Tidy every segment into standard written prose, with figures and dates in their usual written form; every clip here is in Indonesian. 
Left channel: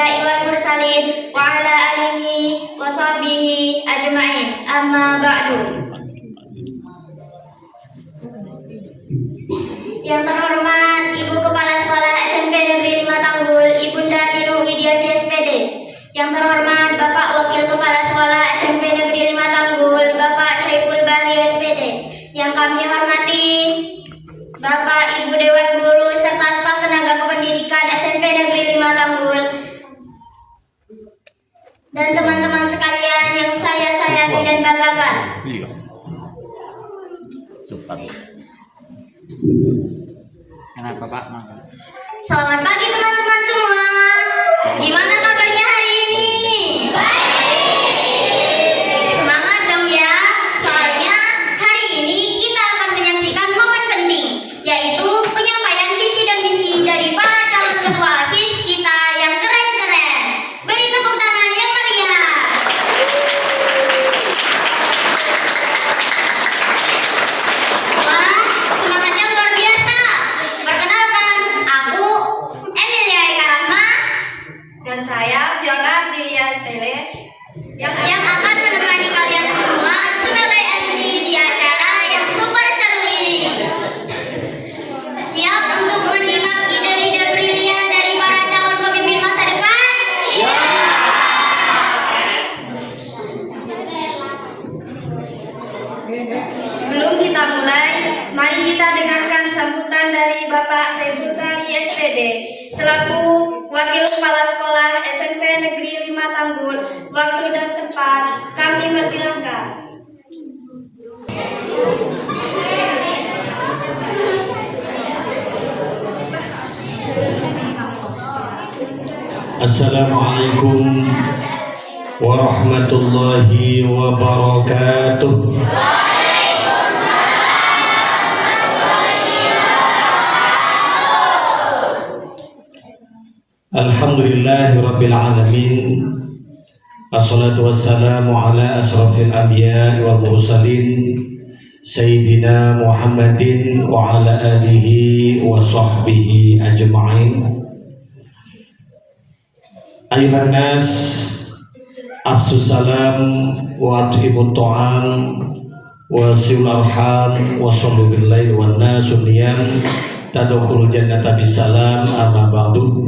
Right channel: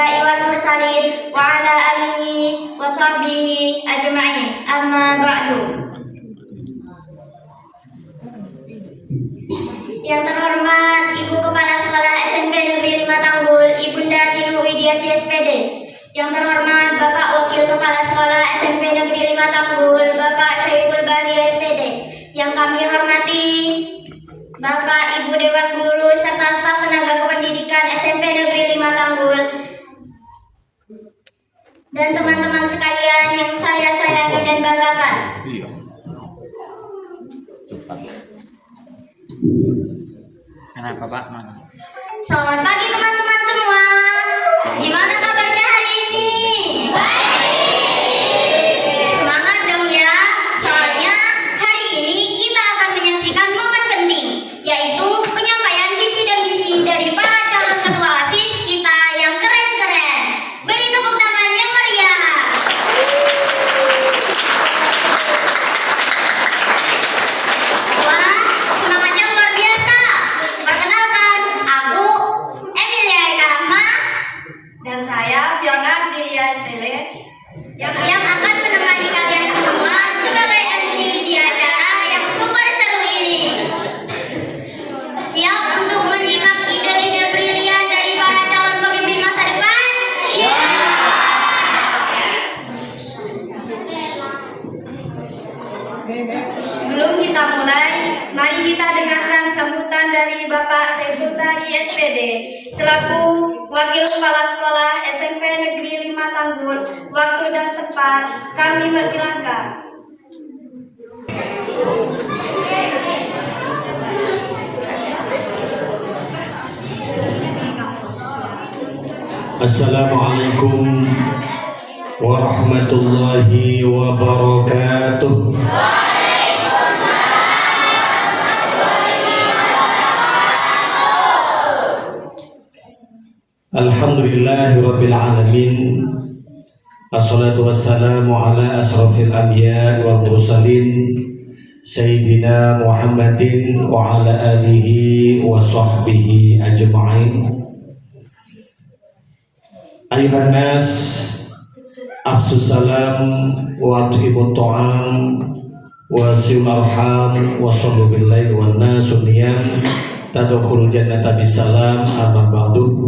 anbiya'i wal mursalin wa ala alihi wa sahbihi ajma'in. Amma ba'du. Yang terhormat Ibu Kepala Sekolah SMP Negeri 5 Tanggul, Ibunda Tinu Widiasi SPD. Yang terhormat Bapak Wakil Kepala Sekolah SMP Negeri 5 Tanggul, Bapak Syaiful Bahri SPD. Yang kami hormati Bapak Ibu Dewan Guru serta staf tenaga kependidikan SMP Negeri 5 Tanggul dan teman-teman sekalian yang saya sayangi dan banggakan. Kenapa Pak? Selamat pagi teman-teman semua. Gimana kabarnya hari ini? Baik. Semangat dong ya. Soalnya hari ini kita akan menyaksikan momen penting, yaitu penyampaian visi dan misi dari para calon ketua OSIS kita yang keren-keren. Beri tepuk tangan yang meriah. Wah, semangatnya luar biasa. Perkenalkan, aku Emilia Eka Rahma Dan saya Fiona Diria Stele yang akan menemani kalian semua sebagai MC di acara yang super seru ini. Siap untuk menyimak ide-ide brilian dari para calon pemimpin masa depan? Sebelum kita mulai, mari kita dengarkan sambutan dari Bapak Syaiful Bahri SPD selaku Wakil Kepala Sekolah SMP Negeri 5 Tanggul. Waktu dan tempat kami persilahkan. Assalamualaikum warahmatullahi wabarakatuh. Alhamdulillahirabbil alamin. Assalatu wassalamu ala asrafil anbiya'i wal mursalin Sayyidina Muhammadin wa ala alihi wa sahbihi ajma'in. Ayuhan nas, afsus salam wa at'imut ta'am wa sil arham wa sallu bil lail wan nasu niyam tadkhulul jannata bisalam. Amma ba'du.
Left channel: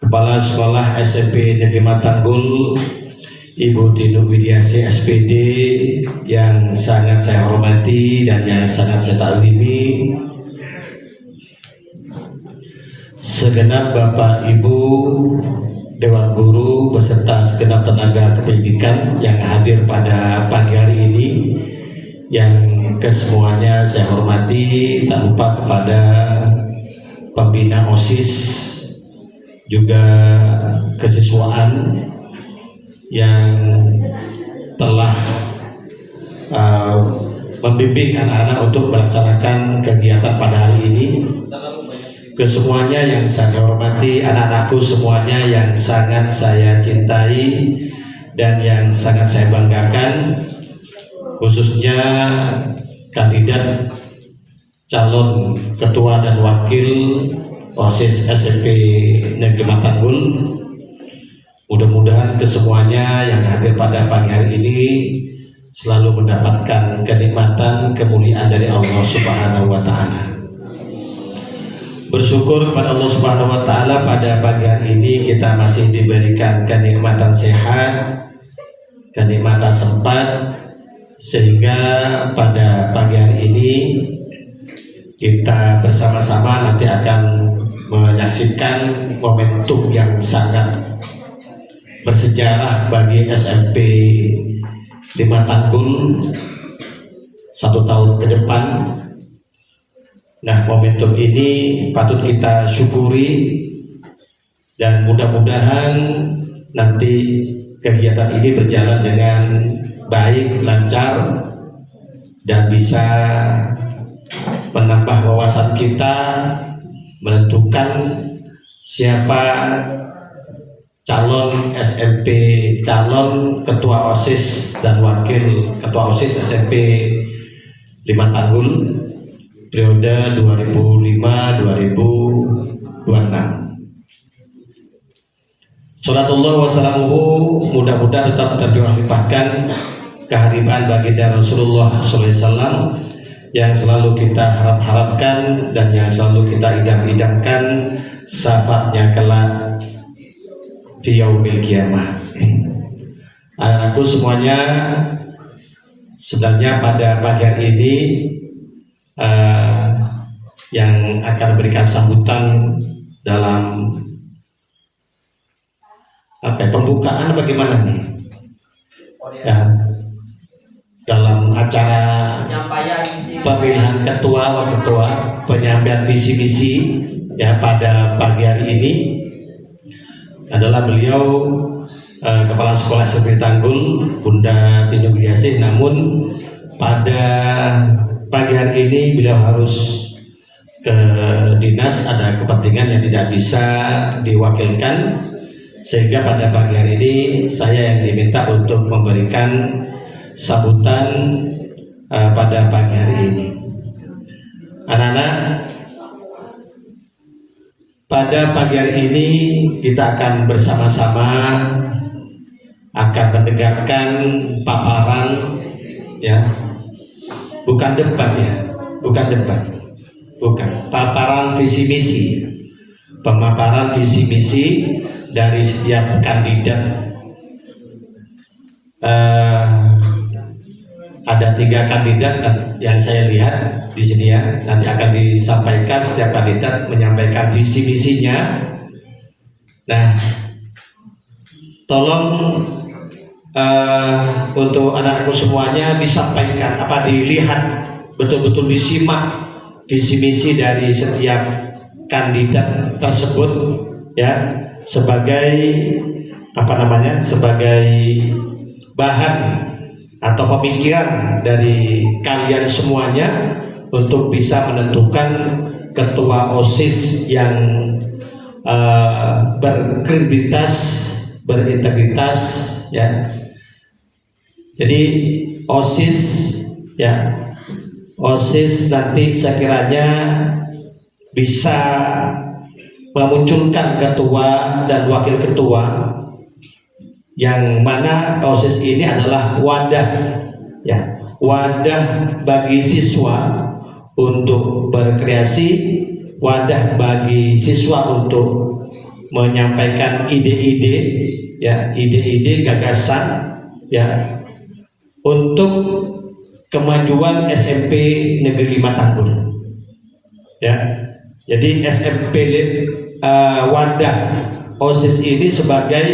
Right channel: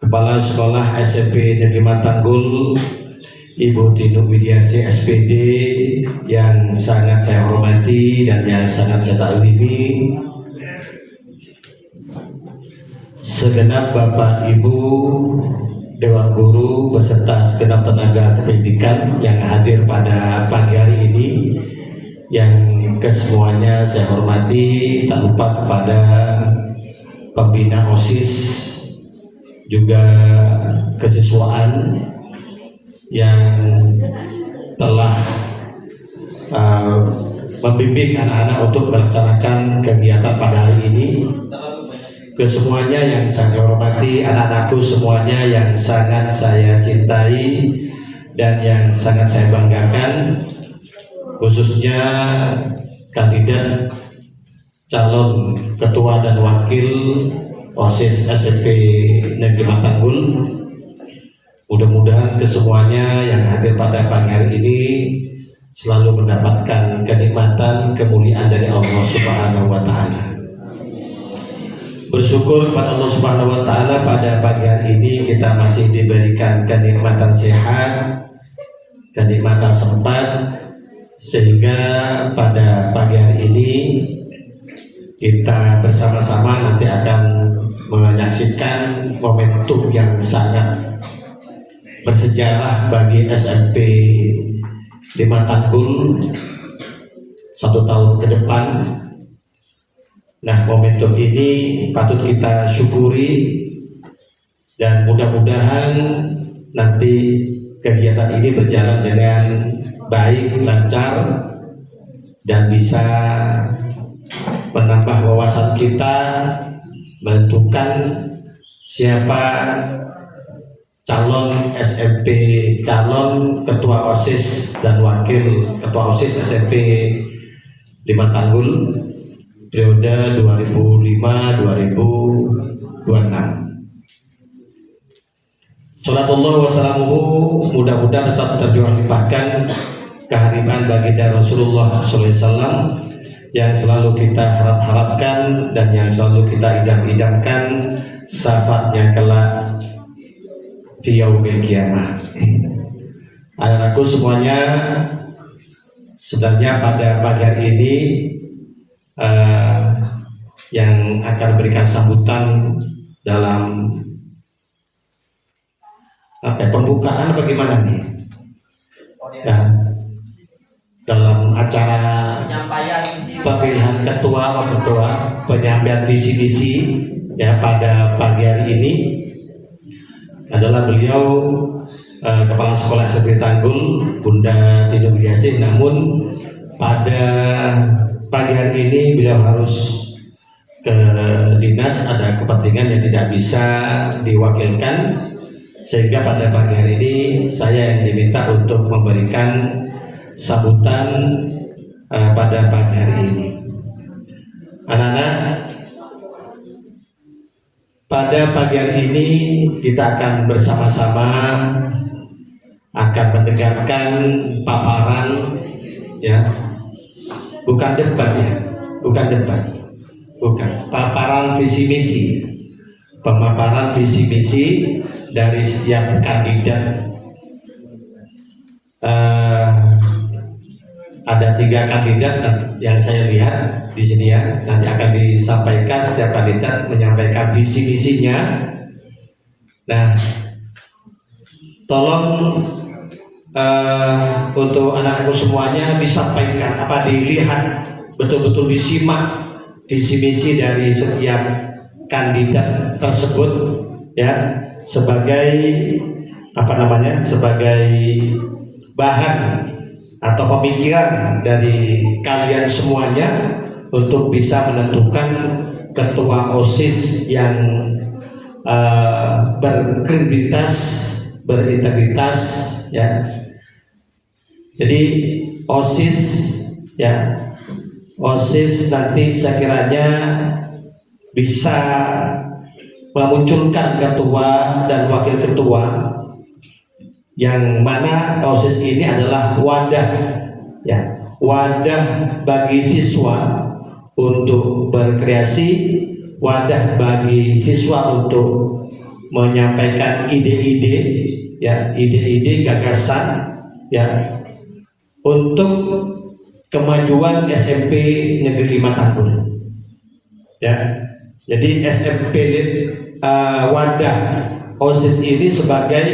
Kepala Sekolah SMP Negeri 5 Tanggul, Ibu Tinu Widiasi SPD yang sangat saya hormati dan yang sangat saya taklimi, segenap Bapak Ibu Dewan Guru beserta segenap tenaga kependidikan yang hadir pada pagi hari ini, yang kesemuanya saya hormati, tak lupa kepada pembina OSIS, juga kesiswaan yang telah membimbing anak-anak untuk melaksanakan kegiatan pada hari ini. Kesemuanya yang saya hormati, anak-anakku semuanya yang sangat saya cintai dan yang sangat saya banggakan, khususnya kandidat calon ketua dan wakil OSIS SMP Negeri 5 Tanggul. Mudah-mudahan kesemuanya yang hadir pada pagi hari ini selalu mendapatkan kenikmatan, kemuliaan dari Allah Subhanahu wa Ta'ala. Bersyukur kepada Allah Subhanahu wa Ta'ala, pada pagi hari ini kita masih diberikan kenikmatan sehat, kenikmatan sempat, sehingga pada pagi hari ini kita bersama-sama nanti akan menyaksikan momentum yang sangat bersejarah bagi SMP 5 Tanggul 1 tahun ke depan. Nah, momentum ini patut kita syukuri dan mudah-mudahan nanti kegiatan ini berjalan dengan baik, lancar, dan bisa menambah wawasan kita, menentukan siapa calon SMP, calon ketua OSIS dan wakil ketua OSIS SMP 5 Tanggul periode 2005-2026. Salatullah wassalamuhu mudah-mudahan tetap terjun limpahkan kehadiran baginda Rasulullah SAW yang selalu kita harap-harapkan dan yang selalu kita idam-idamkan syafaatnya kelak fi yaumil qiyamah. Anak-anakku semuanya, sebenarnya pada pagi hari ini yang akan berikan sambutan dalam pembukaan bagaimana nih? Ya, dalam acara pemilihan ketua, wakil ketua, penyampaian visi misi ya pada pagi hari ini adalah beliau Kepala Sekolah SMP Tanggul, Bunda Tinyu Yasin. Namun pada pagi hari ini beliau harus ke dinas, ada kepentingan yang tidak bisa diwakilkan, sehingga pada pagi hari ini saya yang diminta untuk memberikan sambutan pada pagi hari ini. Anak-anak, pada pagi hari ini kita akan bersama-sama akan mendengarkan paparan, ya, bukan debat ya, bukan debat, bukan paparan visi misi, pemaparan visi misi dari setiap kandidat. Ada 3 kandidat yang saya lihat di sini ya. Nanti akan disampaikan, setiap kandidat menyampaikan visi misinya. Nah, tolong untuk anak-anakku semuanya disampaikan, dilihat betul-betul, disimak visi misi dari setiap kandidat tersebut ya, sebagai sebagai bahan atau pemikiran dari kalian semuanya untuk bisa menentukan ketua OSIS yang berkredibilitas, berintegritas ya. Jadi OSIS ya, OSIS nanti sekiranya bisa memunculkan ketua dan wakil ketua, yang mana OSIS ini adalah wadah ya, wadah bagi siswa untuk berkreasi, wadah bagi siswa untuk menyampaikan ide-ide ya, ide-ide gagasan ya, untuk kemajuan SMP Negeri 5 Tanggul ya. Jadi SMP wadah OSIS ini sebagai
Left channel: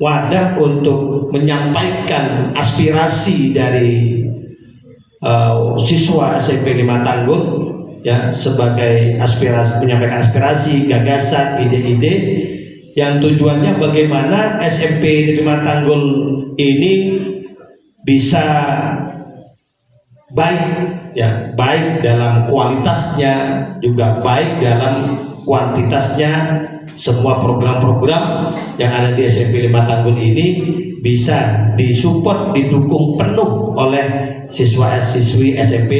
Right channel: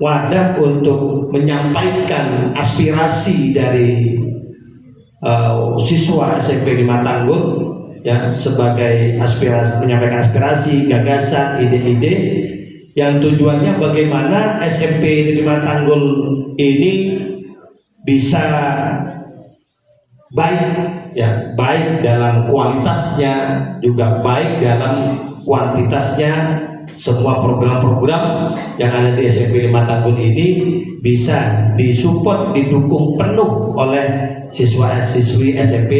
wadah untuk menyampaikan aspirasi dari siswa SMP 5 Tanggul ya, sebagai aspirasi, menyampaikan aspirasi, gagasan, ide-ide yang tujuannya bagaimana SMP 5 Tanggul ini bisa baik ya, baik dalam kualitasnya, juga baik dalam kuantitasnya. Semua program-program yang ada di SMP 5 Tanggul ini bisa disupport, didukung penuh oleh siswa-siswi SMP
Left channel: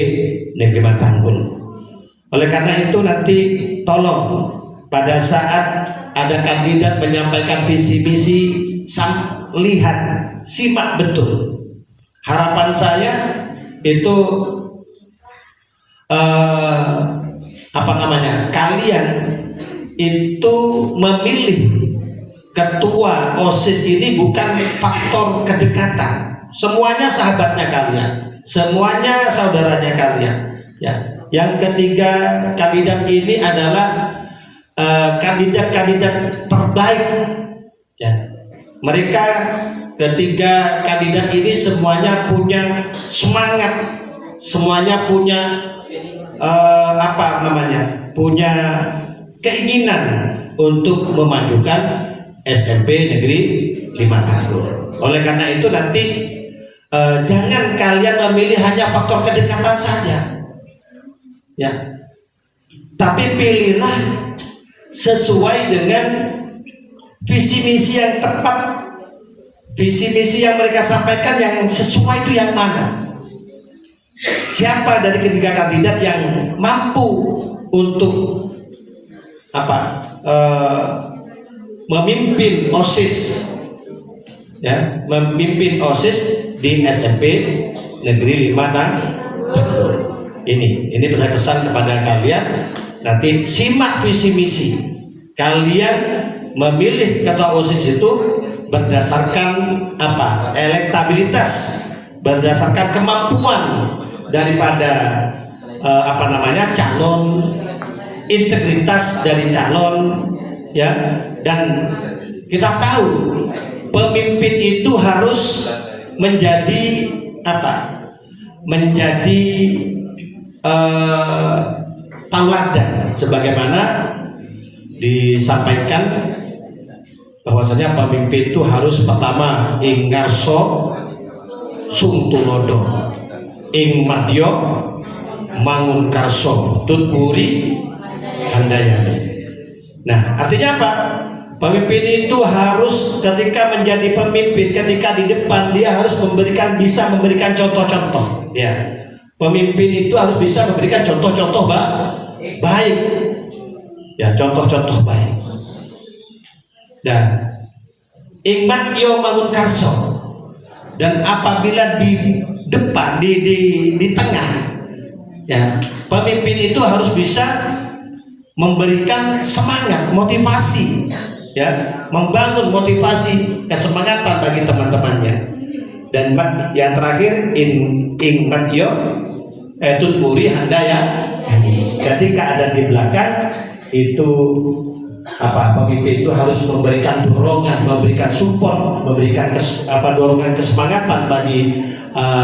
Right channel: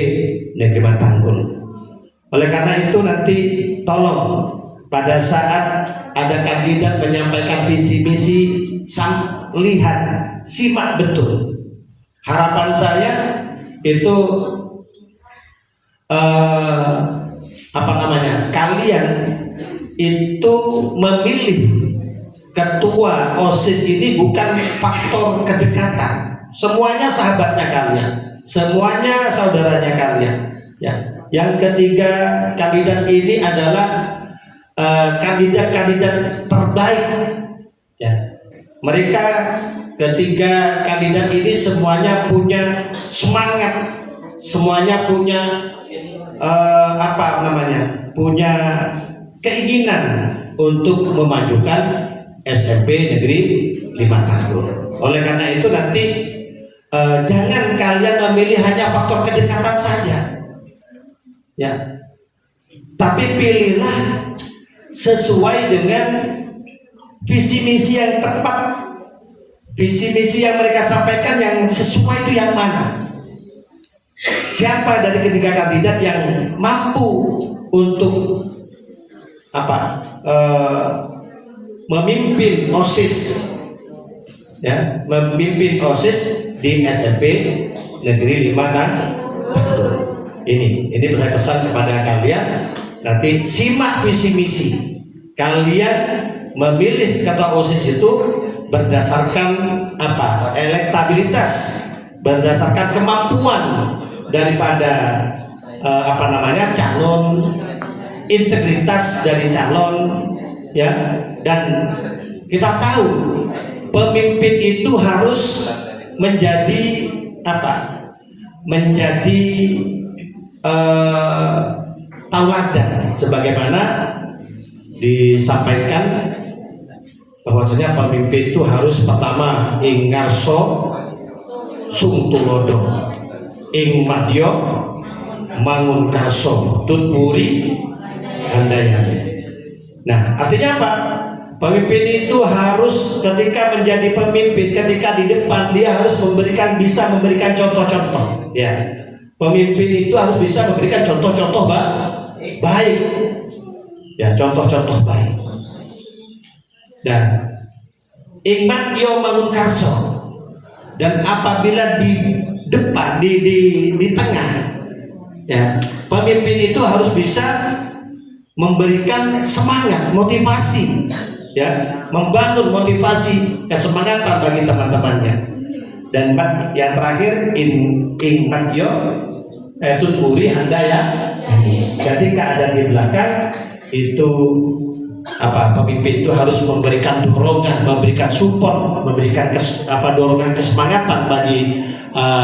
Negeri 5 Tanggul. Oleh karena itu nanti tolong pada saat ada kandidat menyampaikan visi misi, lihat, simak betul. Harapan saya itu kalian itu memilih ketua OSIS ini bukan faktor kedekatan. Semuanya sahabatnya kalian, semuanya saudaranya kalian ya. Yang ketiga kandidat ini adalah kandidat-kandidat terbaik ya. Mereka ketiga kandidat ini semuanya punya semangat, semuanya punya punya keinginan untuk memajukan SMP Negeri 5 Tanggul. Oleh karena itu nanti jangan kalian memilih hanya faktor kedekatan saja ya, tapi pilihlah sesuai dengan visi misi yang tepat, visi misi yang mereka sampaikan yang sesuai itu yang mana. Siapa dari ketiga kandidat yang mampu untuk memimpin OSIS, ya, memimpin OSIS di SMP Negeri 5 Tangguh. Ini pesan-pesan kepada kalian. Nanti simak visi misi kalian. Memilih ketua OSIS itu berdasarkan apa? Elektabilitas, berdasarkan kemampuan daripada calon, integritas dari calon, ya. Dan kita tahu pemimpin itu harus menjadi apa? Menjadi tauladan, sebagaimana disampaikan bahwasanya pemimpin itu harus pertama ing ngarso sung tulodo, ing madya mangun karso tutwuri handayani. Nah, artinya apa? Pemimpin itu harus ketika menjadi pemimpin, ketika di depan dia harus bisa memberikan contoh-contoh, ya. Pemimpin itu harus bisa memberikan contoh-contoh baik, ya, contoh-contoh baik. Dan ingmat yo mangun karso, dan apabila di depan di tengah, ya, pemimpin itu harus bisa memberikan semangat, motivasi, ya, membangun motivasi, kesemangatan bagi teman-temannya. Dan yang terakhir ingmat yo tuturi handaya, ketika ada di belakang itu apa, pemimpin itu harus memberikan dorongan, memberikan support, memberikan dorongan kesemangatan bagi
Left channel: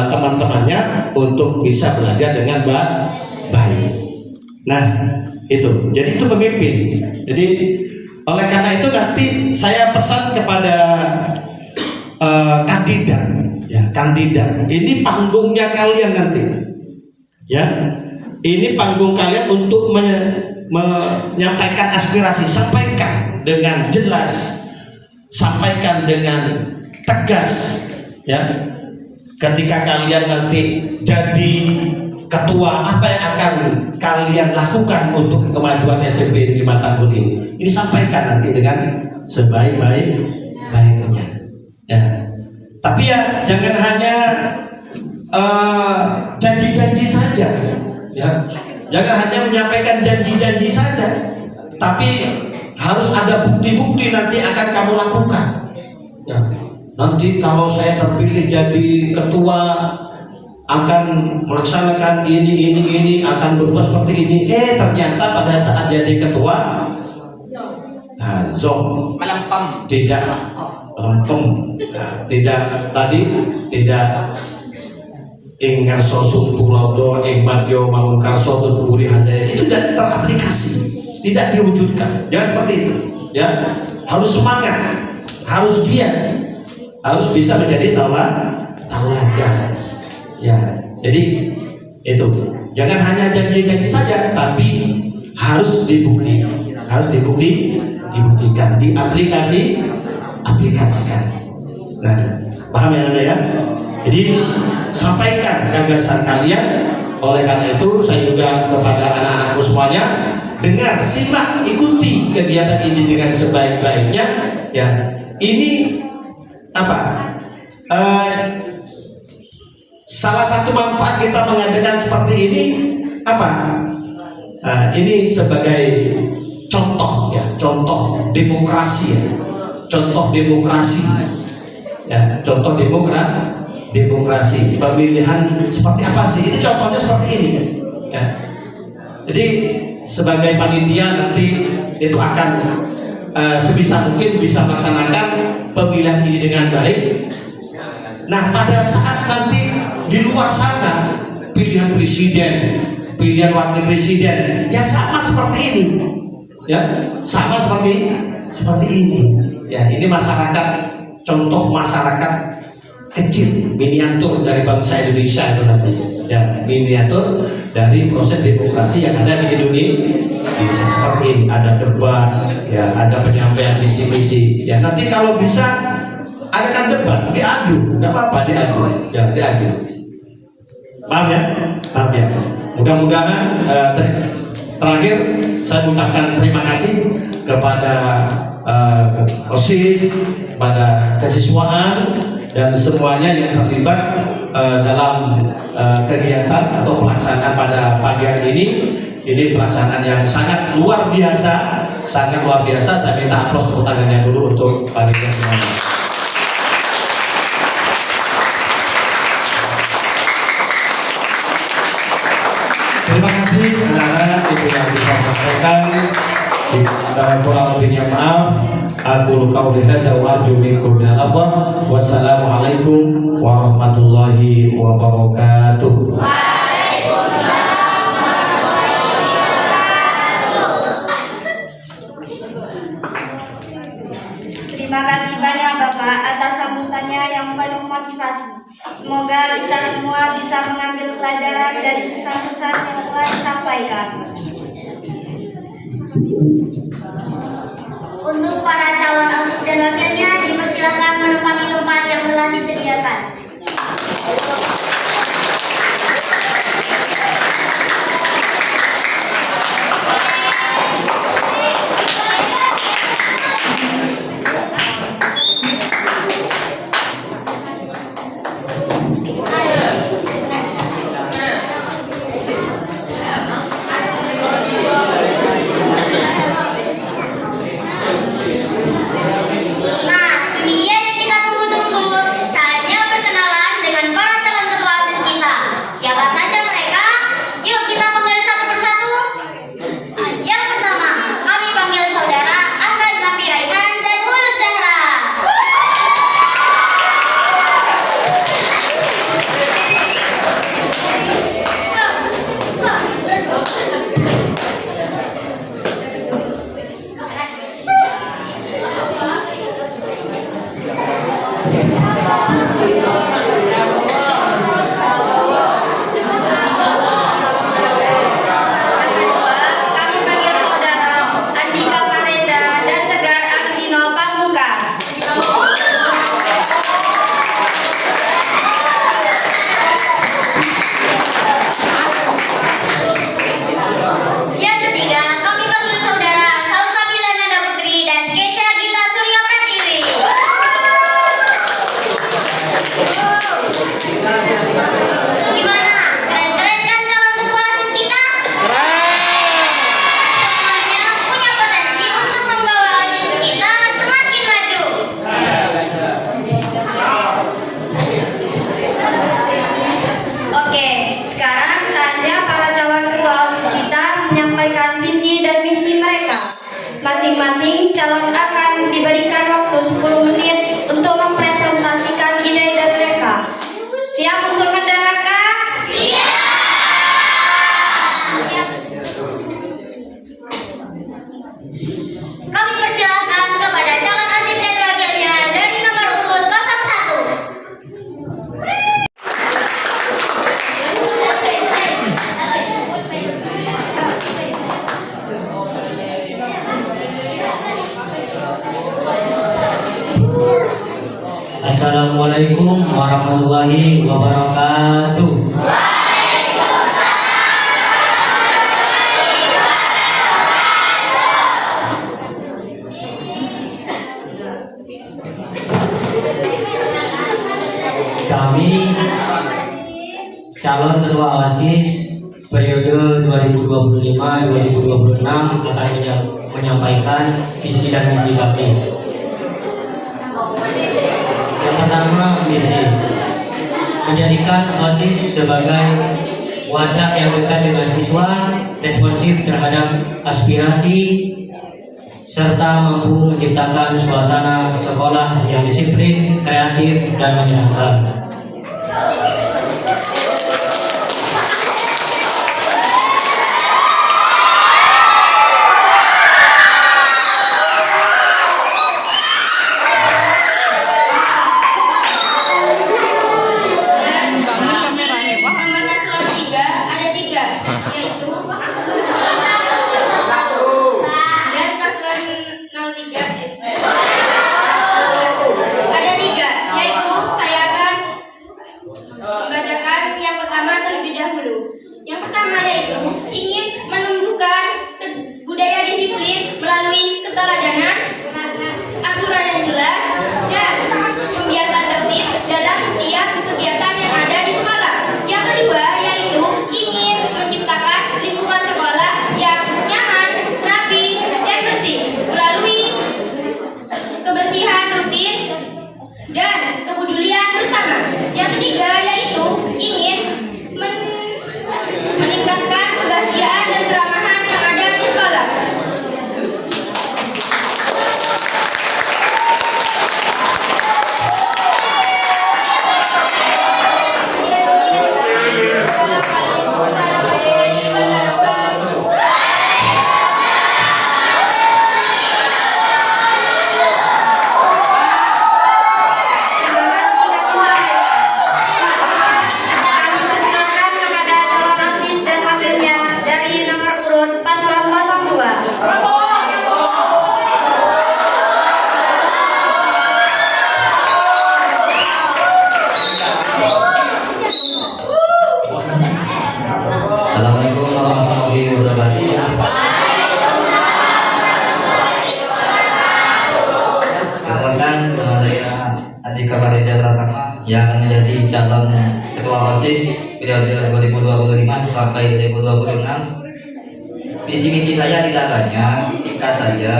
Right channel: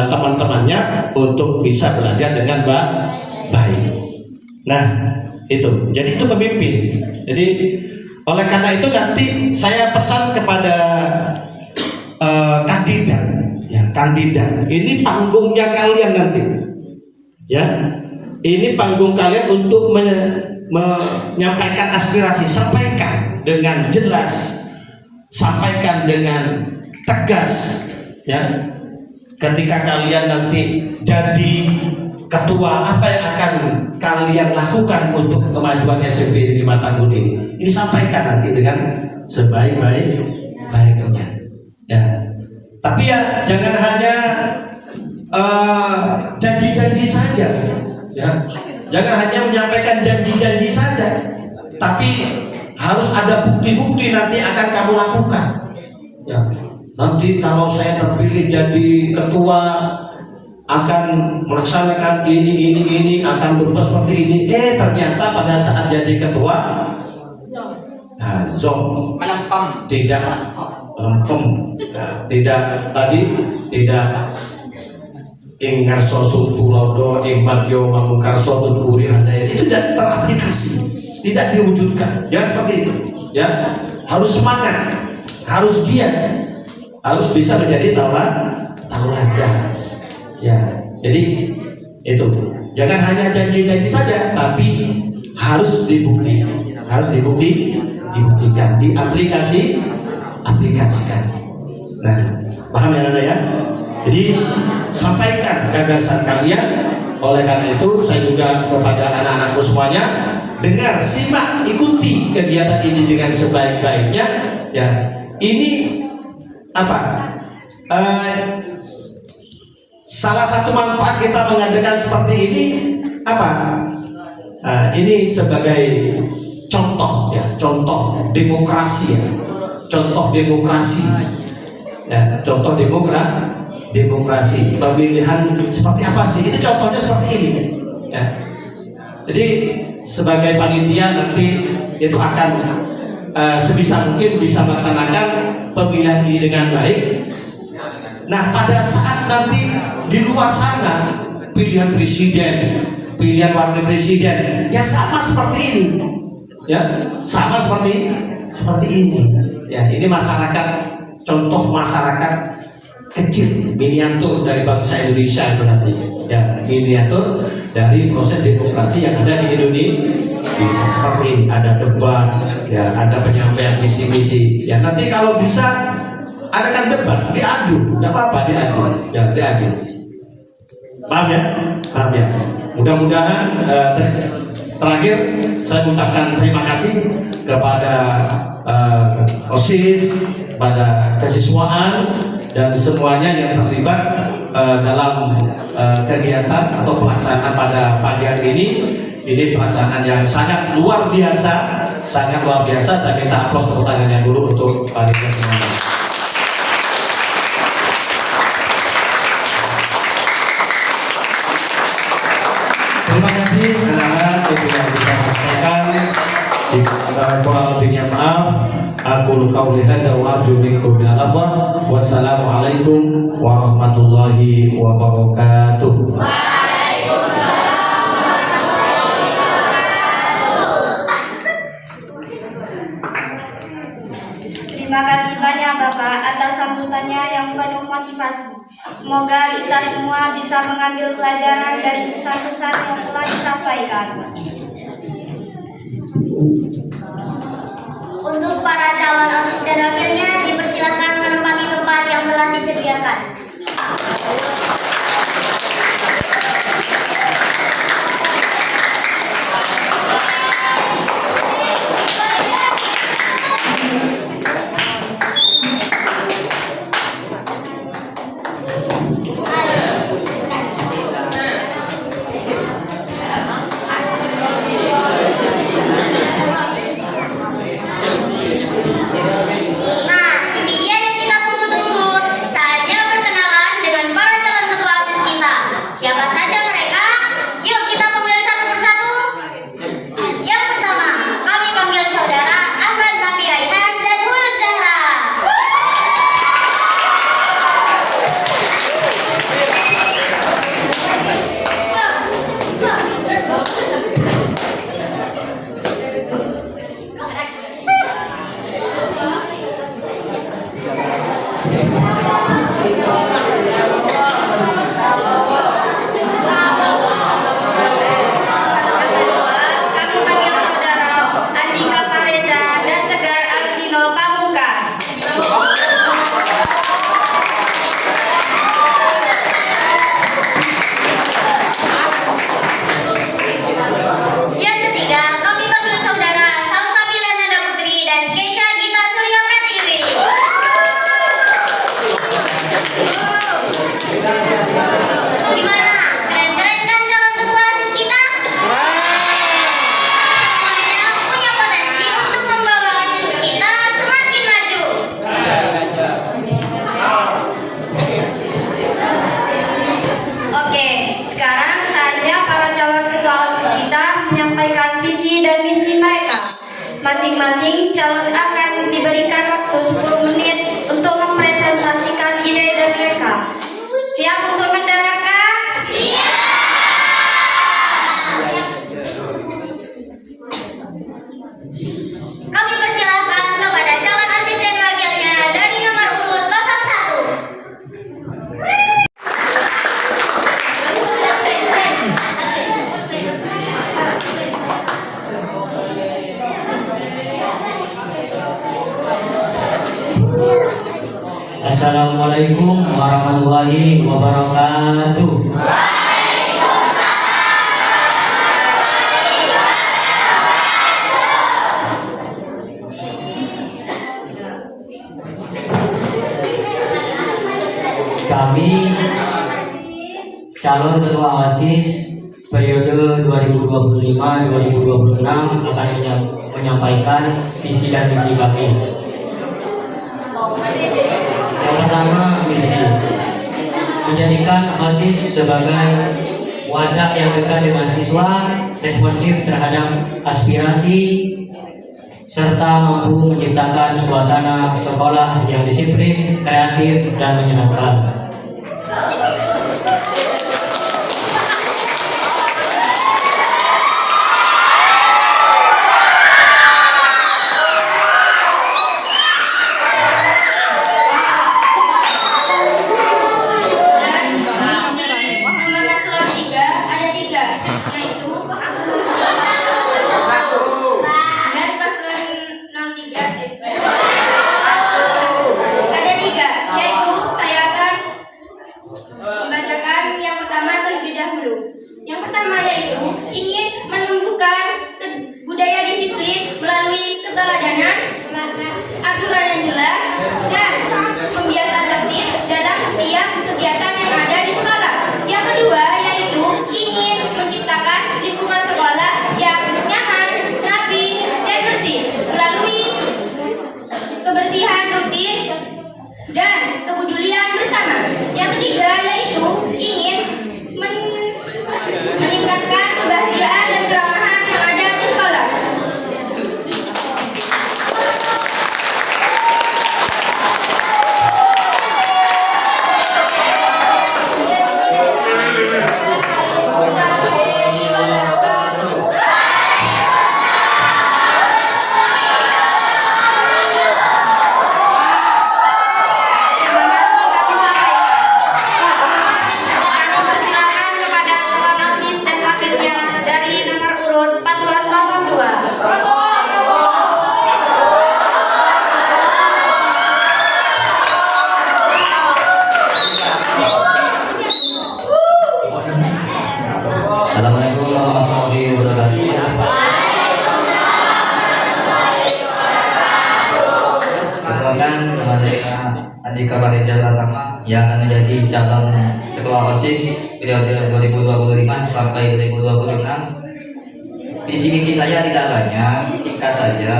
teman-temannya untuk bisa belajar dengan baik. Nah, itu. Jadi itu pemimpin. Jadi oleh karena itu nanti saya pesan kepada kandidat, ya, kandidat. Ini panggungnya kalian nanti, ya. Ini panggung kalian untuk menyampaikan aspirasi. Sampaikan dengan jelas, sampaikan dengan tegas, ya. Ketika kalian nanti jadi ketua, apa yang akan kalian lakukan untuk kemajuan SMP di 5 Tangguh ini? Ini sampaikan nanti dengan sebaik-baiknya, ya. Tapi ya jangan hanya janji-janji saja, ya. Jangan hanya menyampaikan janji-janji saja, tapi harus ada bukti-bukti nanti akan kamu lakukan, ya. Nanti kalau saya terpilih jadi ketua akan melaksanakan ini, akan berbuat seperti ini. Ternyata pada saat jadi ketua, zong melempem, tidak melempem, tidak ing ngarso sumpulodo ing madyo mangun karso tuturi handaya, itu tidak teraplikasi, tidak diwujudkan. Jangan seperti itu, ya. Harus semangat, harus giat, harus bisa menjadi tauladan, ya. Jadi itu, jangan hanya janji-janji saja, tapi harus dibuktikan, aplikasikan. Nah, paham ya Anda, ya? Jadi sampaikan gagasan kalian. Oleh karena itu saya juga kepada anak-anakku semuanya, dengar, simak, ikuti kegiatan ini dengan sebaik-baiknya, ya. Ini apa? Salah satu manfaat kita mengadakan seperti ini apa? Ini sebagai contoh, ya, contoh demokrasi, ya. Contoh demokrasi, ya, contoh demokrasi. Pemilihan seperti apa sih? Ini contohnya seperti ini, ya. Jadi sebagai panitia nanti itu akan sebisa mungkin bisa melaksanakan pemilihan ini dengan baik. Nah, pada saat nanti di luar sana pilihan presiden, pilihan wakil presiden, ya sama seperti ini, ya, sama seperti ini, ya. Ini masyarakat, contoh masyarakat kecil, miniatur dari bangsa Indonesia itu nanti, ya, miniatur dari proses demokrasi yang ada di Indonesia. Seperti ini, ada debat, ya, ada penyampaian visi-misi, ya. Nanti kalau bisa adakan debat, diadu, nggak apa-apa, diadu, ya, diadu. Paham ya? Paham ya? Mudah-mudahan terakhir saya ucapkan terima kasih kepada OSIS, pada kesiswaan, dan semuanya yang terlibat dalam kegiatan atau pelaksanaan pada pagi hari ini. Ini pelaksanaan yang sangat luar biasa, sangat luar biasa. Saya minta aplaus tepuk tangannya dulu untuk panitia semuanya. Terima kasih anak-anak, itu yang bisa saya sampaikan. Kurang lebihnya maaf. Aku qauli hadza wa arju minkum minal afwa. Wassalamualaikum warahmatullahi wabarakatuh. Terima kasih banyak Bapak atas sambutannya yang penuh motivasi. Semoga kita semua bisa mengambil pelajaran dari pesan-pesan yang telah disampaikan. Untuk para calon OSIS dan wakilnya dipersilakan menempati tempat yang telah disediakan. Masing-masing calon akan diberikan waktu 10 menit untuk mempresentasikan ide dari mereka. Siap untuk mendengarkan? Siap! Kami persilahkan kepada calon OSIS dan wakilnya dari nomor urut 01. Assalamualaikum warahmatullahi wabarakatuh. Kami calon ketua OSIS periode 2025-2026 akan menyampaikan visi dan misi kami. Yang pertama, misi menjadikan OSIS sebagai wadah yang dekat dengan siswa, responsif terhadap aspirasi, serta mampu menciptakan suasana sekolah yang disiplin, kreatif, dan menyenangkan. Yaitu dan paslon 03 ada 3, yaitu saya akan membacakan yang pertama terlebih dahulu. Yang pertama yaitu ingin menumbuhkan budaya disiplin melalui keteladanan, aturan yang kebersihan rutin, dan kepedulian bersama. Yang ketiga yaitu ingin meningkatkan kebahagiaan dan keramahan yang ada di sekolah. Assalamualaikum warahmatullahi wabarakatuh. Perkenalkan, nama saya Andika Parija Pratama yang akan menjadi calon ketua OSIS periode 2025 sampai 2026. Visi-misi saya tidak banyak, singkat saja.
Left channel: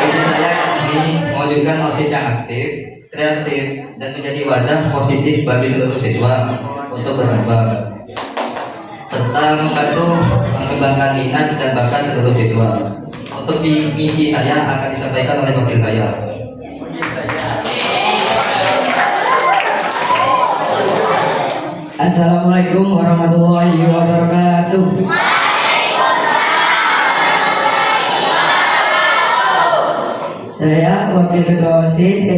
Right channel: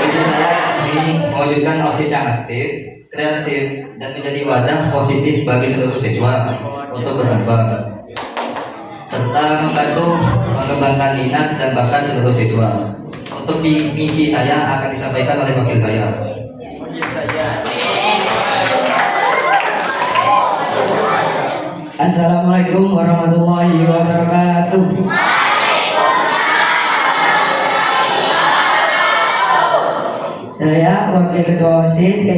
Visi saya ini mewujudkan OSIS yang aktif, kreatif, dan menjadi wadah positif bagi seluruh siswa untuk berkembang, serta membantu mengembangkan minat dan bakat seluruh siswa. Untuk misi saya akan disampaikan oleh wakil saya. Assalamualaikum warahmatullahi wabarakatuh. Saya wakil ketua OSIS,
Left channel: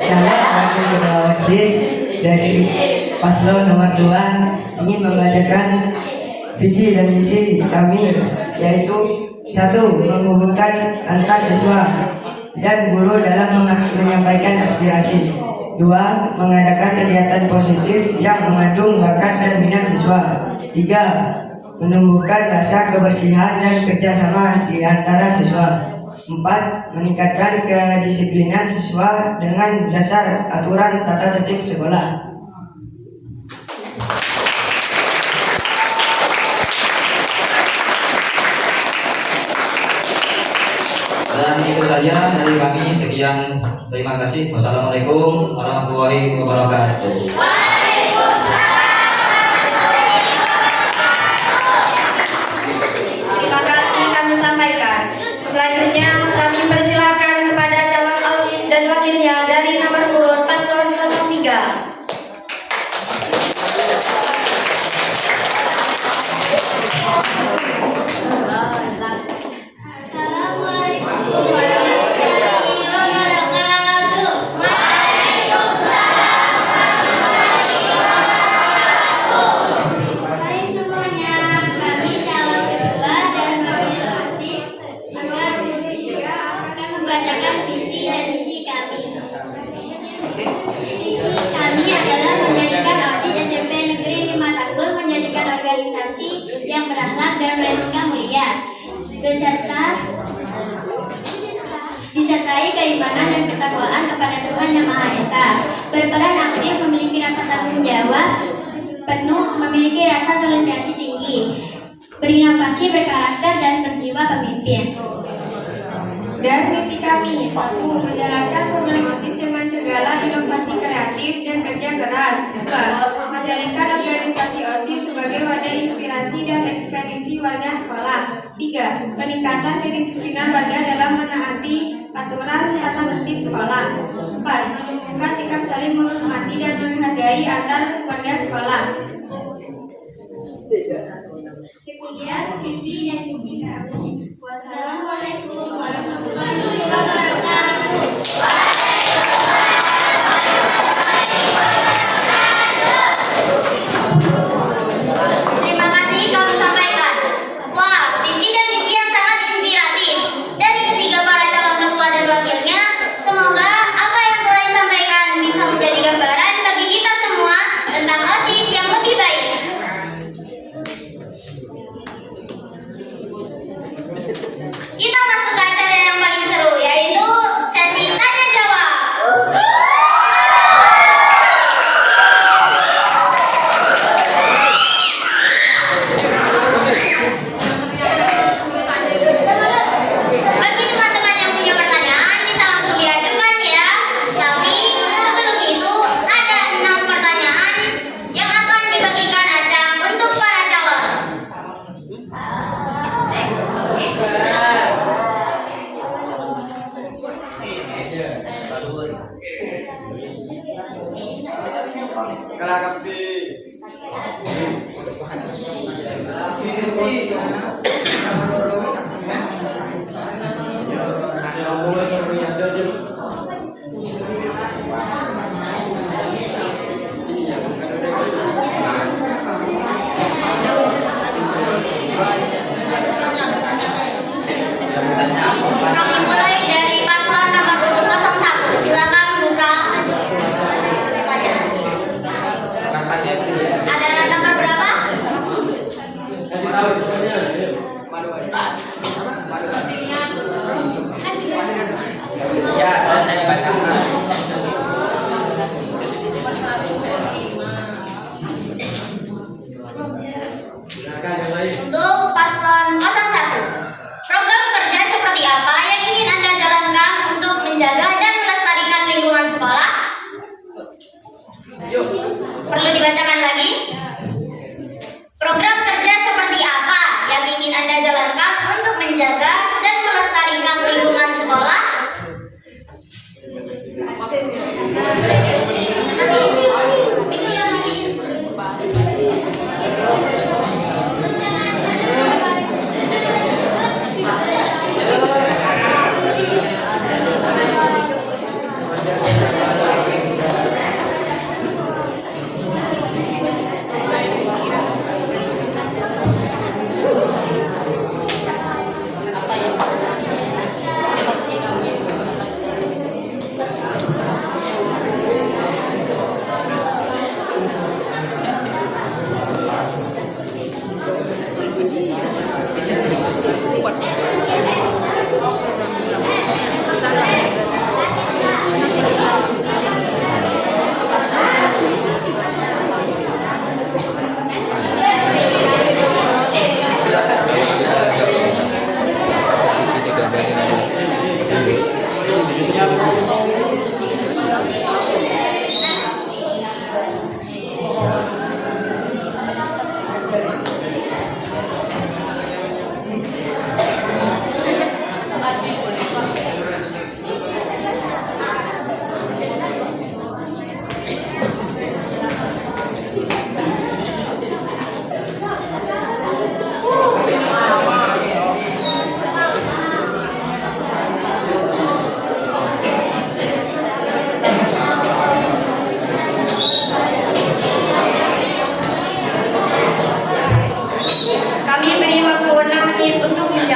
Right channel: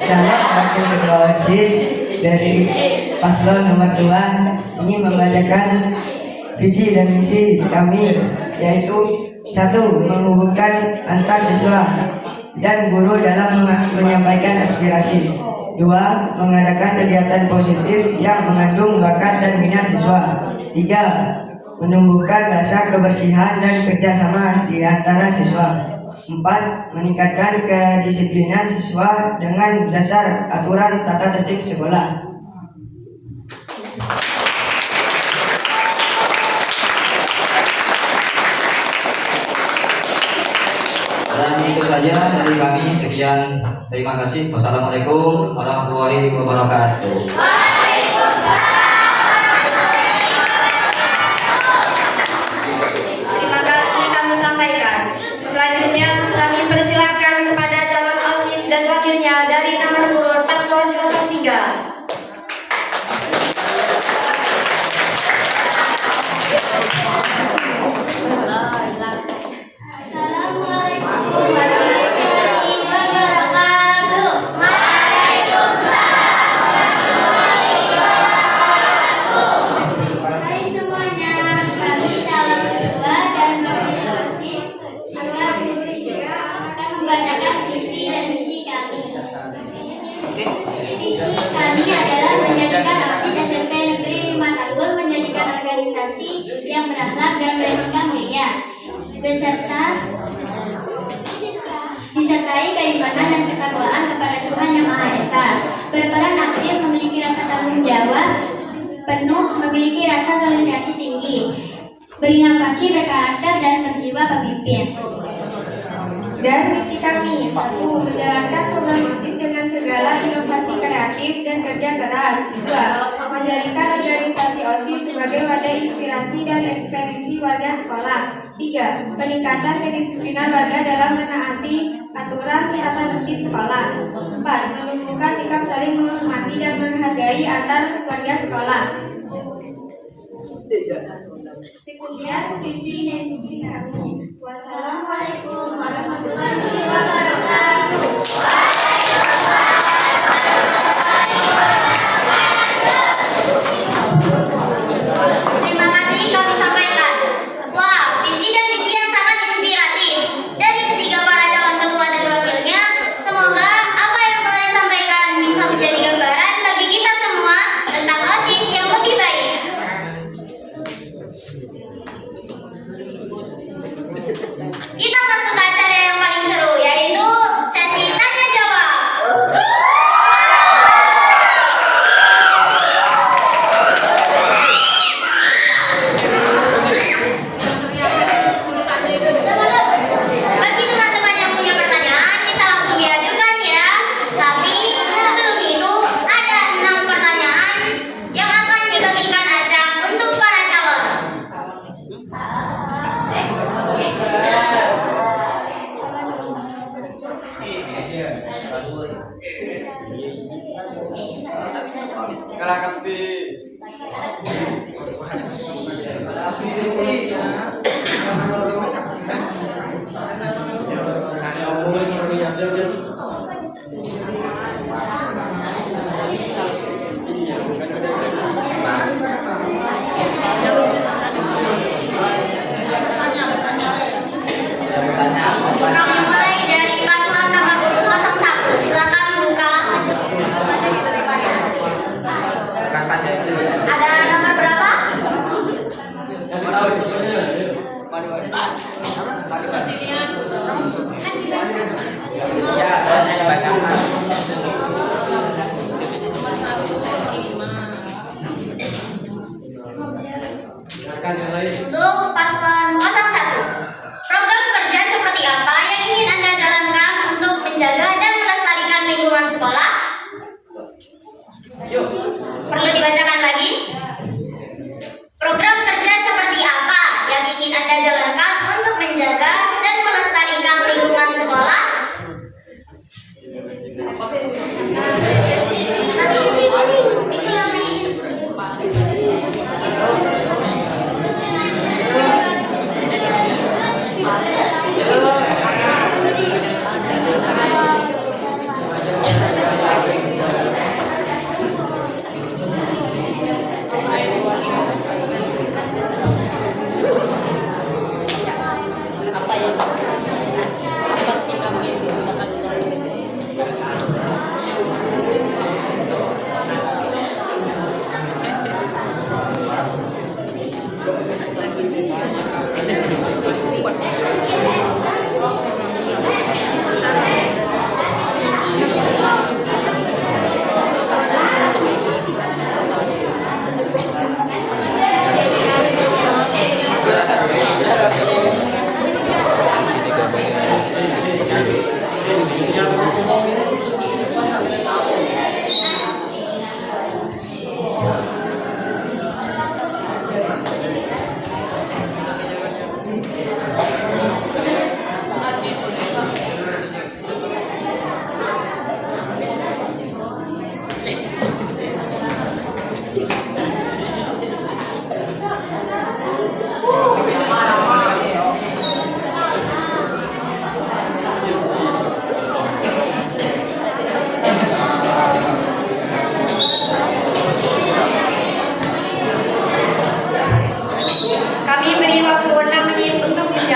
calon wakil ketua OSIS dari paslon nomor 2 ingin membacakan visi dan misi kami, yaitu 1. Menghubungkan antar siswa dan guru dalam menyampaikan aspirasi. 2. Mengadakan kegiatan positif yang mengandung bakat dan minat siswa. 3. Menumbuhkan rasa kebersihan dan kerjasama di antara siswa. 4. Meningkatkan kedisiplinan siswa dengan dasar aturan tata tertib sekolah. Dan itu saja dari kami. Sekian, terima kasih. Wassalamualaikum warahmatullahi wabarakatuh. Terima kasih kami sampaikan. Selanjutnya kami persilahkan kepada calon OSIS dan wakilnya dari nomor urut paslon 03. Assalamualaikum warahmatullahi wabarakatuh. Hai semuanya, kami calon kedua dan wakil OSIS akan membacakan visi dan misi kami. Visi kami adalah menjadikan OSIS SMP Negeri 5 Tanggul menjadikan organisasi yang berakhlak dan beretika mulia, disertai keimanan dan ketakwaan kepada Tuhan Yang Maha Esa, berperan aktif, memiliki rasa tanggung jawab penuh, memiliki rasa toleransi tinggi, berinovasi, berkarakter, dan berjiwa pemimpin. Dan misi kami 1. Menjalankan program OSIS dengan segala inovasi kreatif dan kerja keras. 2. Menjadikan organisasi OSIS sebagai wadah inspirasi dan ekspedisi warga sekolah. 3. Peningkatan kedisiplinan warga dalam menaati aturan tata tertib sekolah. 4. Menumbuhkan sikap saling menghormati dan menghargai antar warga sekolah. Sekian visi dan misi kami. Wassalamualaikum warahmatullahi wabarakatuh. Terima kasih kami sampaikan. Wah, visi dan misi yang sangat inspiratif dari ketiga para calon ketua dan wakilnya. Semoga apa yang telah disampaikan bisa menjadi gambaran bagi kita semua tentang OSIS yang lebih baik. Mulai dari paslon nomor 01. Silakan buka. Ada nomor berapa? Ya, saya bacakan. Untuk paslon 01. Program kerja seperti apa yang ingin Anda jalankan untuk menjaga dan melestarikan lingkungan sekolah? Perlu dibacakan lagi? Program kerja seperti apa yang ingin Anda jalankan untuk menjaga dan melestarikan lingkungan sekolah? Kami beri waktu 6 menit untuk menjawab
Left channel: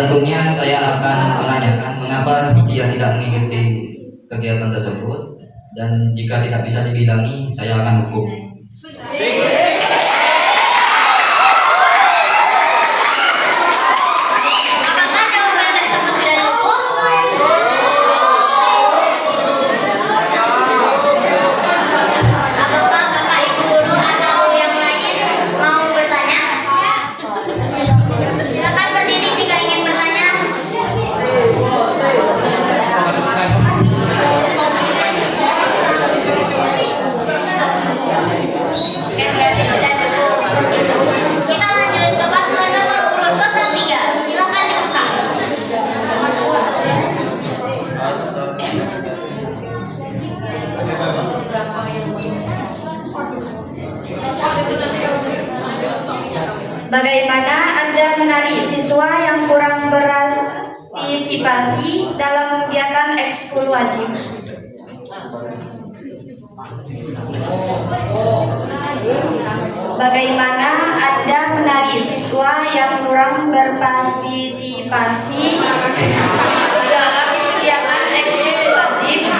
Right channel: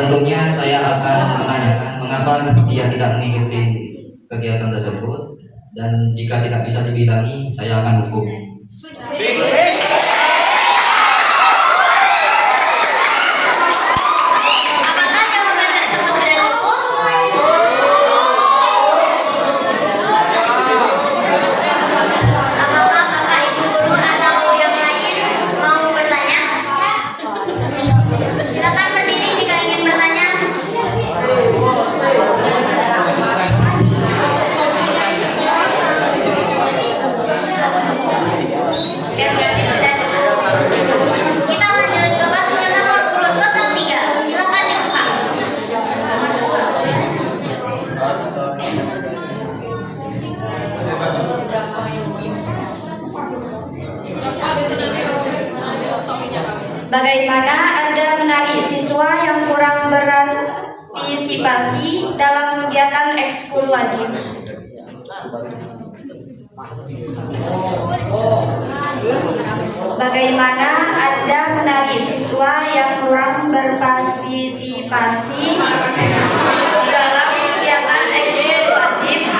Tentunya saya akan menanyakan mengapa ia tidak mengikuti kegiatan tersebut, dan jika tidak bisa dibilangi, saya akan hukum. Apakah jawaban tersebut sudah cukup? Apakah Bapak Ibu guru atau yang lain mau bertanya? Silakan berdiri jika ingin bertanya. Oke, berarti sudah cukup. Kita lanjut ke paslon nomor urut 03. Silakan dibuka. Bagaimana Anda menarik siswa yang kurang berpartisipasi dalam kegiatan ekskul wajib? Bagaimana Anda menarik siswa yang kurang berpartisipasi dalam kegiatan ekskul wajib?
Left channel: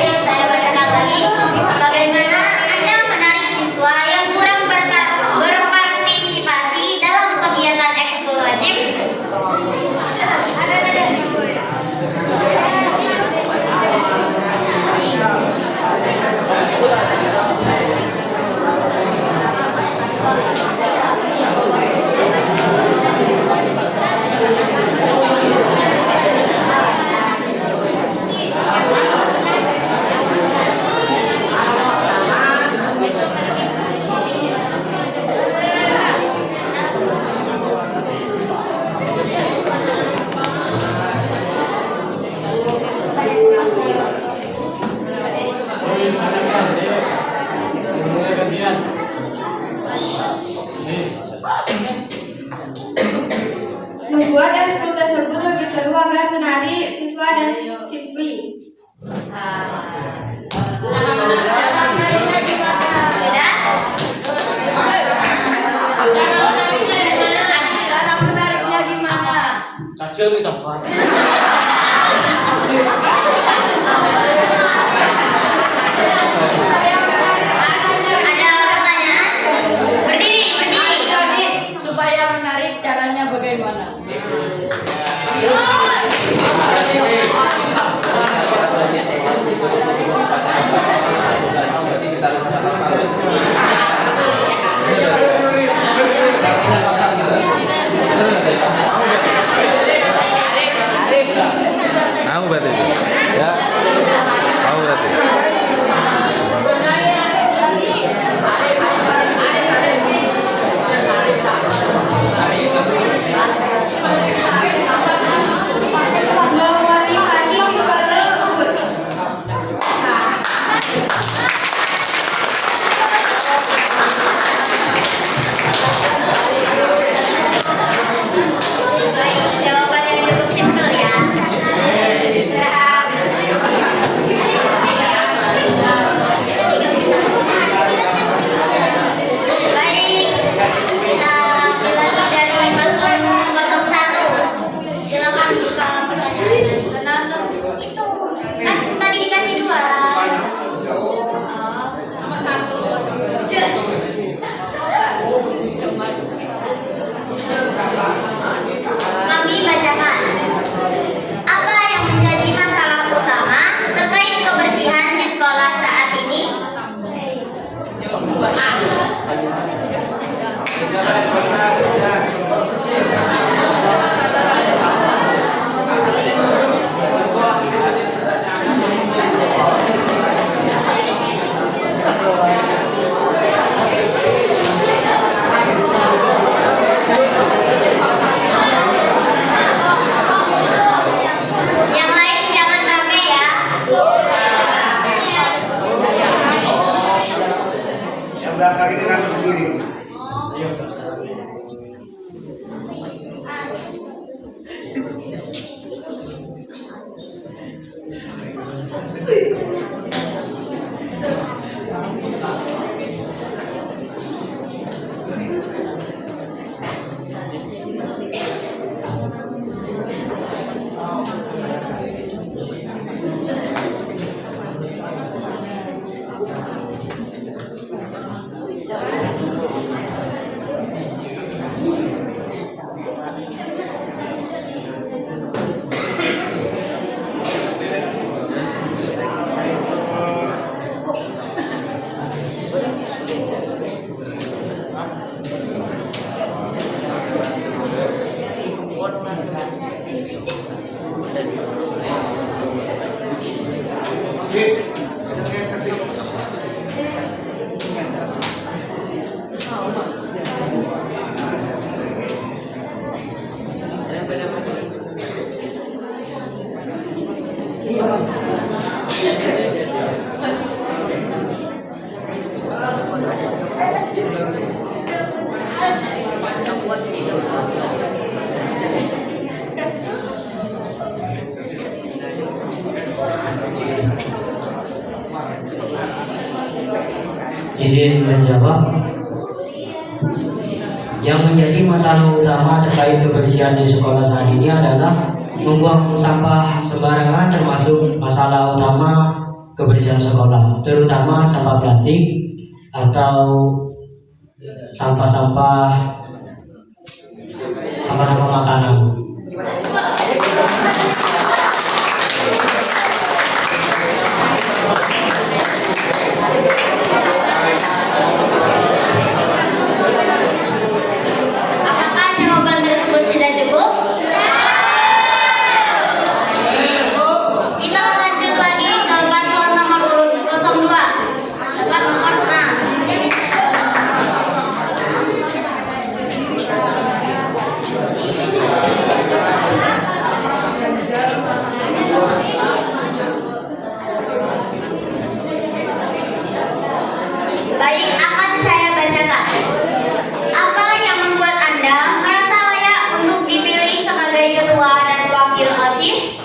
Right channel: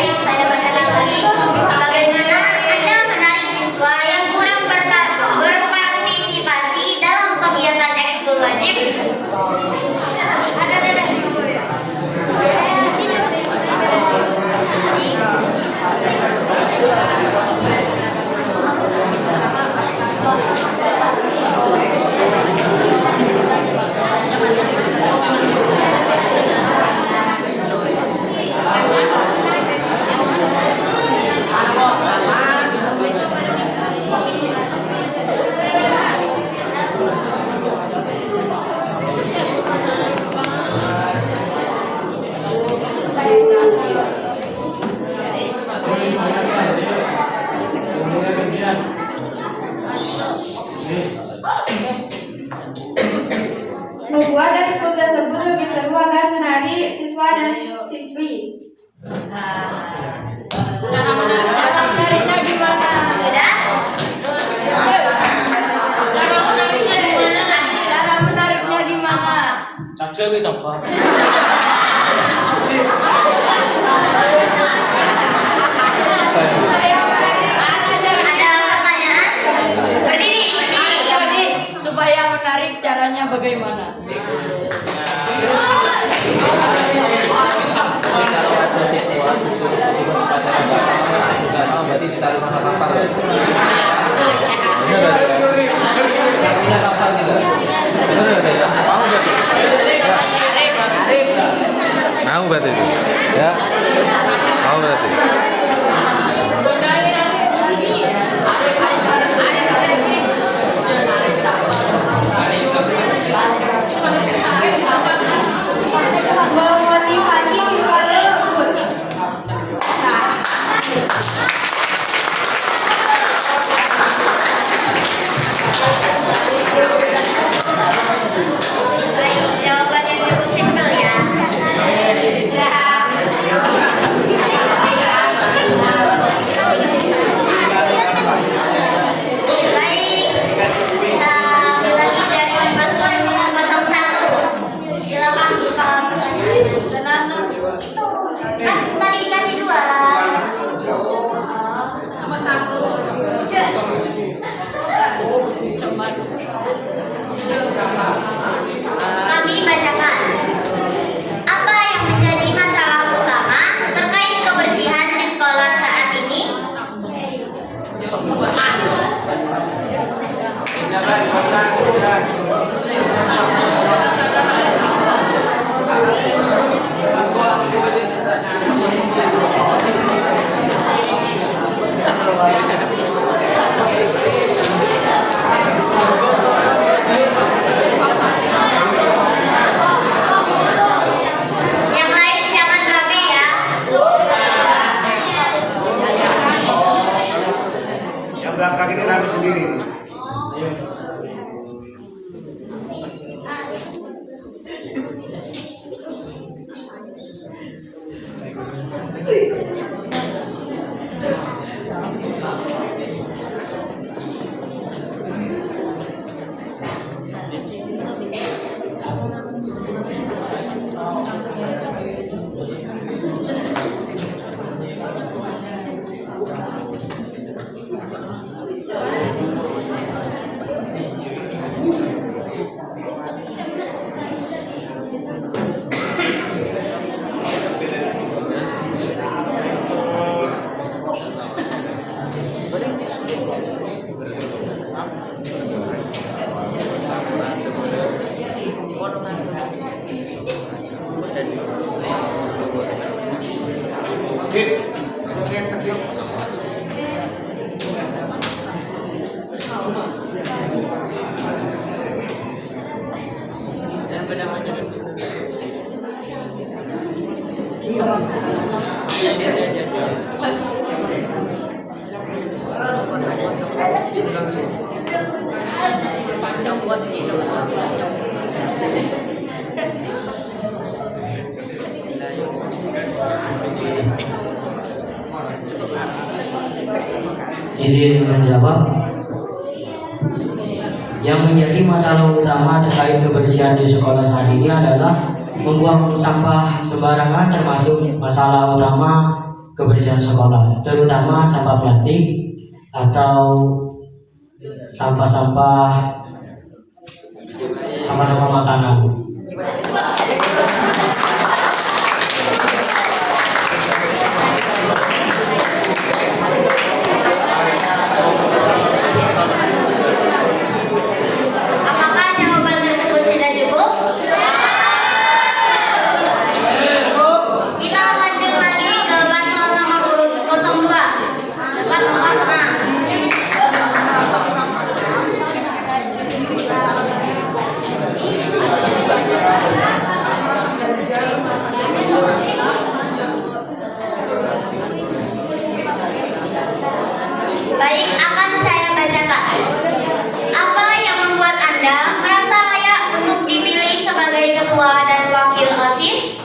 Saya bacakan lagi. Bagaimana Anda menarik siswa yang kurang berpartisipasi dalam kegiatan ekskul wajib? Membuat ekskul tersebut lebih seru agar menarik siswa dan siswi. Cara menariknya gimana? Ada pertanyaan? Berdiri. Supaya menarik caranya bagaimana? Mau berarti? Ya. Mau berarti? Memotivasi siswa tersebut. Jawaban yang cukup simpel ya. Izin menjawab. Yang menjadi masalah utama terkait kebersihan di sekolah saat ini adalah membuang sampah sembarangan, termasuk masalah utama kebersihan sekolah, terutama sampah plastik atau sampah-sampah makanan. Apakah jawaban tersebut sudah cukup? Kita lanjut lagi ke paslon nomor urut 02. Warna. Baik, akan saya bacakan. Apa yang membuat Anda merasa layak untuk dipilih sebagai ketua dan wakil OSIS?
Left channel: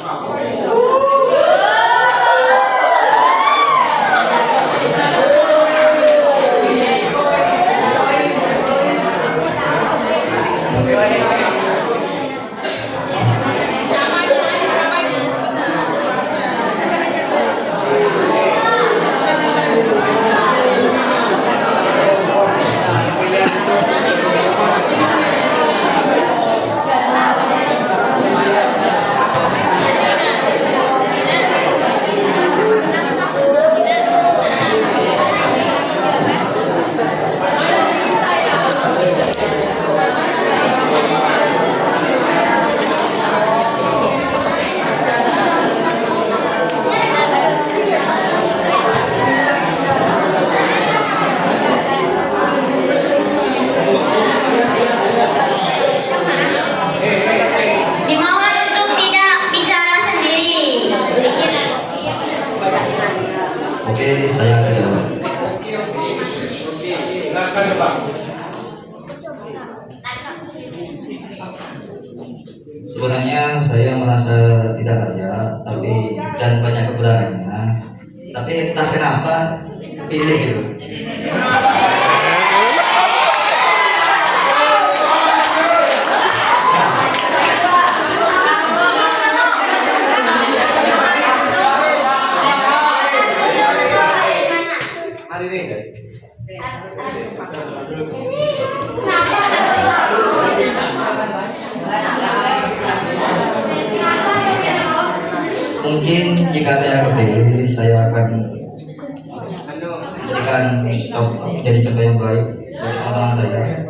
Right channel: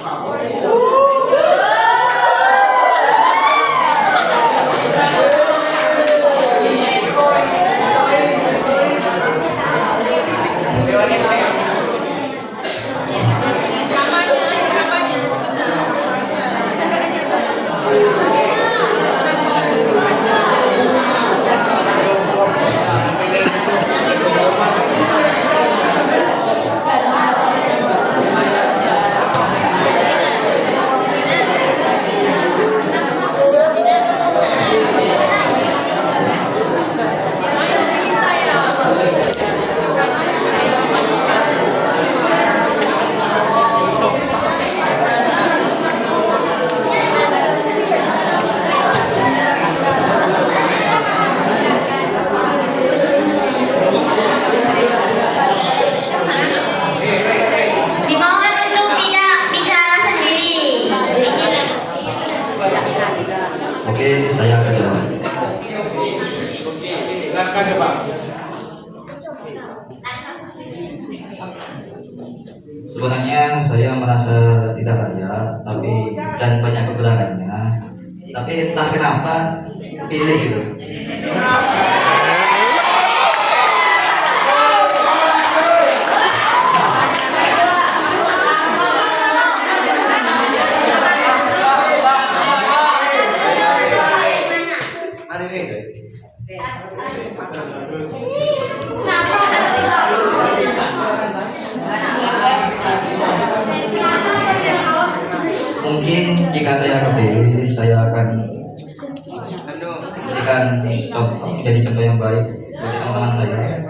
Dimohon untuk tidak bicara sendiri. Oke, saya akan jawab. Sebenarnya saya merasa tidak layak, dan banyak kekurangannya. Tapi entah kenapa pilih gitu. Mungkin jika saya kepilih, saya akan memberikan jadi contoh yang baik bagi teman-teman saya.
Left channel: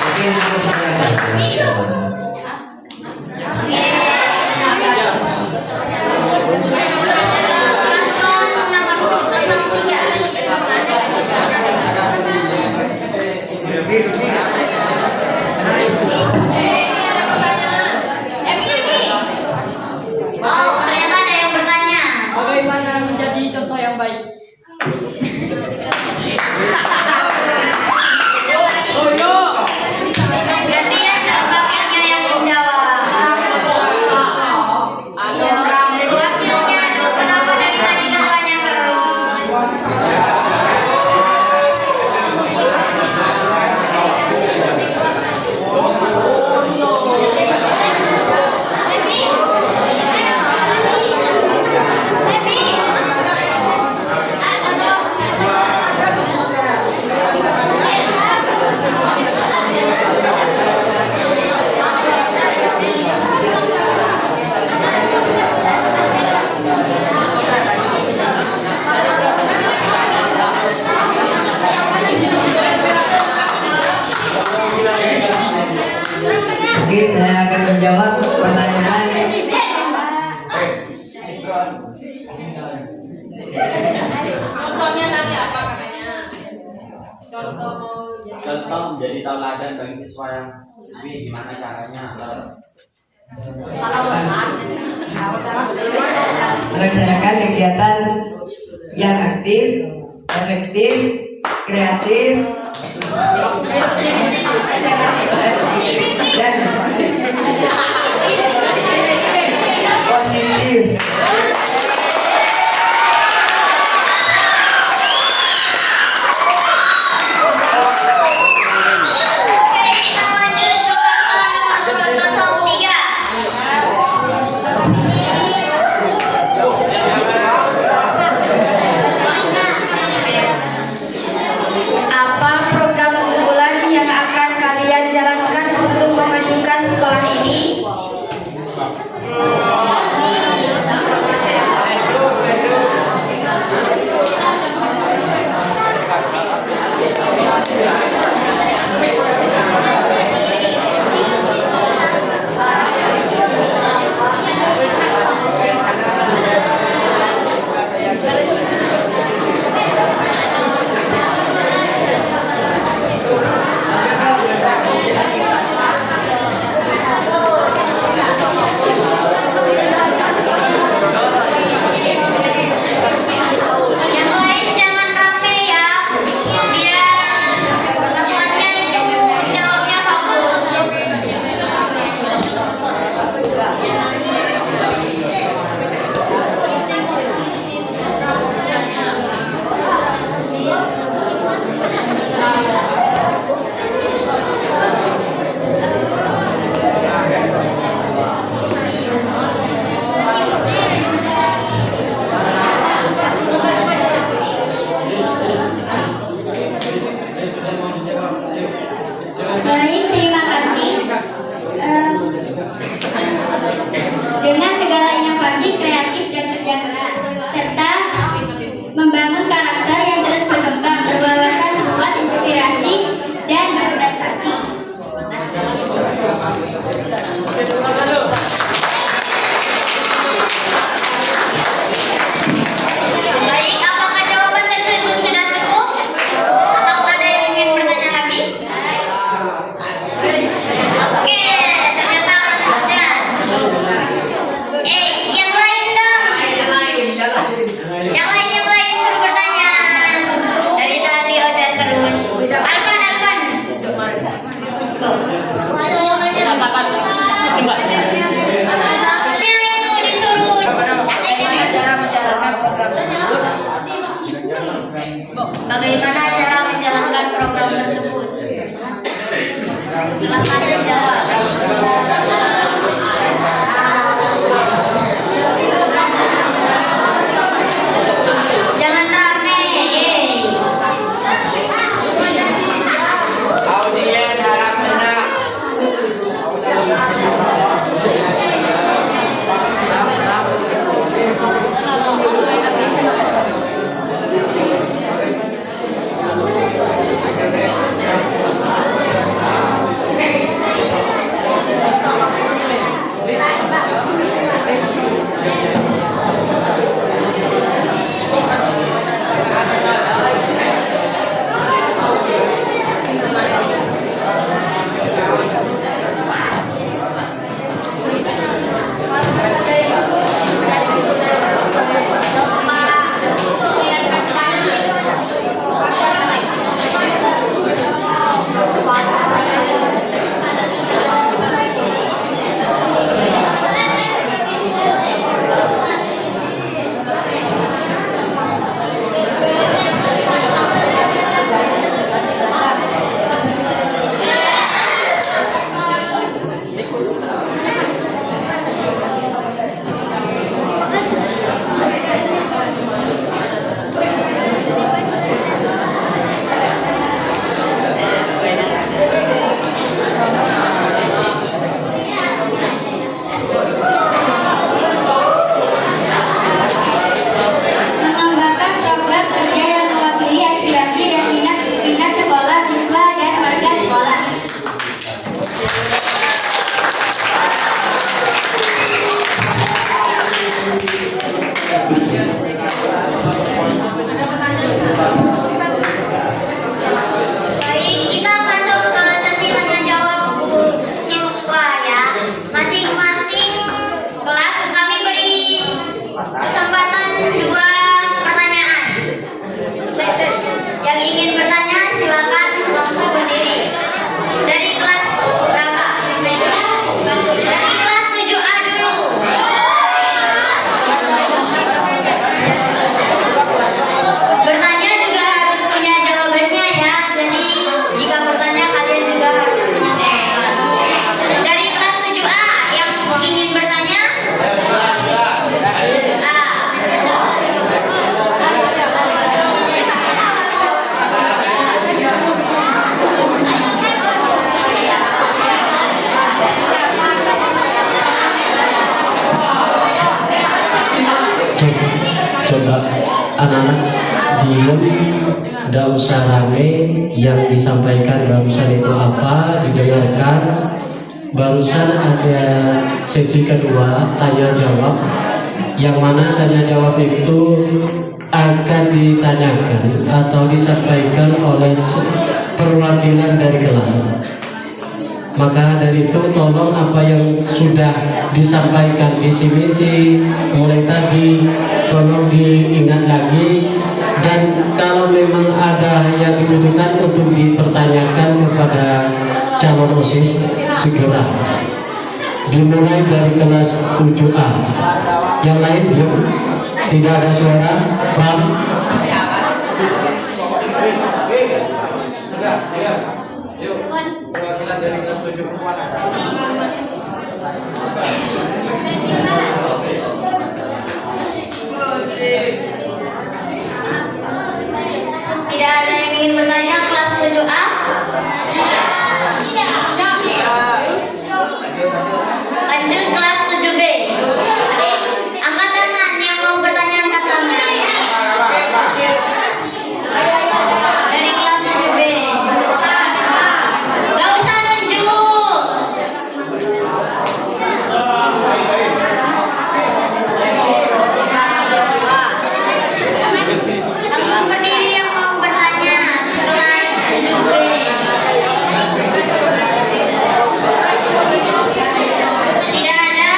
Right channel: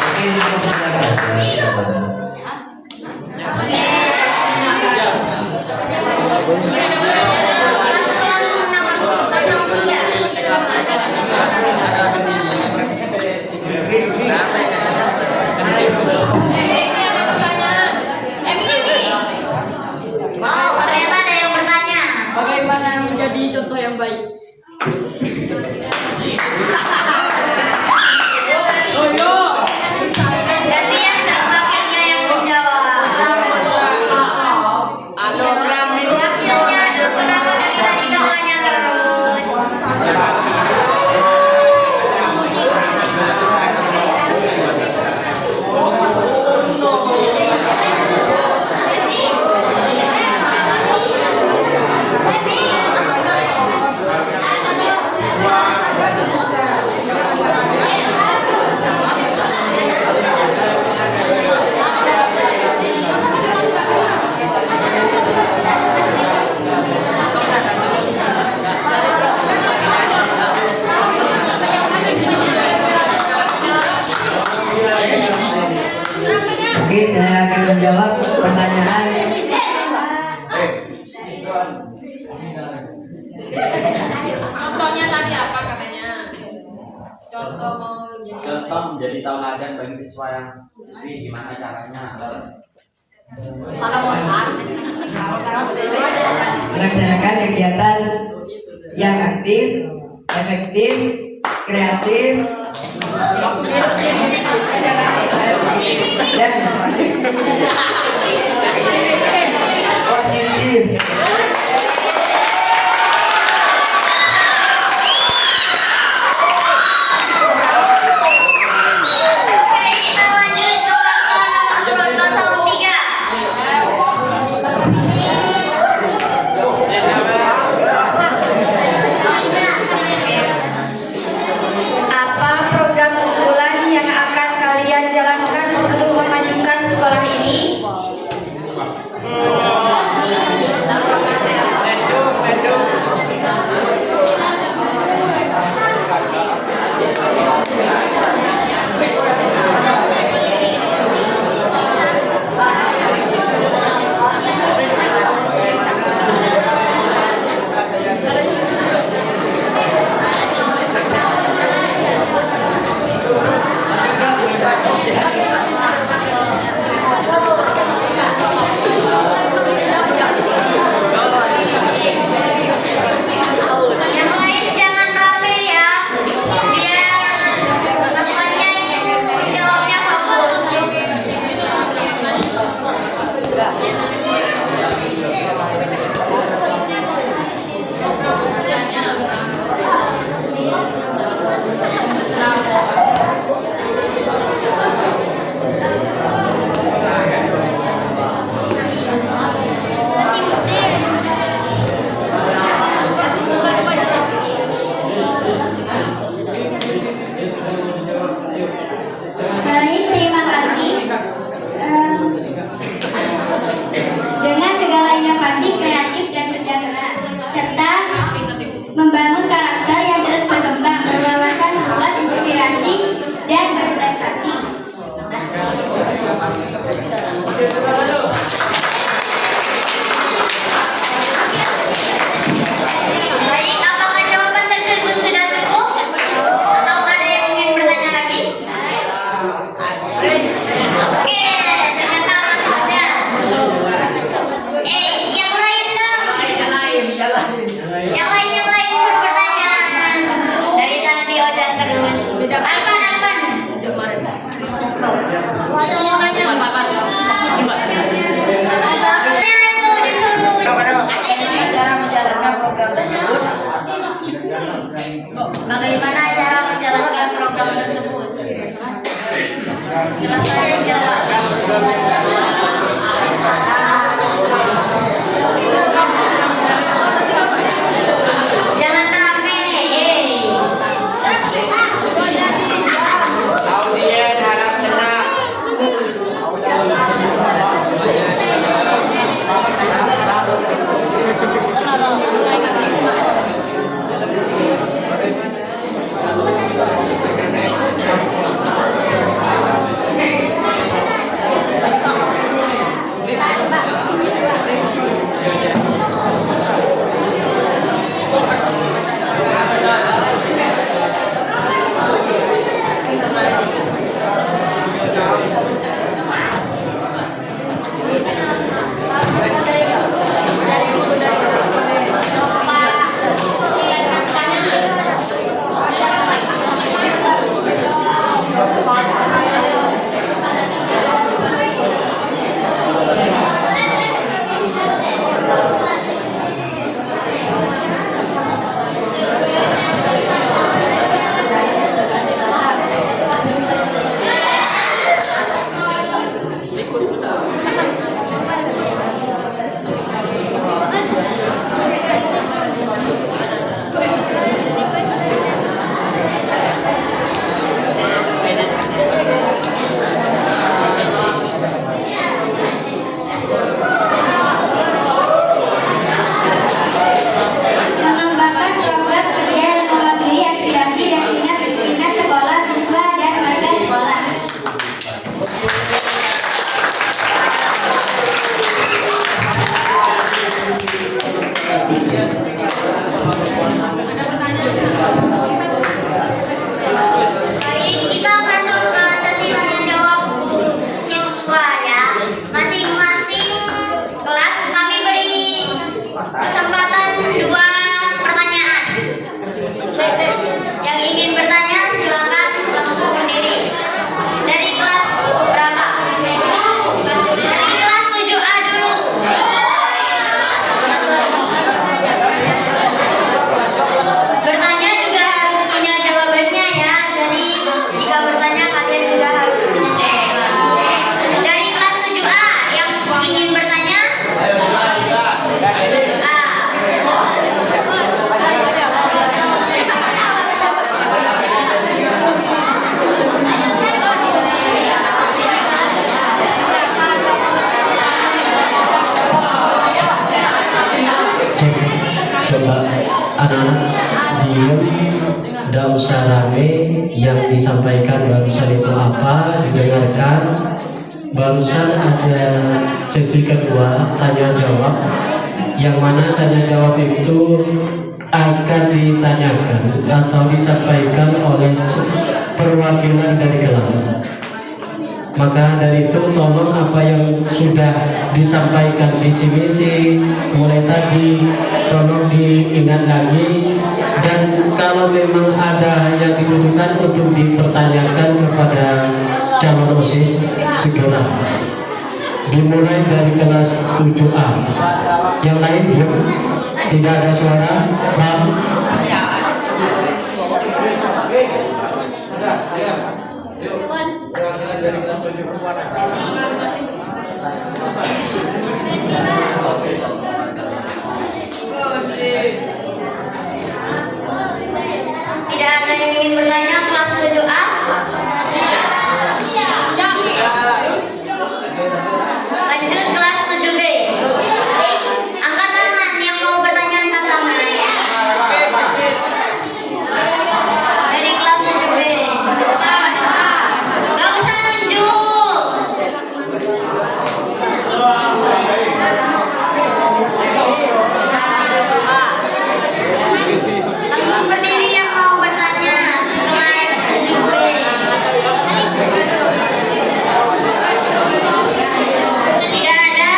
Mungkin untuk saya jawabannya. Oh, ternyata ada yang bertanya. Bagaimana menjadi contoh yang baik? menjadi tauladan bagi siswa yang siswi, gimana caranya? Melaksanakan kegiatan yang aktif, efektif, kreatif, dan positif. Kita lanjut ke paslon nomor 03. Apa program unggulan yang akan kalian jalankan untuk memajukan sekolah ini? Yang lain jangan rame ya, biar teman-temannya itu jawabnya bagus. Baik, terima kasih. Dengan segala inovasi, kreatif, dan kerja keras, serta membangun karakter yang terus berkembang, berwawasan luas, inspirasi, dan berprestasi. Baik, apakah jawaban tersebut sudah cukup? Atau ada yang ingin bertanya lagi? Oke, ternyata masih ada. Yang lain dong. Yang lain suruh bertanya. Dari tadi udah terus. Arman. Cara menjalankan program tersebut. Bagaimana cara menjalankan program tersebut? Silakan menjawab. Jangan rame. Audien harap tenang. diem, tidak usah rame. Yang disampaikan barusan itu apa, didengarkan. Barusan ada sesi kedua tanya jawab, yang mana tanya jawab itu akan ditanyakan atau disampaikan oleh perwakilan dari kelas. Maka dari itu tolong apa yang sudah disampaikan visi misi mulai tadi tolong diingat lagi, dan kalau memang ada yang dibutuhkan untuk dipertanyakan kepada calon OSIS segera. Dimulai dari kelas 7A. Yang lain yuk. Tidak ada suara. Bang. Tidak ada yang ingin bertanya kelas 7A? Lanjut kelas 7B. Angkat tangan yang mau bertanya, angkat tangan. Dari kelas 7B. Gak usah nunjuk. Langsung berdiri yang mau bertanya. Kelas 7B. Tidak ada?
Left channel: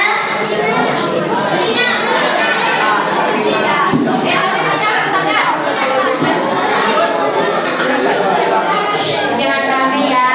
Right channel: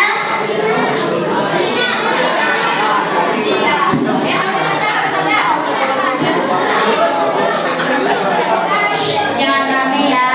Jangan rame ya. Jangan rame ya.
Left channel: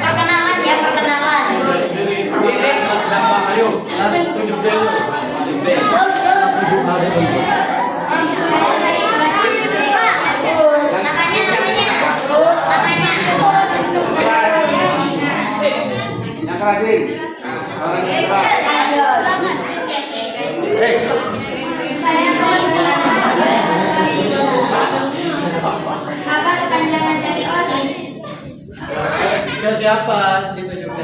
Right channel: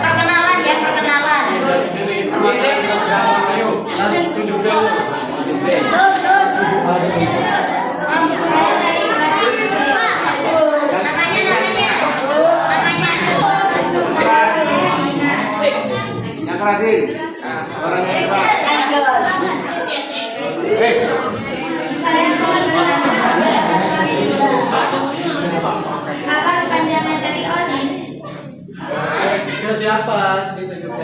Perkenalan ya, perkenalan. Yang keratin. Orang yang keras. Apa kepanjangan dari OSIS? Ke siapa ditunjukkan?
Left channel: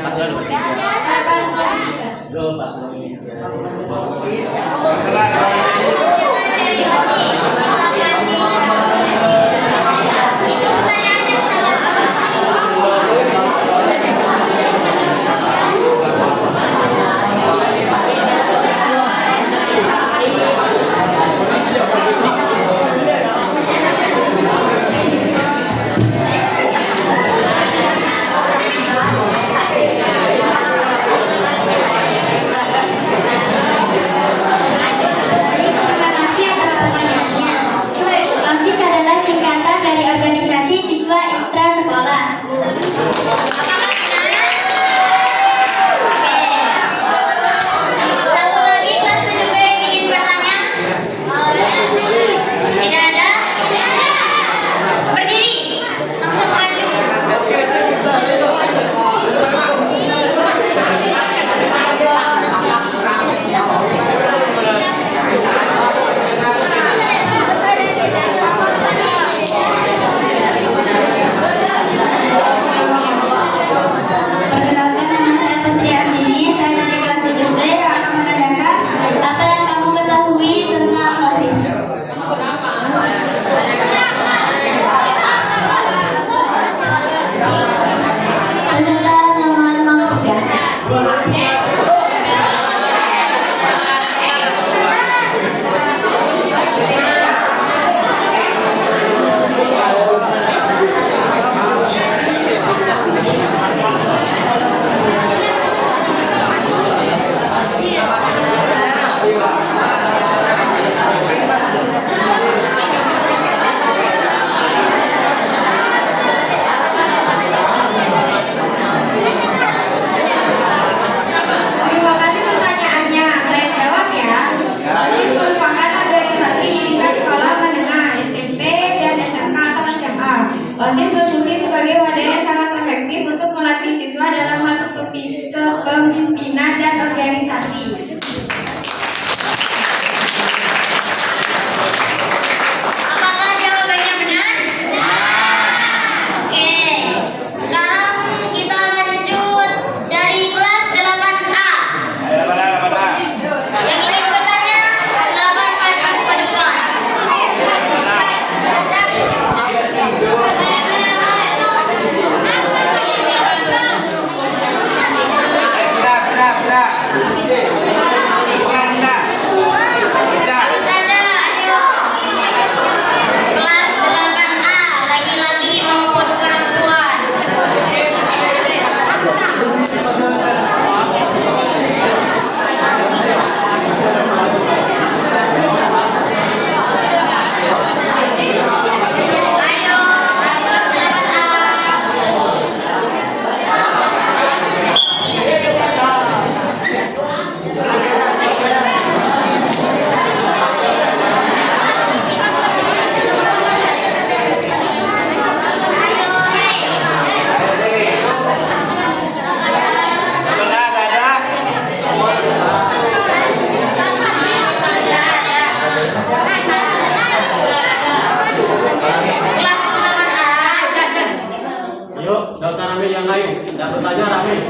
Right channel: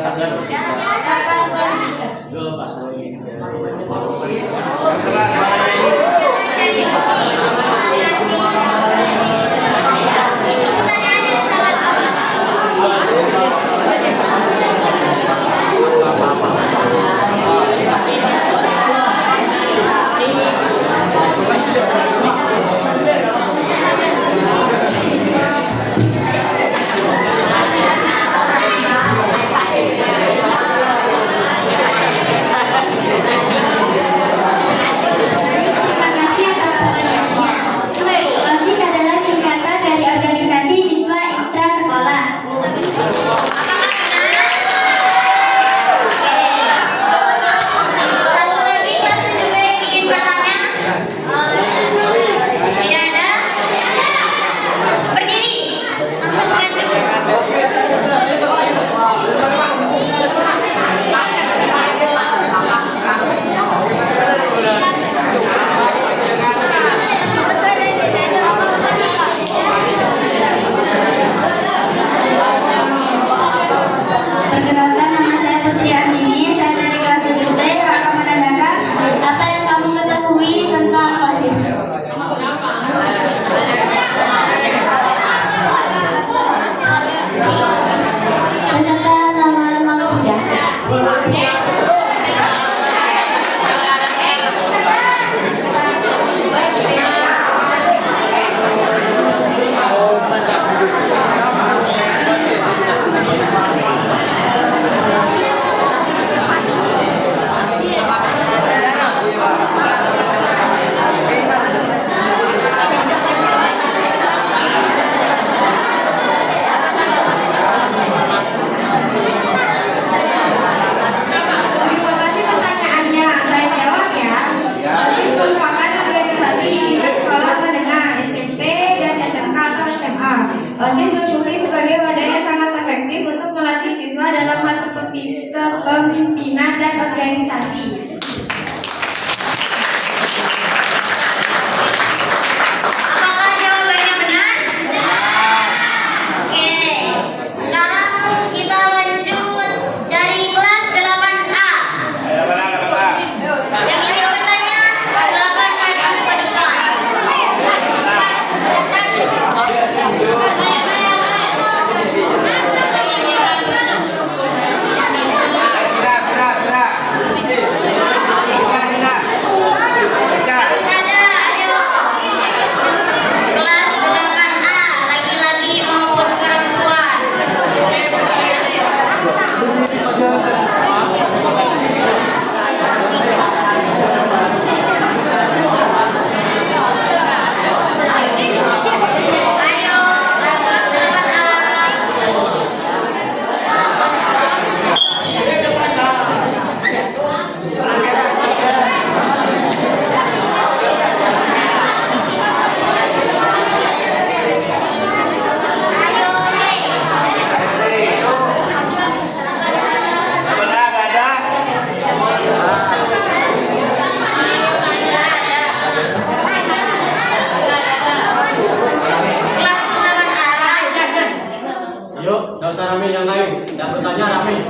kami yang lain dan bertanya Rami.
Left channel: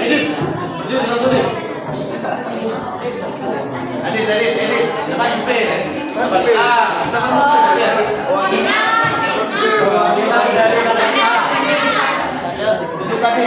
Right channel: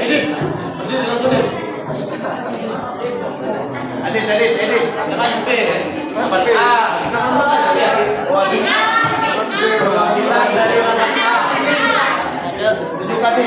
Edit, berdiri langsung deh. Edit. Dapat B. Perwakilan dari lapan A. Tujuh kami.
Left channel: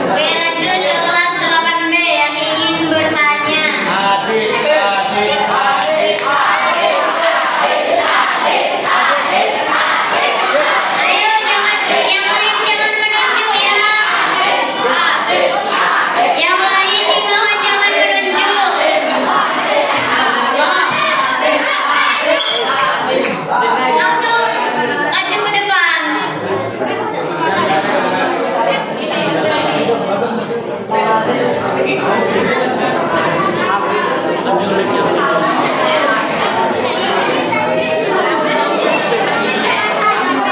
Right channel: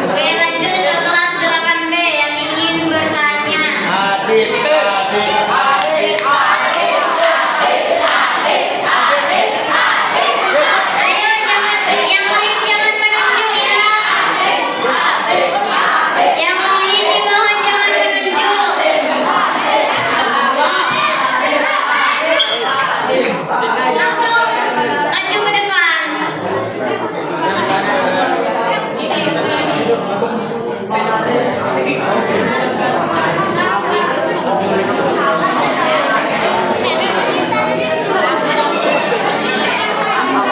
Oke, lanjut ke kelas 8B yang ingin bertanya. Ayo, yang lain jangan menunjuk ya. Yang lain dimohon jangan menunjuk. Langsung maju ke depan.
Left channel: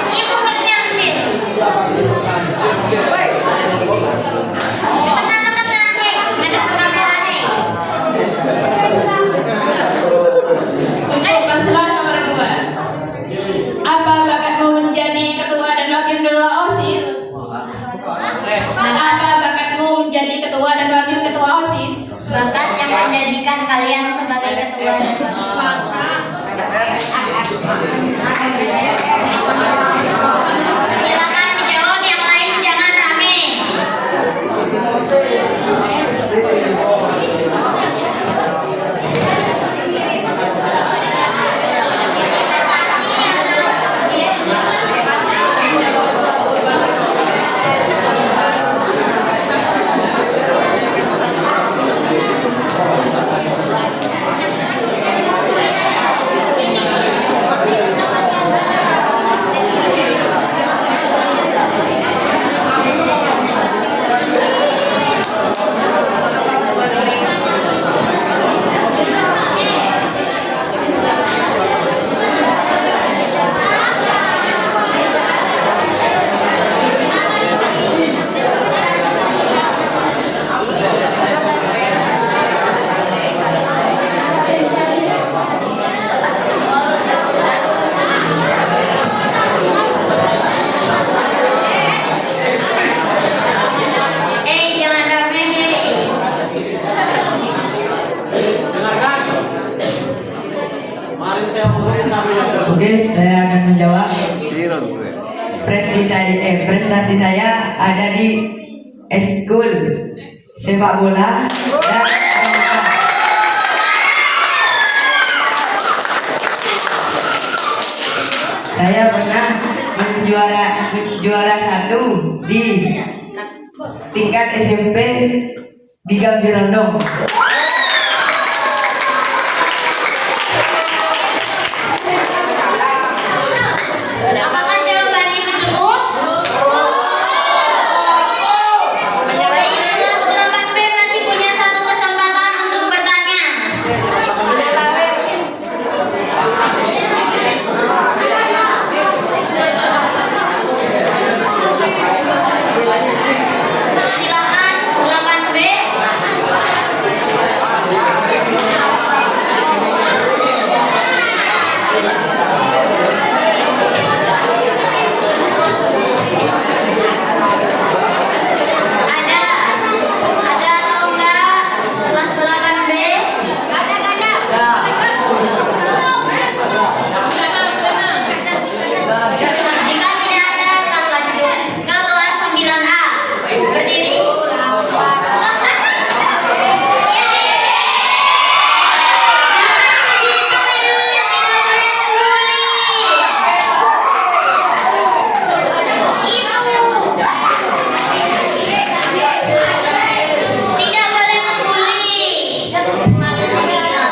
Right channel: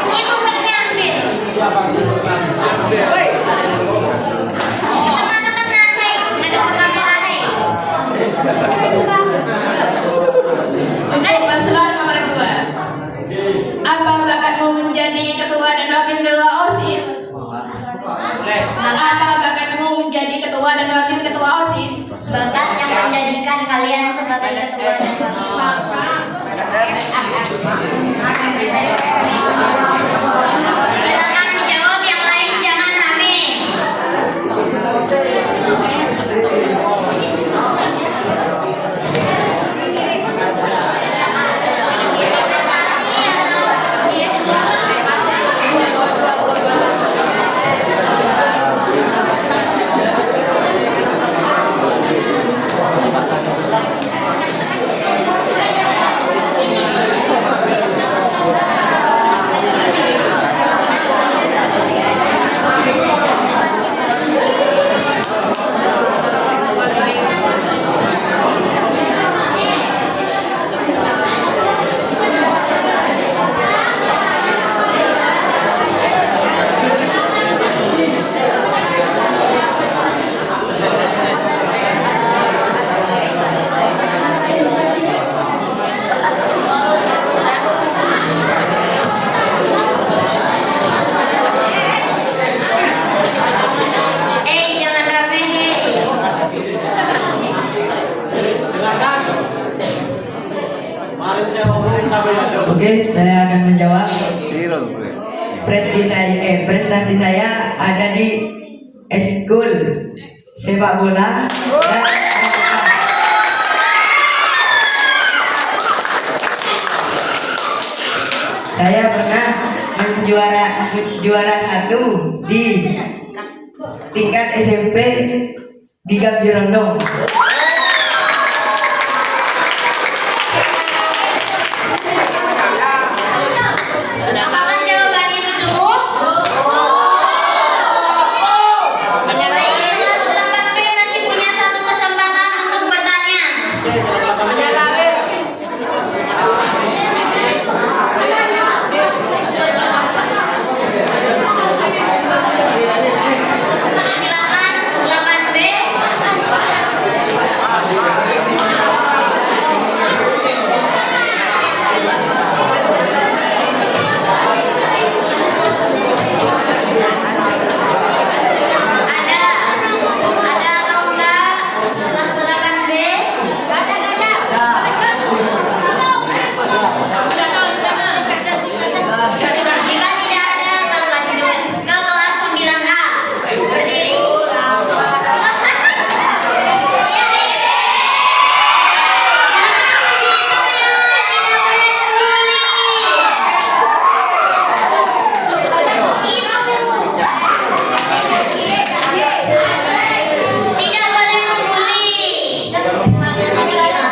Ibu buatnya ambil. Tenang, Nek. Maju ke depan, Nek. Untuk paslon nomor 2. Apa bakatmu menjadi ketua dan wakil ketua OSIS? Apa bakatmu menjadi ketua dan wakil ketua OSIS? Bakat yang menjadikan kalian sebagai ketua dan silakan dijawab, yang lain jangan rame. Jangan rame nih. Kemarin saya ngomongin sama yang Oke, saya akan menjawab. Prestasi saya ada di eskul sepak bola dan pramuka. Saya pernah juara 1 di tingkat SMP di Gambirondong. Apakah jawaban itu cukup? Baik, kelas 8B masih punya satu kesempatan untuk bertanya. Silakan 8B. Ada atau enggak kelas 8B? Jika tidak ada, akan lanjut ke kelas 9A. Berdiri. Tidak boleh mengguli.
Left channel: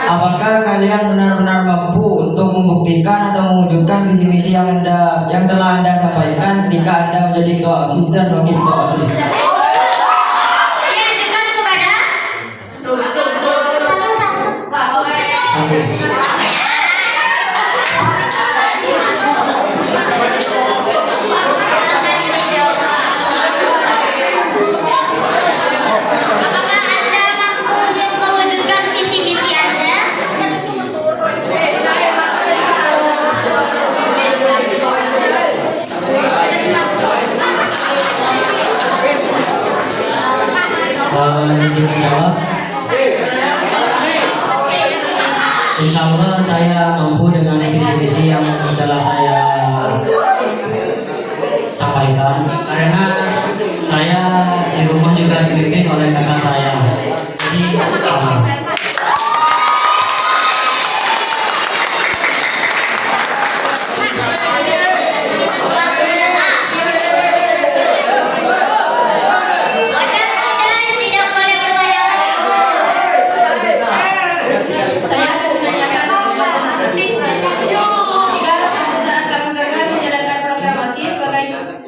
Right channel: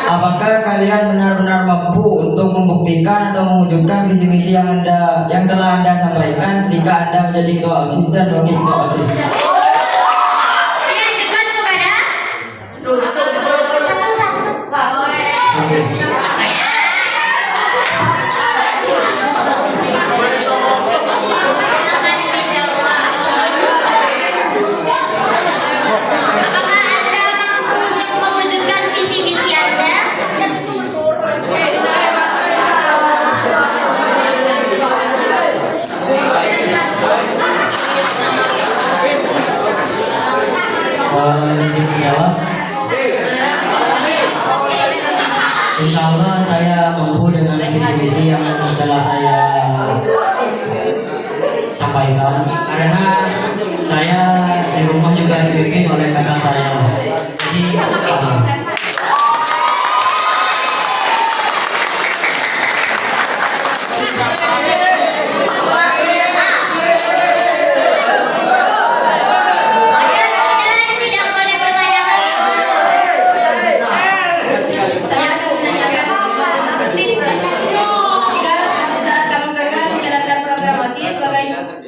Apakah kalian benar-benar mampu untuk membuktikan atau mewujudkan visi-misi yang telah Anda sampaikan ketika Anda menjadi ketua OSIS dan wakil ketua OSIS? Diajukan kepada satu-satu. Silakan dijawab. berisi menjawab? Insya Allah saya mampu dengan visi-visi yang telah saya sampaikan, karena saya di rumah juga dibimbing oleh kakak saya. Jadi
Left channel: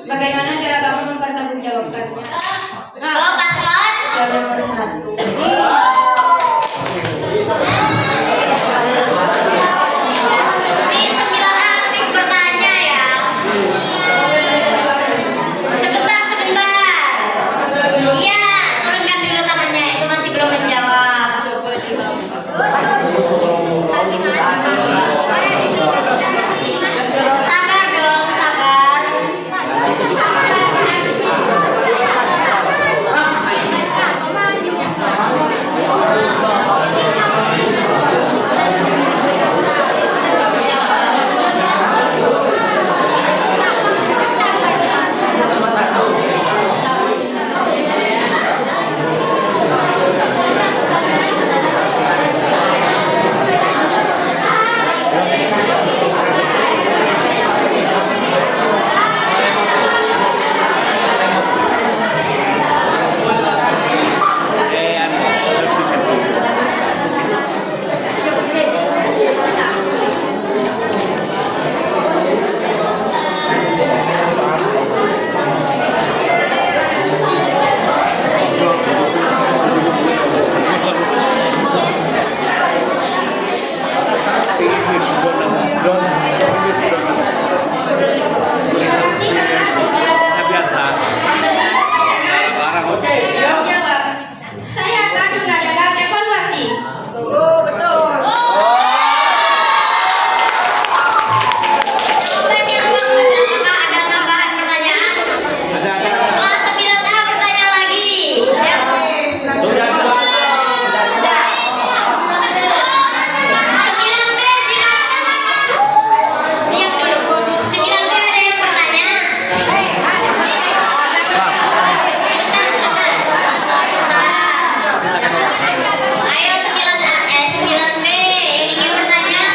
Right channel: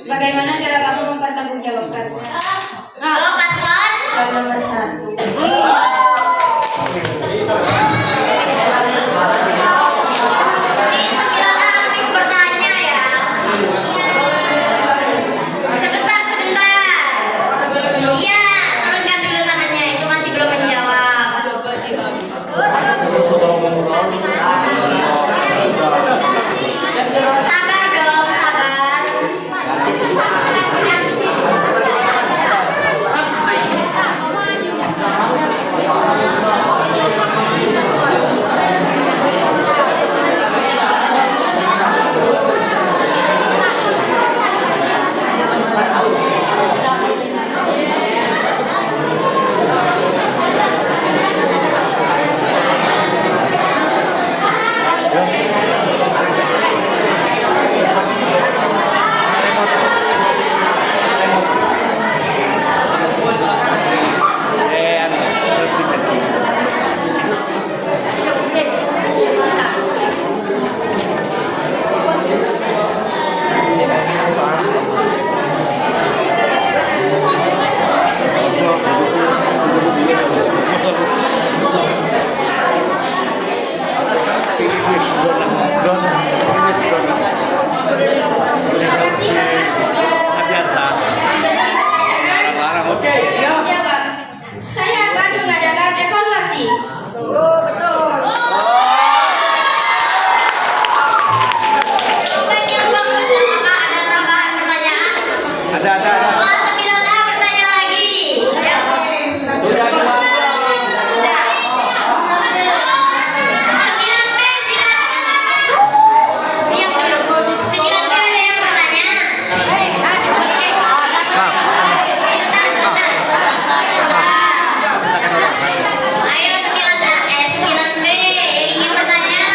bagaimana cara kamu mempertanggungjawabkannya? Jawab paslon. Soal nomor 1. Ini 9A bertanya ya. Sebentar. Iya, turunkan dulu tangannya. Itu masih belum menjawab. Sabar dong, sabar. Saya akan mengadakan evaluasi. Apakah ada tambahan pertanyaan? Kelas 9A bertanya lagi. Sudah. 9B silakan. Diam dulu. 9B ada yang bertanya? Ayo 9B ingin bertanya?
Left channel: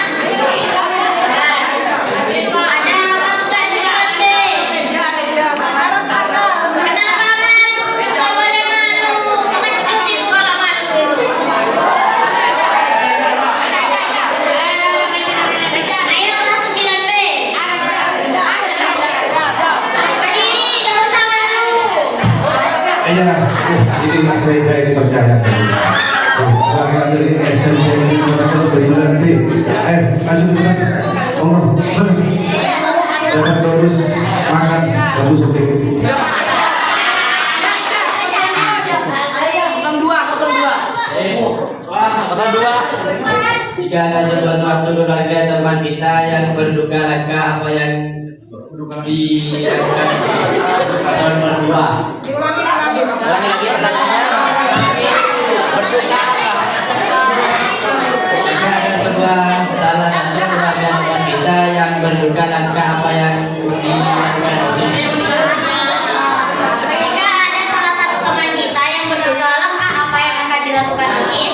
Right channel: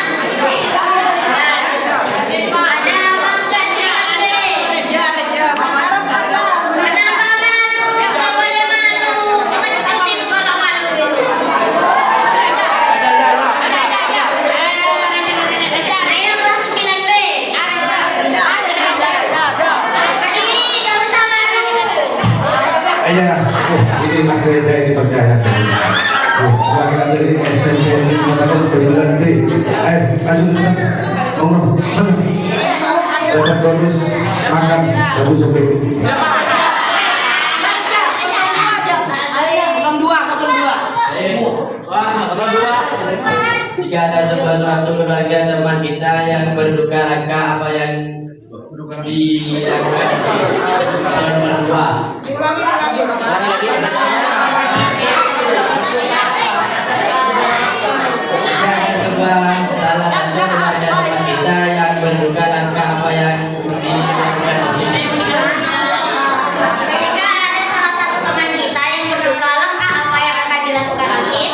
Ada apa enggak 9B? Kenapa malu? Nggak boleh malu. Jangan kecil kalau malu itu. Ayo kelas 9B. Berdiri, nggak usah malu. Iya, ini Mas Reza ini percaya saya. Laki-laki ini SMP ini mengatakan 9B. Ayo, langsung kita ngomong. Dapat bonus makan kamu sampai ini. jika ada sesuatu keluarga teman kita yang berduka laka apa yang dilakukan paslon nomor 2. Jika ada sebuah salah satu keluarga teman kita yang berduka laka apa yang dilakukan Jika ada salah satu teman kita yang berduka langkah apa yang akan dilakukan OSIS?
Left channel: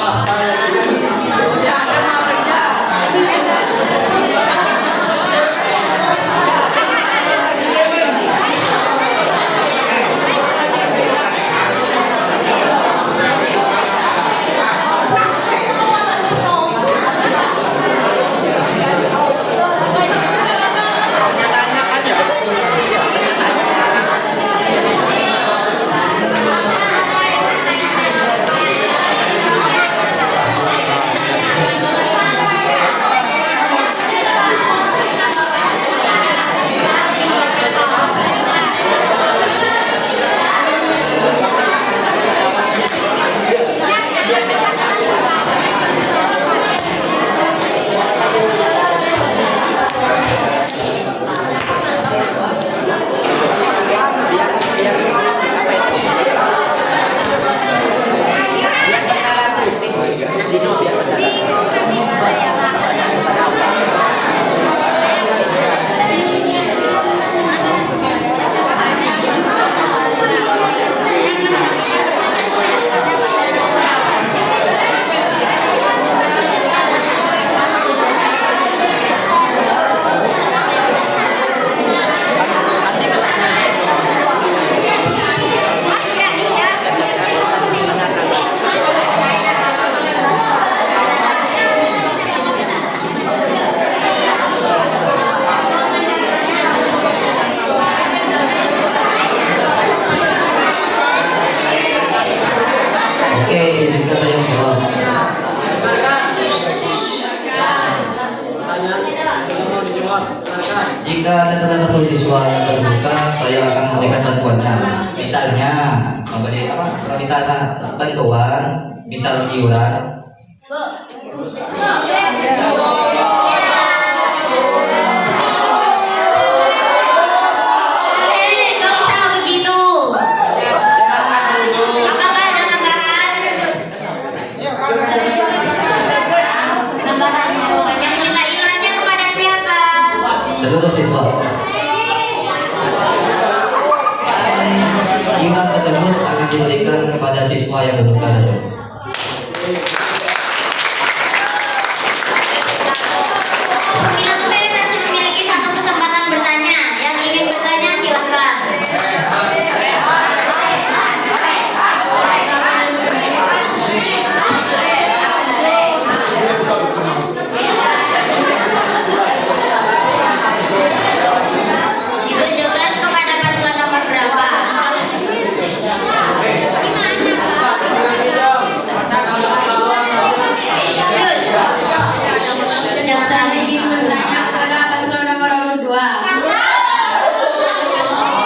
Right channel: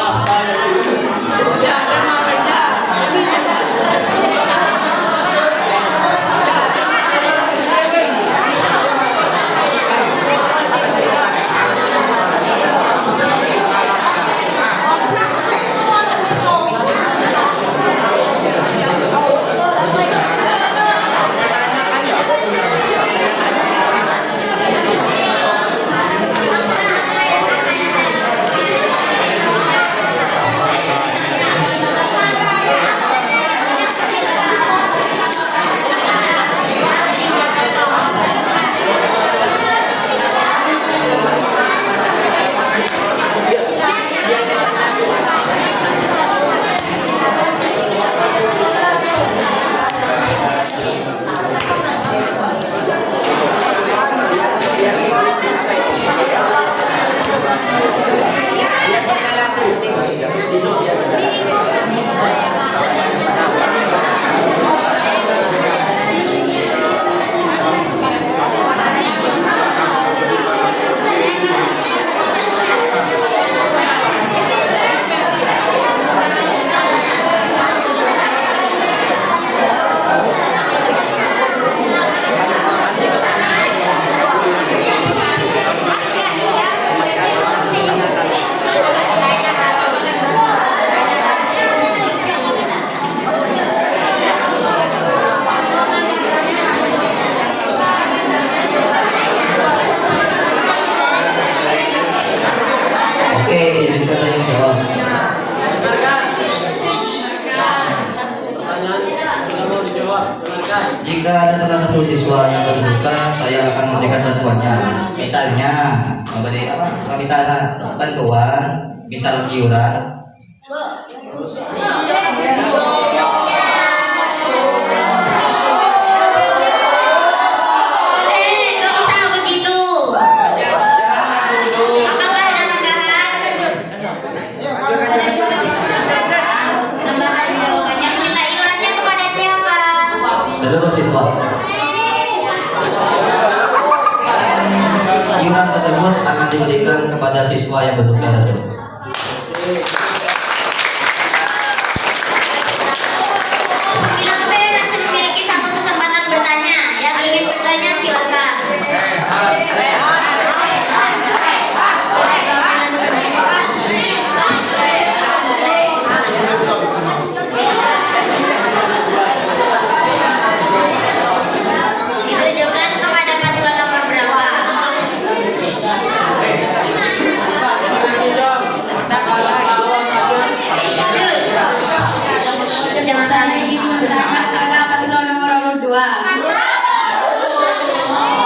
misalnya memberi meminta bantuan, misal iuran. Nggak bisa begitu. Apakah ada tambahan? Tambahan itu yang minta iurannya kepada siapa? Seluruh siswa. Iuran tersebut akan diberikan kepada siswa yang bertugas tersebut. Siapa yang masih memiliki satu kesempatan bertanya? Yang ingin bertanya silakan. Ditujukan kepada paslon nomor berapa? Yang saya ingin bertanya kepada paslon nomor 2.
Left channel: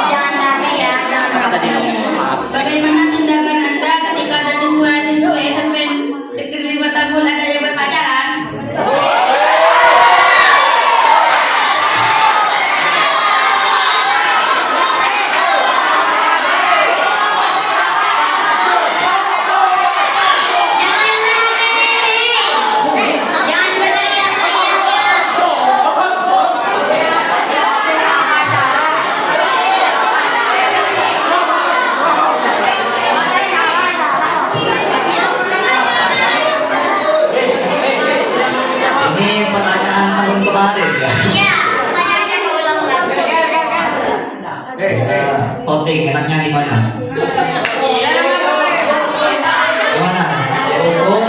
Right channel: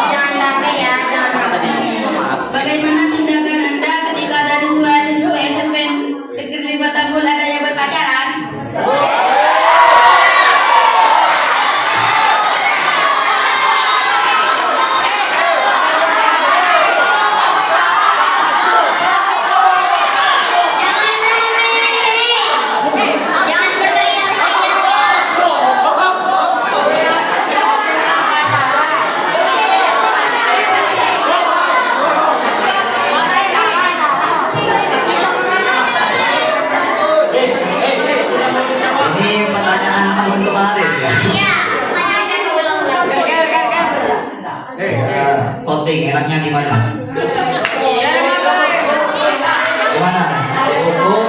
Jangan lama ya, jangan lama. Bagaimana tindakan Anda ketika ada siswa-siswa SMP Negeri 5 Tanggul ada yang berpacaran? Jangan berteriak-teriak. Ini pertanyaan tahun kemarin ya. Iya, pertanyaannya seulang lagi. Voting enaknya di mana? Di mana? Hukum.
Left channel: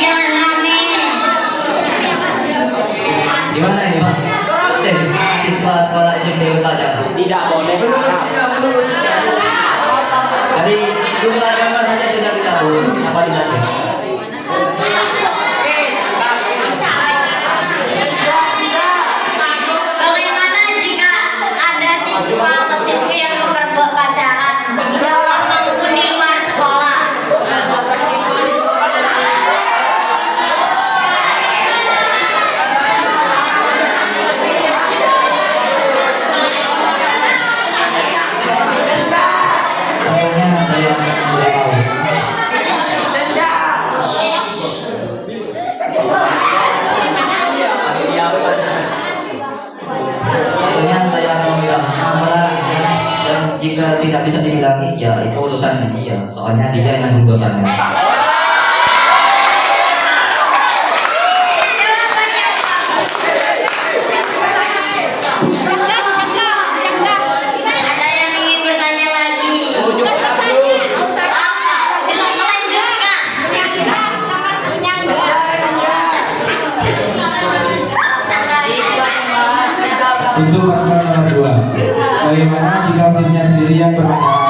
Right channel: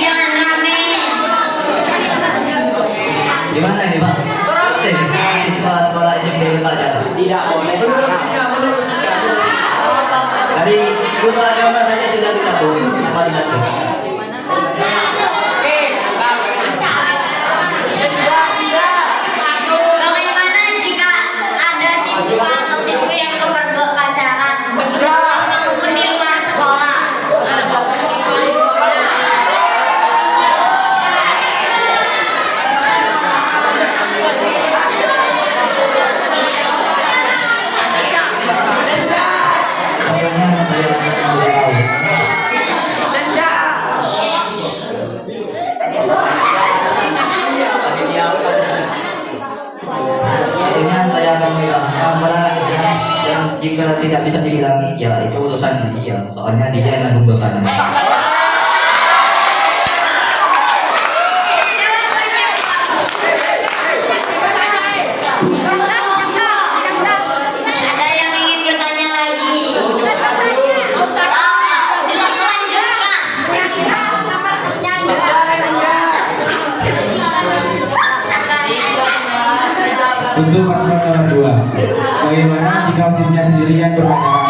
Jangan rame. Di mana ini Pak? Voting. Siswa sekolah SMP bertanya. Tidak boleh marah. Dari guru agama saja sudah dicabut. Kenapa tidak? Bagaimana jika ada siswa atau siswi yang berpacaran di sekolah maupun di luar sekolah? Sayangnya saya tidak tahu. Tentunya saya akan bilang malah yang jika tidak bisa dibilangi ya itu urusannya dia. Soalnya dia yang nanggung dosanya. Ada yang ingin bertanya lagi? Melanjutkan. Untuk paslon nomor 2, bagaimana jika sisnya sendiri yang berpacaran?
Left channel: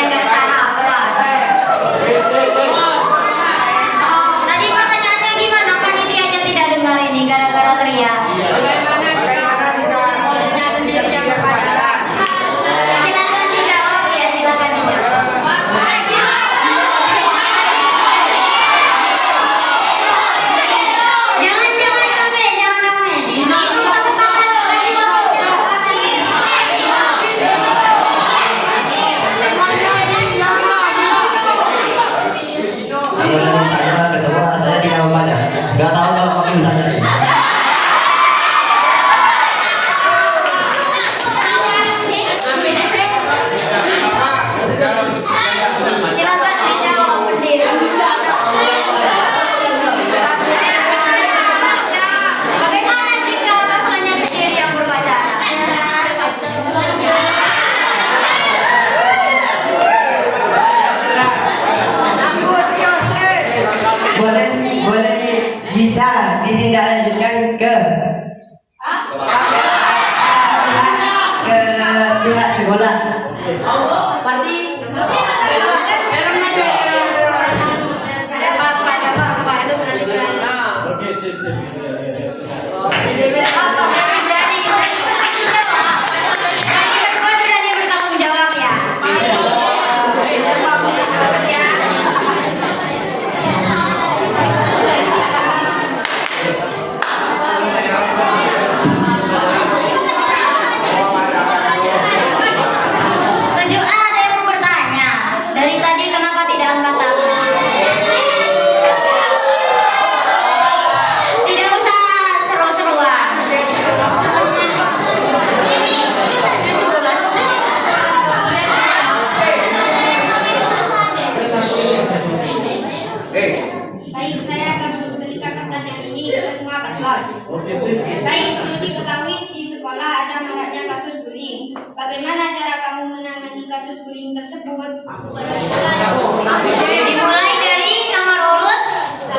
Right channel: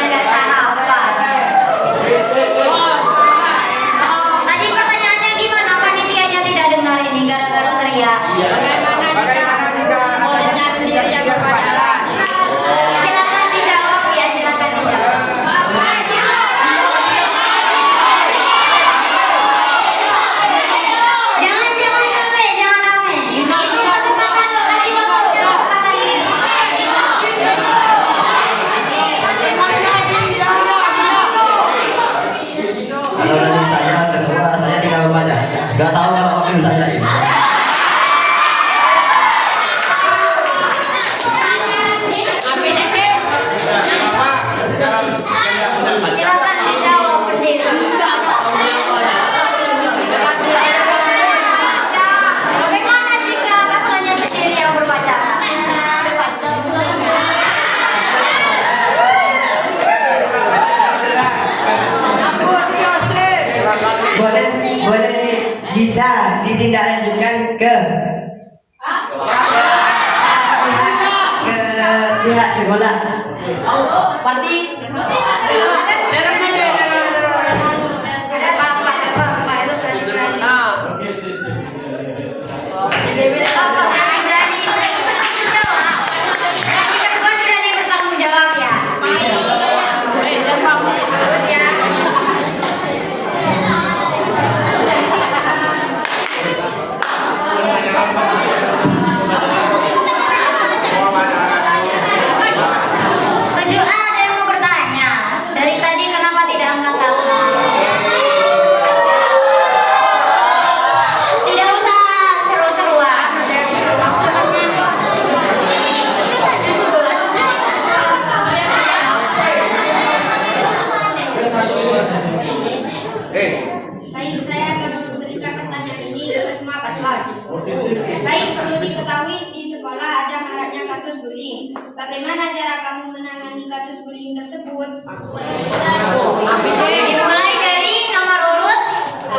Lapar. lanjutkan ke pihak sekolah. Bertanggung jawab ya. Tunjukkan ada yang mau bertanya. Dari tadi kenapa tidak angkat tangan? Tidak usah seru-seruan. Baik, saya akan memberikan pertanyaan ini ke semua paslon. Baik, perlu diketahui di sekolah ada maraknya kasus bullying. Bagaimana cara kamu menangani kasus bullying tersebut? Dimulai dari nomor urut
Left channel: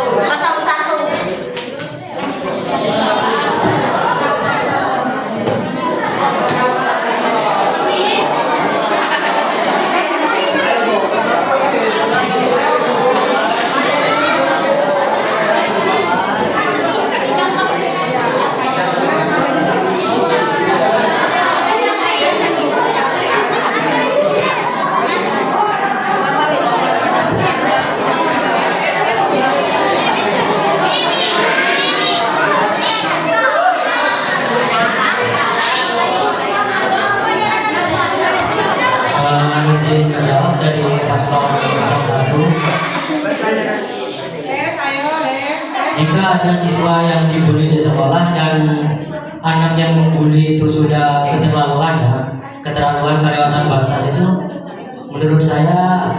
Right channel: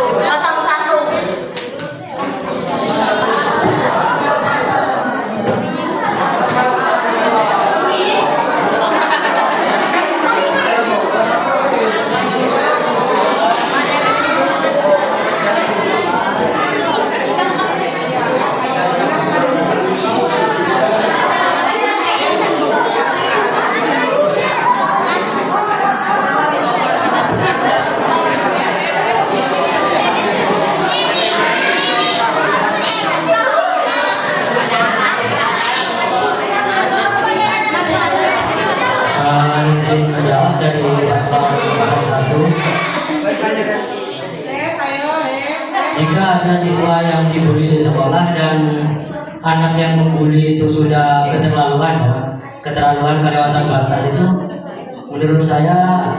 01. Izin menjawab dari paslon 01. Jika ada siswa yang dibully di sekolah dan anak yang membuli itu sudah keterlaluan ya, keterlaluan kelewatan batas itu, menurut saya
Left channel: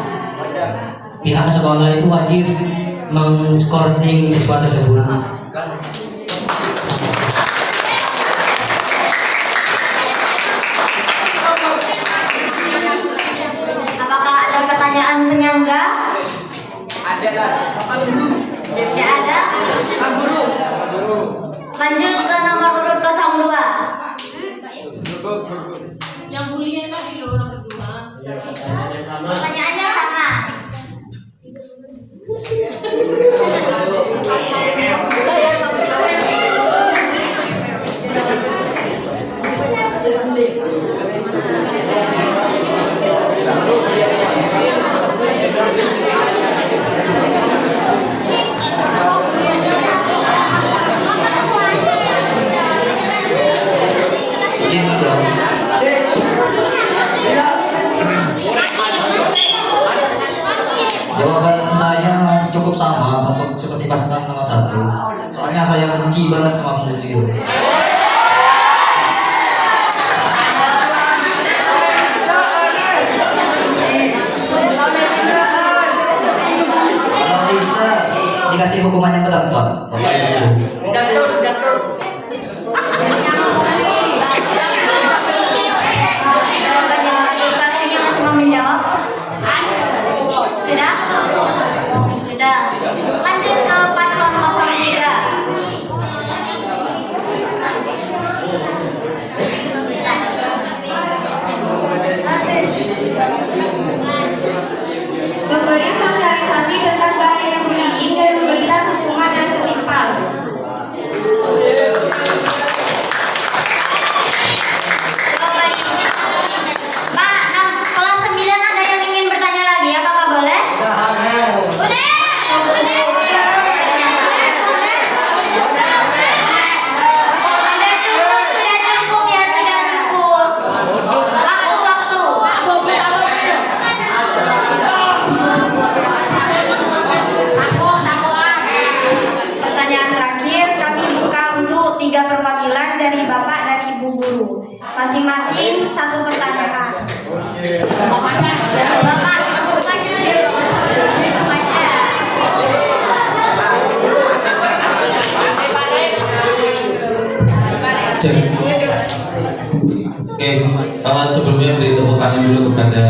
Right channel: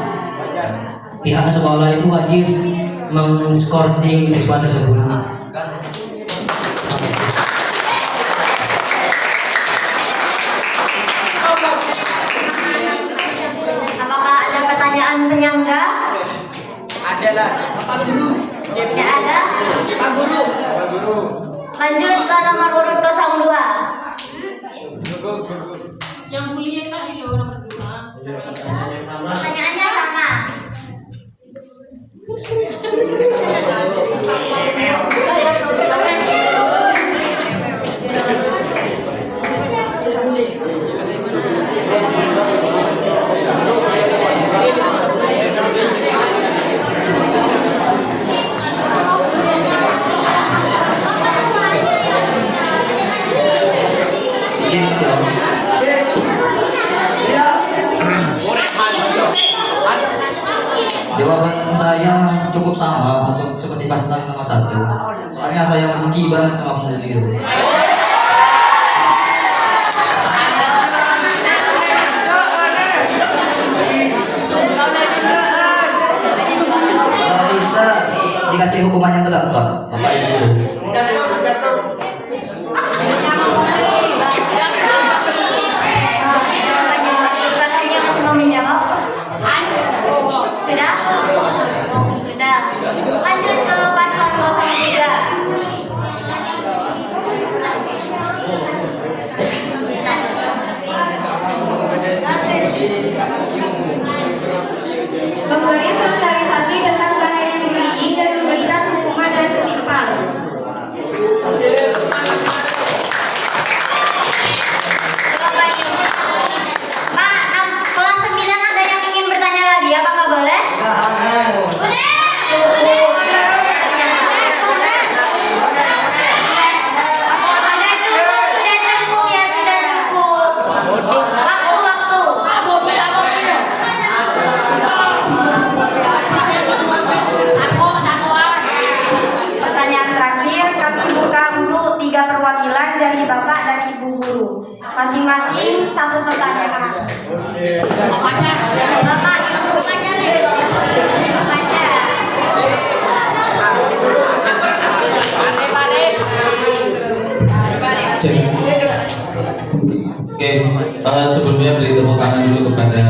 pihak sekolah itu wajib mengskorsing siswa tersebut. Apakah ada pertanyaan penyangga? Ada lah. Tidak ada. Lanjut ke nomor urut 02. Yang bullying tadi loh nomor 2. Pertanyaannya sama. Saya mau jawab. Jawaban saya cukup sama untuk seperti paslon nomor 1. Soalnya saya benci banget sama pembuli itu. Kalau bisa dikasih hukuman yang berat, Pak. Bapak Ibu. Dia masih mau menjawab? Sudah? Sudah. Lanjut ke paslon 03. Memberi sosialisasi tentang bahaya bullying dan memberikan hukuman dan setimpal. Pak, kelas 9 ada yang ingin bertanya lagi? Apakah boleh? Sudah cukup ya, sudah cukup. Waktu. Pertanyaan terakhir kami buka untuk 3 perwakilan dari Bapak dan Ibu guru. Masing-masing 1 pertanyaan. Bapak, bukannya Oke, sebelumnya beri tepuk tangan dulu kepada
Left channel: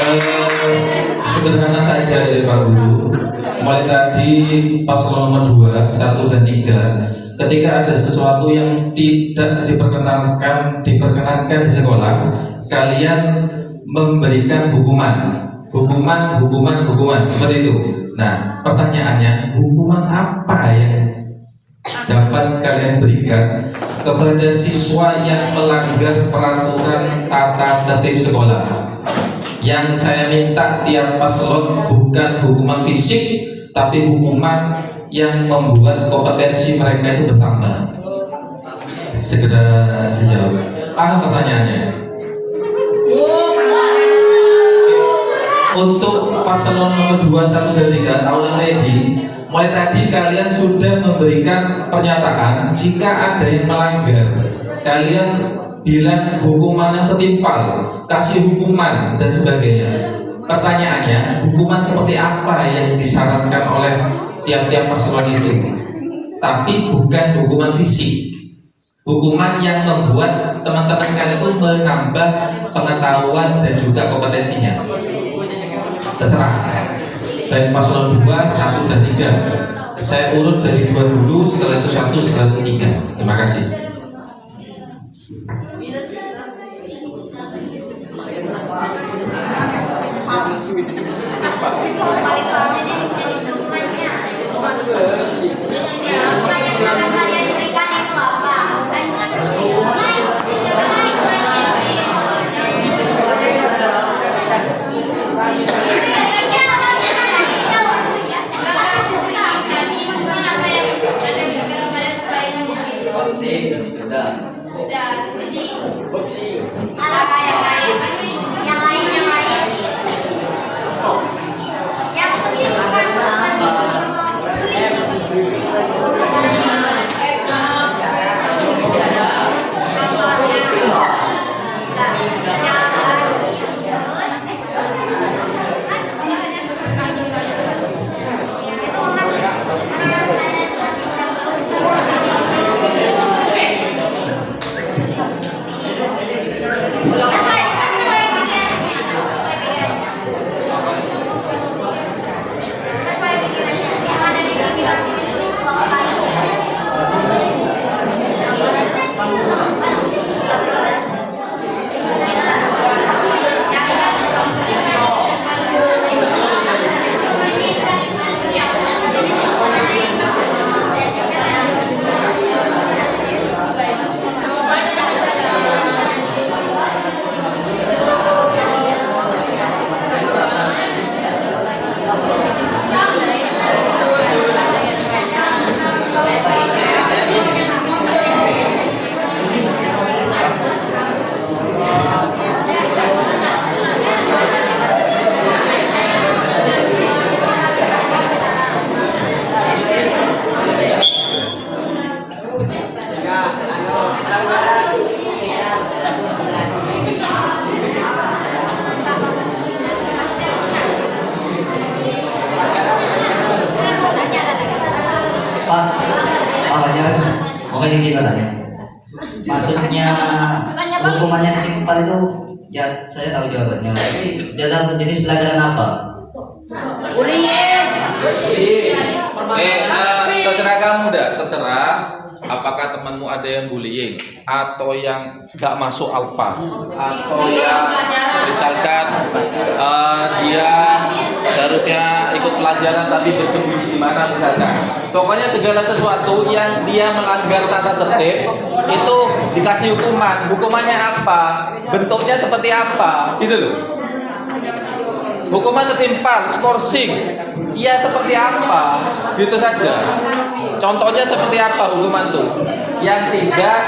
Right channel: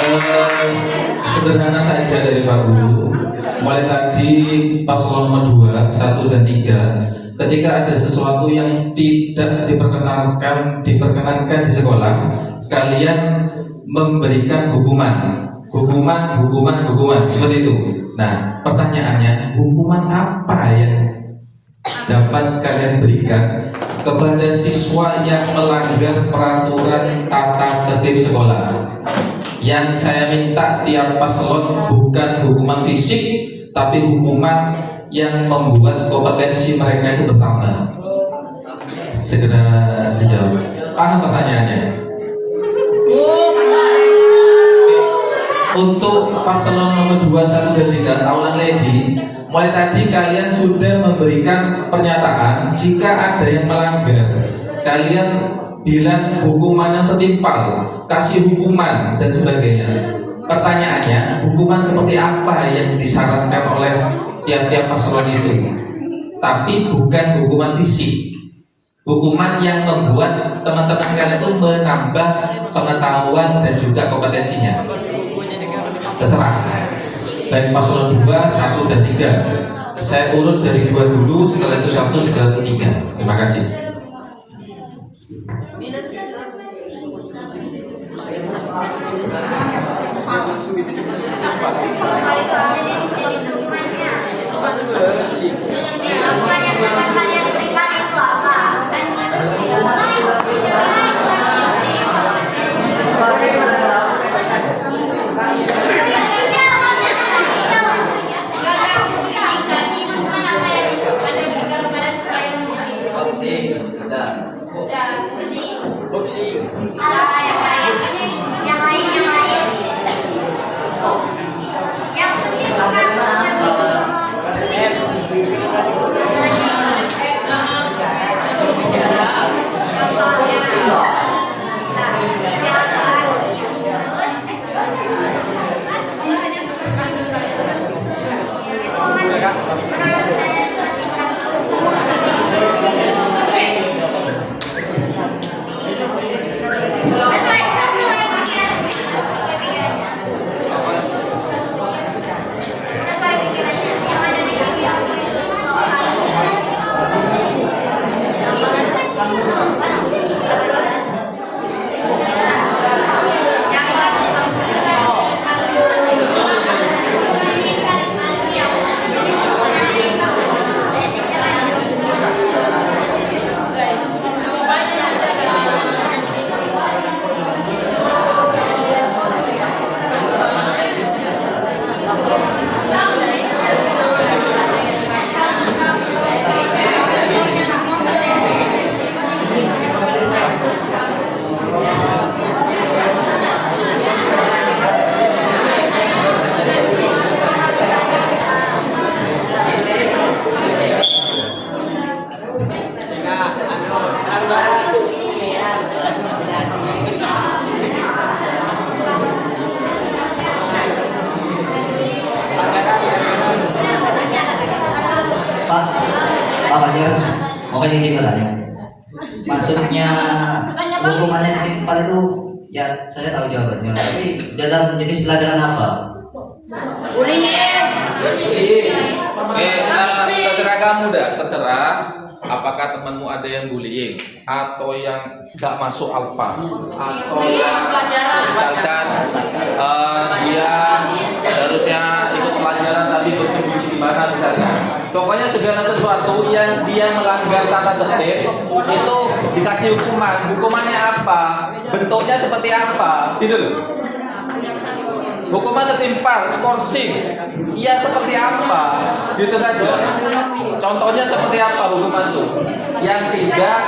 teman-teman. Sederhana saja dari Pak Guru. Mulai tadi paslon nomor 2, 1 dan 3, ketika ada sesuatu yang tidak diperkenankan di sekolah, kalian memberikan hukuman seperti itu. Nah, pertanyaannya, hukuman apa yang dapat kalian berikan kepada siswa yang melanggar peraturan tata tertib sekolah? Yang saya minta tiap paslon bukan hukuman fisik, tapi hukuman yang membuat kompetensi mereka itu bertambah. Segera dijawab. Paham pertanyaannya? Untuk paslon nomor 2, 1 dan 3, taulang lagi. Mulai tadi kalian sudah memberikan pernyataan jika ada yang melanggar, kalian bilang hukumannya setimpal, kasih hukuman dan sebagainya. Pertanyaannya, hukuman seperti apa yang disarankan oleh tiap-tiap paslon itu? Tapi bukan hukuman fisik, hukuman yang membuat teman-teman kalian itu menambah pengetahuan dan juga kompetensinya. Terserah. Baik paslon 2, 1 dan 3. Saya urut dari 2 dulu, setelah itu 1, setelah itu 3. Terima kasih. Makanya izin bertanya. Maksudnya hukumannya setimpal itu, ya saya tahu jawabannya. Tapi dalam jenis pelajaran apa? Terserah kamu dah, terserah. Apakah temanmu ada yang bullying atau yang nggak masuk alfa atau yang misalkan dia seharusnya ikut pelajaran tapi bersembunyi di mana misalkan. Pokoknya segala sesuatu yang dia melanggar tata tertib itu dikasih hukuman. Hukumannya apa? Bentuknya seperti apa? Gitu loh. Hukuman setimpal, skorsing, iya seperti apa? Gitu saja. Contohnya seperti apa hukuman itu? Yang tidak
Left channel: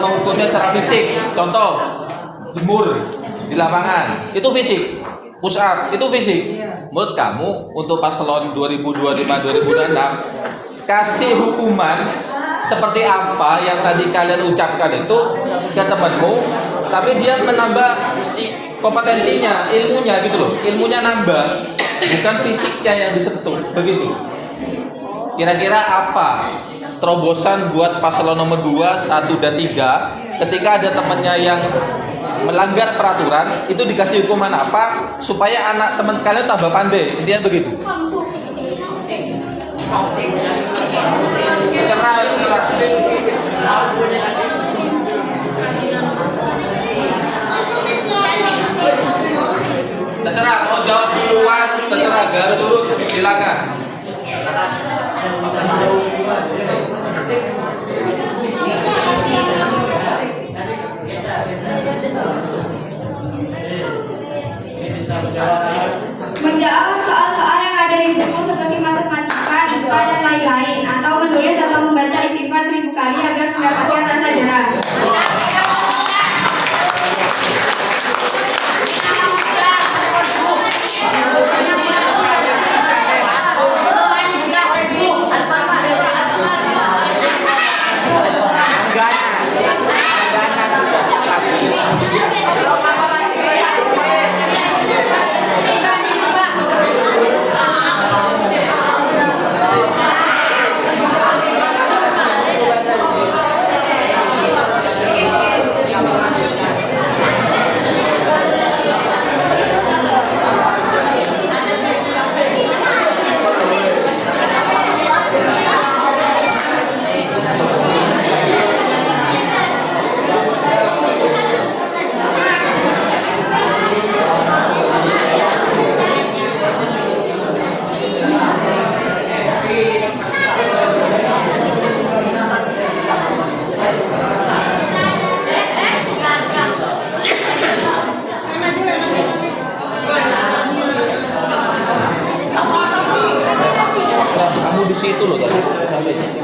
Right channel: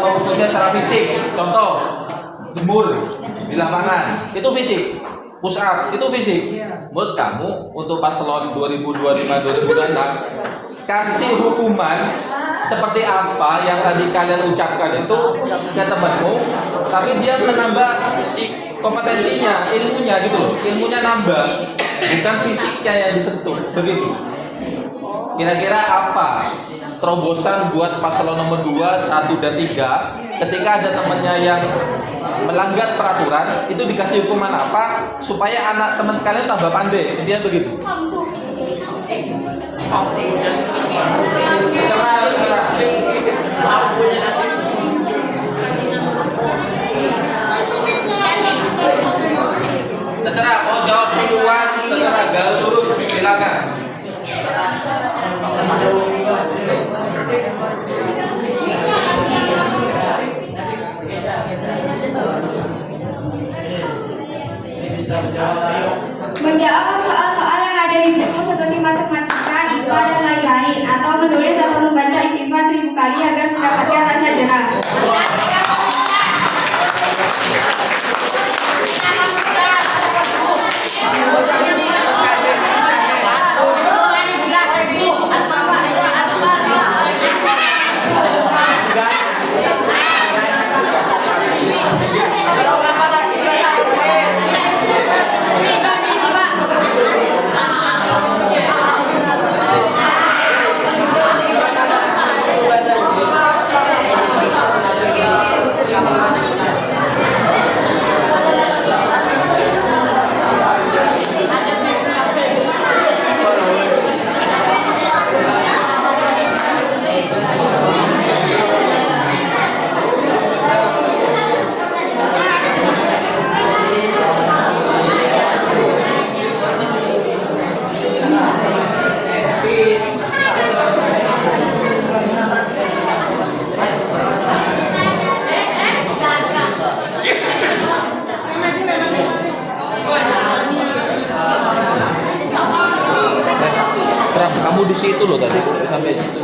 menghukumnya secara fisik. Contoh, jemur di lapangan, itu fisik. Push up, itu fisik. Menurut kamu untuk paslon 2025-2026 kasih hukuman seperti apa yang tadi kalian ucapkan itu ke temanmu, tapi dia menambah kompetensinya, ilmunya gitu loh, ilmunya nambah, bukan fisiknya yang disentuh, begitu. Kira-kira apa terobosan buat paslon nomor 2, 1 dan 3 ketika ada temannya yang melanggar peraturan itu dikasih hukuman apa supaya anak teman kalian tambah pandai, intinya begitu. Terserah mau jawab duluan, terserah garis urut silakan. Menjawab soal-soal yang ada di buku seperti matematika, IPA, dan lain-lain, atau menulis atau membaca istighfar 1000 kali agar mendapatkan rasa jerah. Kamu di situ loh tadi sampai situ.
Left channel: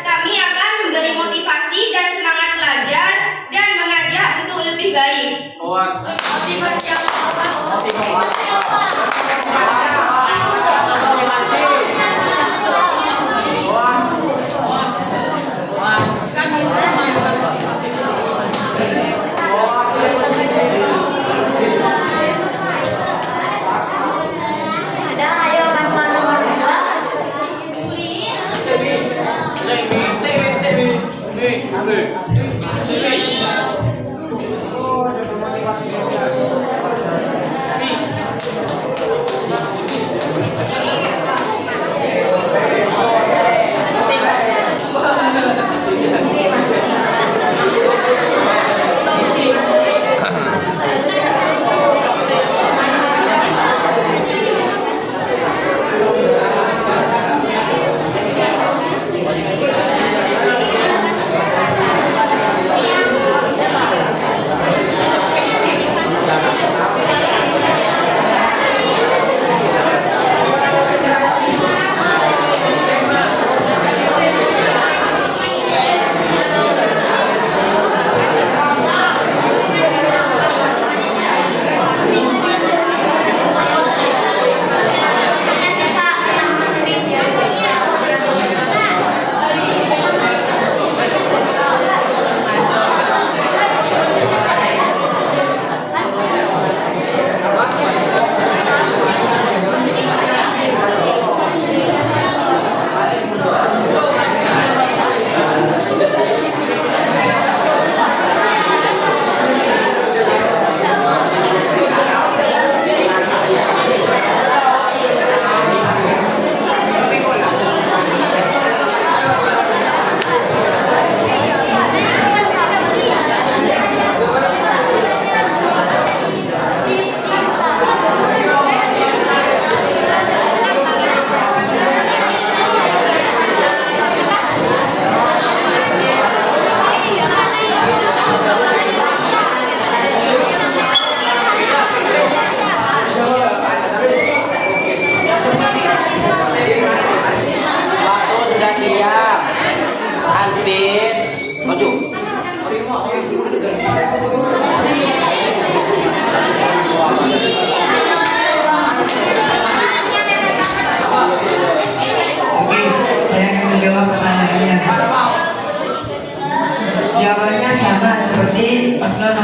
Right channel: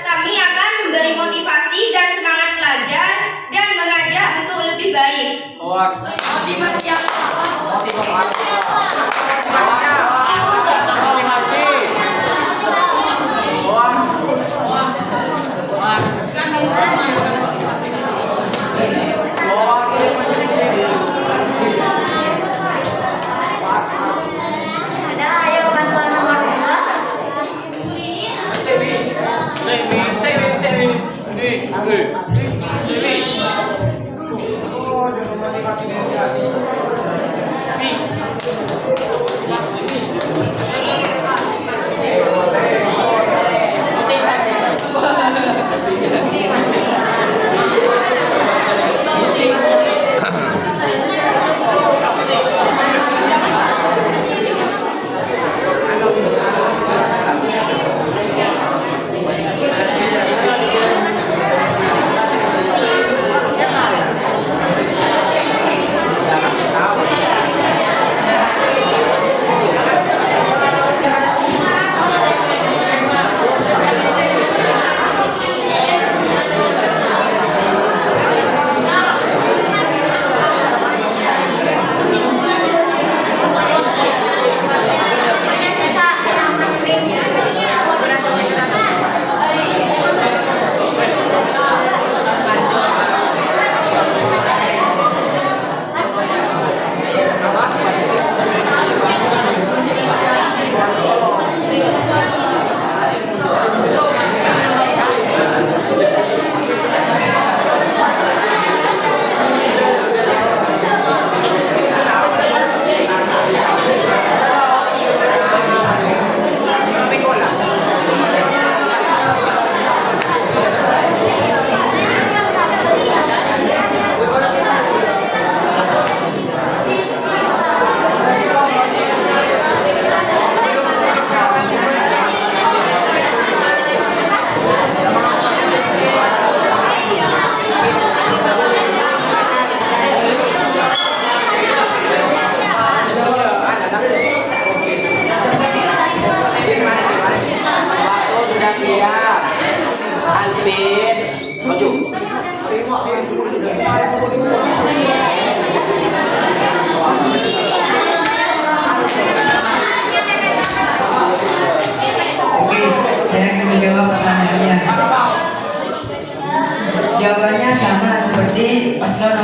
Kami akan memberi motivasi dan semangat belajar dan mengajak untuk lebih baik. Motivasi apa?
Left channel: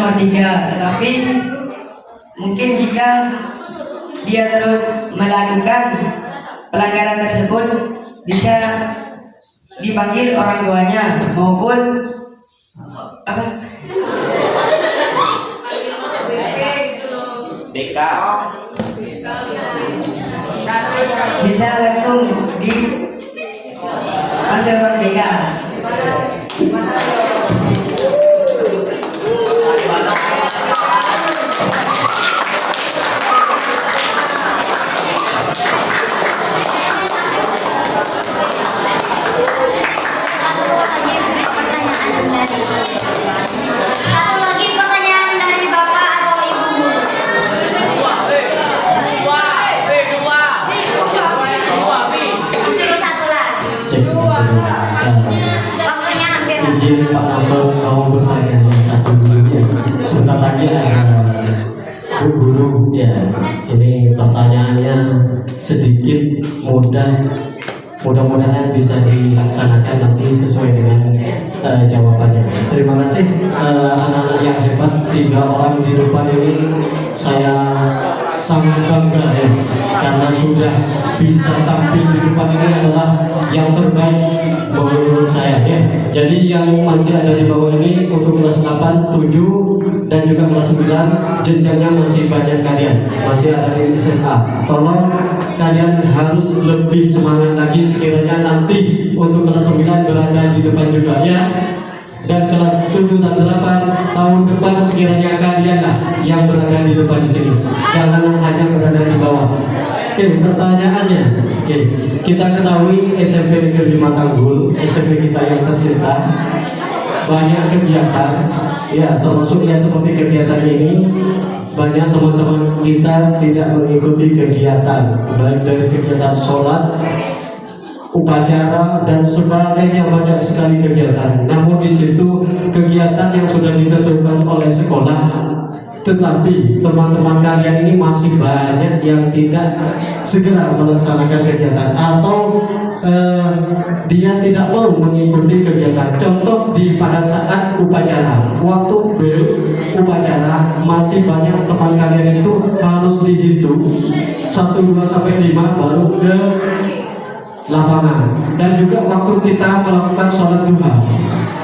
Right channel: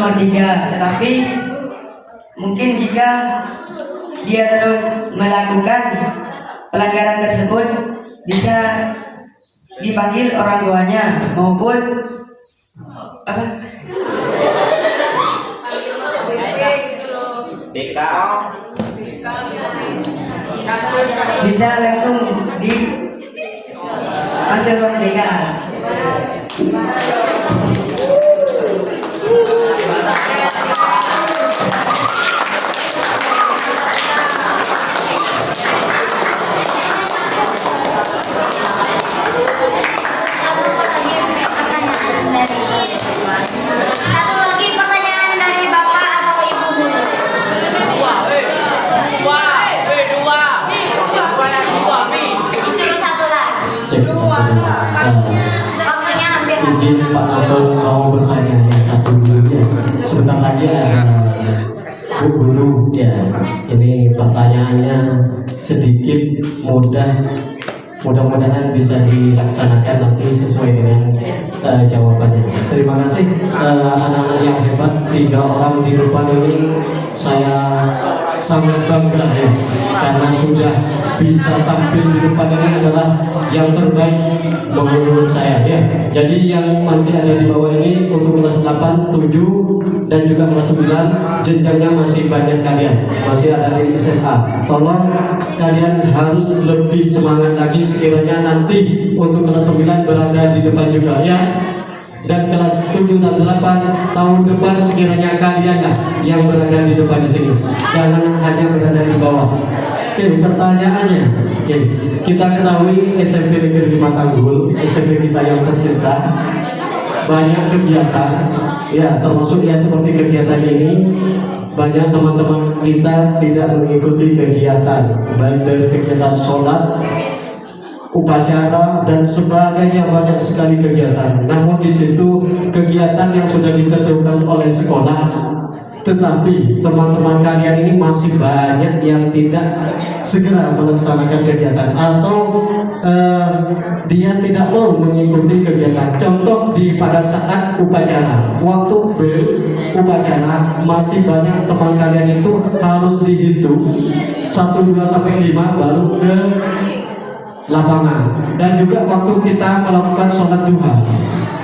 nomor 3. Tetapi mungkin jika dia terus melakukan pelanggaran tersebut bisa dipanggil orang tuanya maupun apa? BK. Bisa langsung di masuk BK. Satu lagi pertanyaan dari Bapak atau Ibu guru. Disuruh satu lagi. Waktunya hampir habis. Izin Pak Noto mau bertanya yang satu dulu ya. Sebentar aja Bu Guru ya. Ini pertanyaannya sedikit mudah. Mudah-mudahan bisa dilaksanakan nanti sesuai dengan jawabannya. Terima kasih anak-anak yang hebat. 3 orang di depan ini saya sangat bangga ya, karena sudah bisa tampil di depan ini adalah yang terbaik menurut saya ya. Jadi yang masih ada di bawah ini untuk kelas 8, 7 dan juga kelas 9 jenjangnya masih banyak kalian, masih ada di SMA. Tolong kalian harus lebih semangat lagi sekiranya nanti untuk kelas 9 berada di depan juga ya. Dan kelas 7 dan 8 tahun depan sekiranya kalian lah yang berada di depan di sini. Jangan hanya berada di bawah. Oke, pertanyaannya. Oke, kita ketahui SMP Negeri 5 Tanggul, SMP kita yang tercinta, banyak kegiatan. Ya, termasuk ya seperti kegiatan ini. Banyak teman-teman kita tidak mengikuti kegiatan, baik dari kegiatan sholat, upacara dan sebagainya, banyak sekali kegiatan. Namun di situ kegiatan yang sudah ditentukan oleh sekolah, tetapi teman-teman kalian ini masih banyak yang tidak segera melaksanakan kegiatan atau dia tidak mau mengikuti kegiatan. Contoh pada saat upacara, waktu bel upacara masih banyak teman kalian itu harus dihitung 1, 2 sampai 5 baru ke lapangan. Dan juga waktu kita melakukan sholat duha,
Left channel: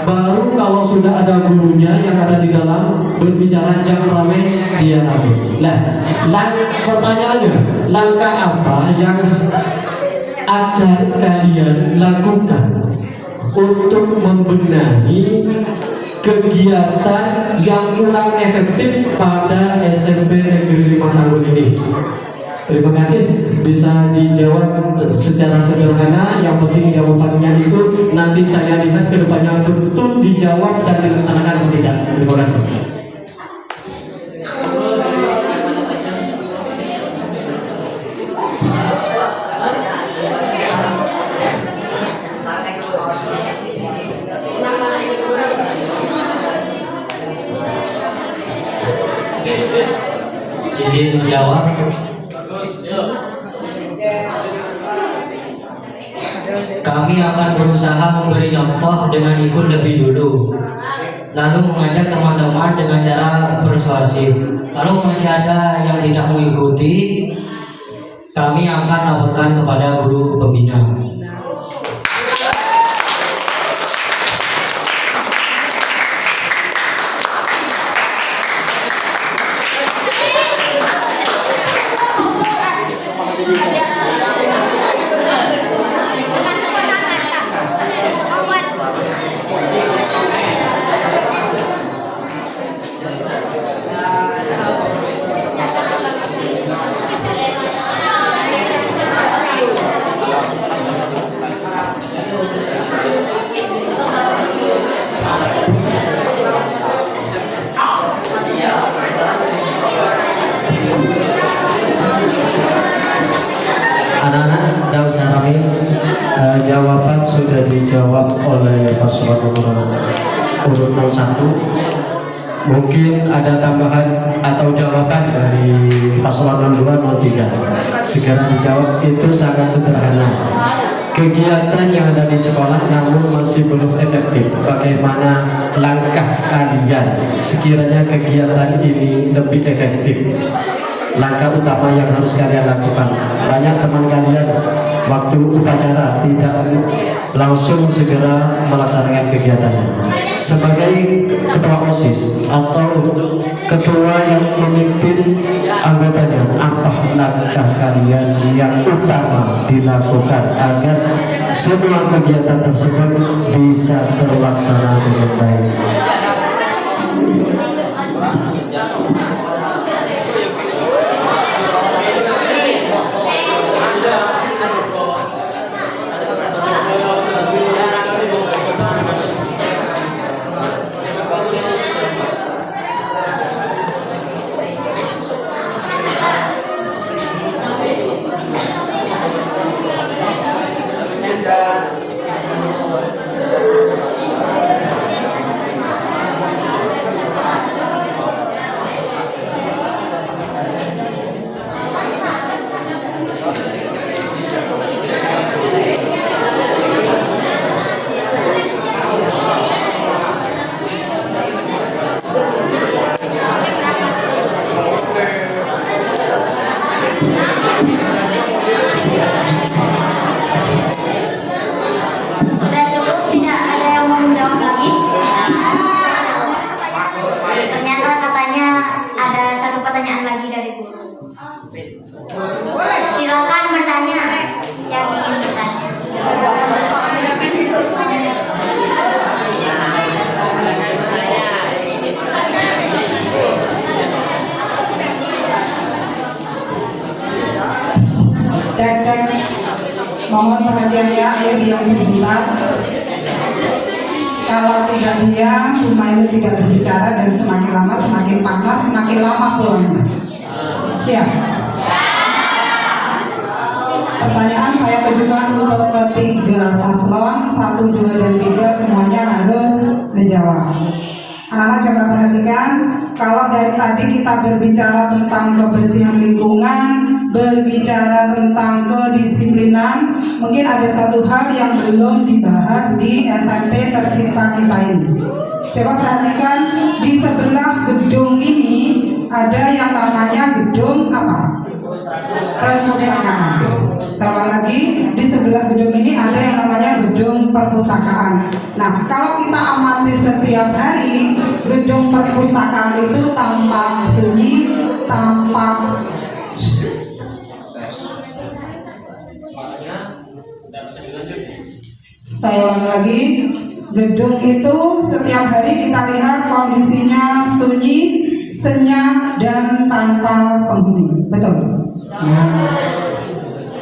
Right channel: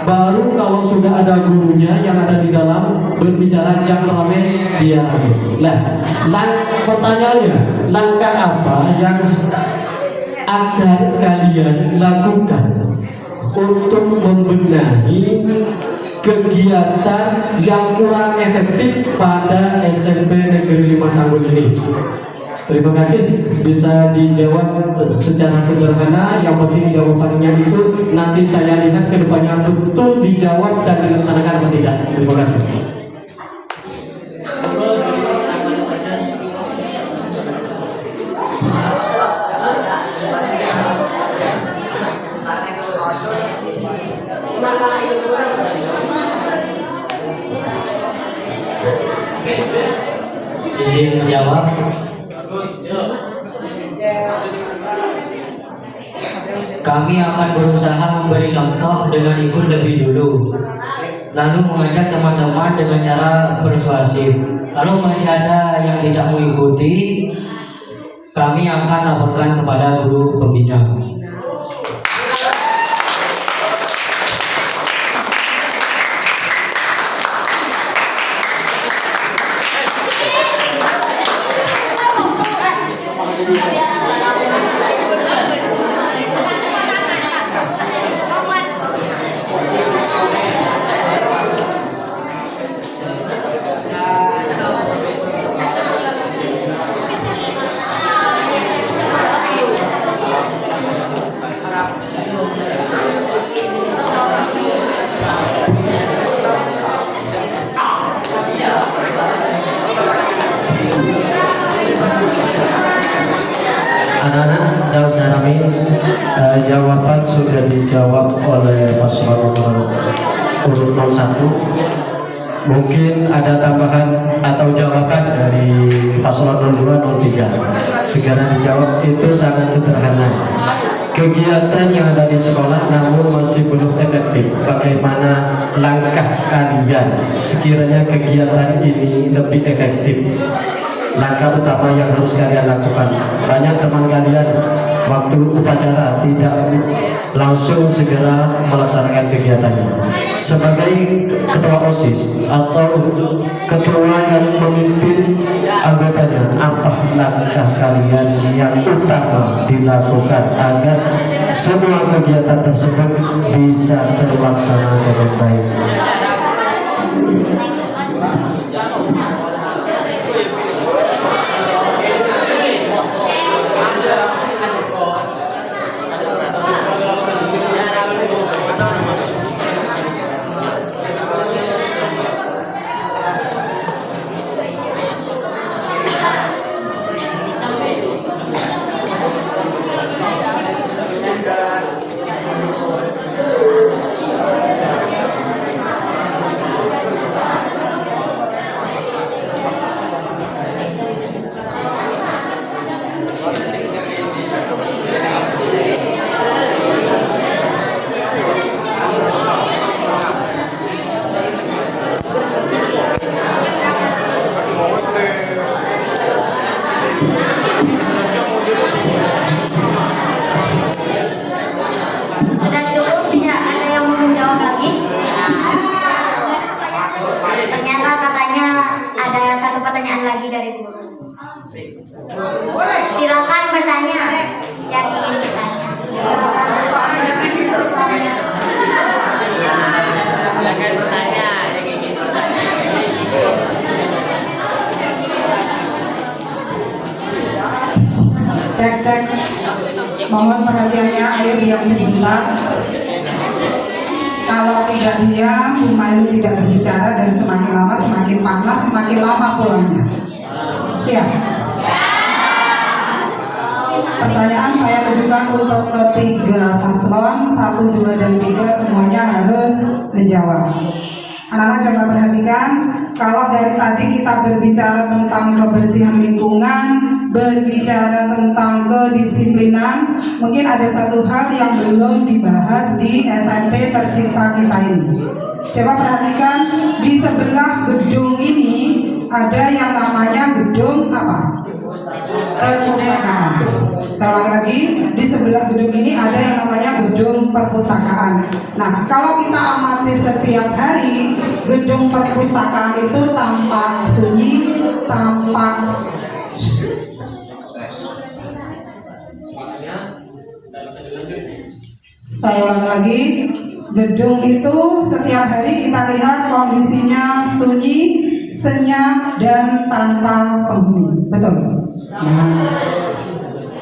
baru kalau sudah ada gurunya yang ada di dalam berbicara jangan ramai dia rame. Nah, pertanyaannya, langkah apa yang akan kalian lakukan untuk membenahi kegiatan yang kurang efektif pada SMP Negeri 5 Tanggul ini? Terima kasih, bisa dijawab secara sederhana. Yang penting jawabannya itu nanti saya lihat ke depannya betul dijawab dan dilaksanakan atau tidak. Terima kasih. Izin menjawab. Kami akan berusaha memberi contoh dengan ikut lebih dulu, lalu mengajak teman-teman dengan cara persuasif. Kalau masih ada yang tidak mengikuti, kami akan laporkan kepada guru pembina. Anak-anak, tidak usah rame. Jawaban sudah dijawab oleh paslon nomor urut 01. Mungkin ada tambahan atau jawaban dari paslon 02, 03. Segera dijawab, itu sangat sederhana. kegiatan yang ada di sekolah namun masih belum efektif. Bagaimana langkah kalian sekiranya kegiatan ini lebih efektif? Langkah utama yang harus kalian lakukan. Banyak teman kalian waktu upacara tidak langsung segera melaksanakan kegiatannya. Sebagai ketua OSIS atau ketua yang memimpin anggotanya, apa langkah kalian yang utama dilakukan agar semua kegiatan tersebut bisa terlaksana dengan baik? Sudah cukup, tidak ada yang mau menjawab lagi. Ternyata katanya ada satu pertanyaan lagi dari guru. Silakan bertanya yang ingin bertanya. Cek, mohon perhatiannya, ayo diam sebentar. Kalau tidak diam, Humayun tidak berbicara dan semakin lama semakin panas, semakin lama pulangnya. Siap? Pertanyaan saya tujukan untuk ketiga paslon 1, 2, dan 3 semuanya harus menjawab. Anak-anak coba perhatikan, kalau dari tadi kita berbicara tentang kebersihan lingkungan, berbicara tentang kedisiplinan, mungkin ada satu hal yang belum dibahas di SMP tercinta kita ini. Coba perhatikan, di sebelah gedung ini ada yang namanya gedung apa? Perpustakaan. Saya ulangi lagi, di sebelah gedung ini ada yang namanya gedung perpustakaan. Nah, kalau kita amati setiap hari, gedung perpustakaan itu tampak sunyi, tampak saya ulangi lagi, gedung itu setiap hari kita lihat kondisinya sunyi, senyap, dan tanpa penghuni. Betul?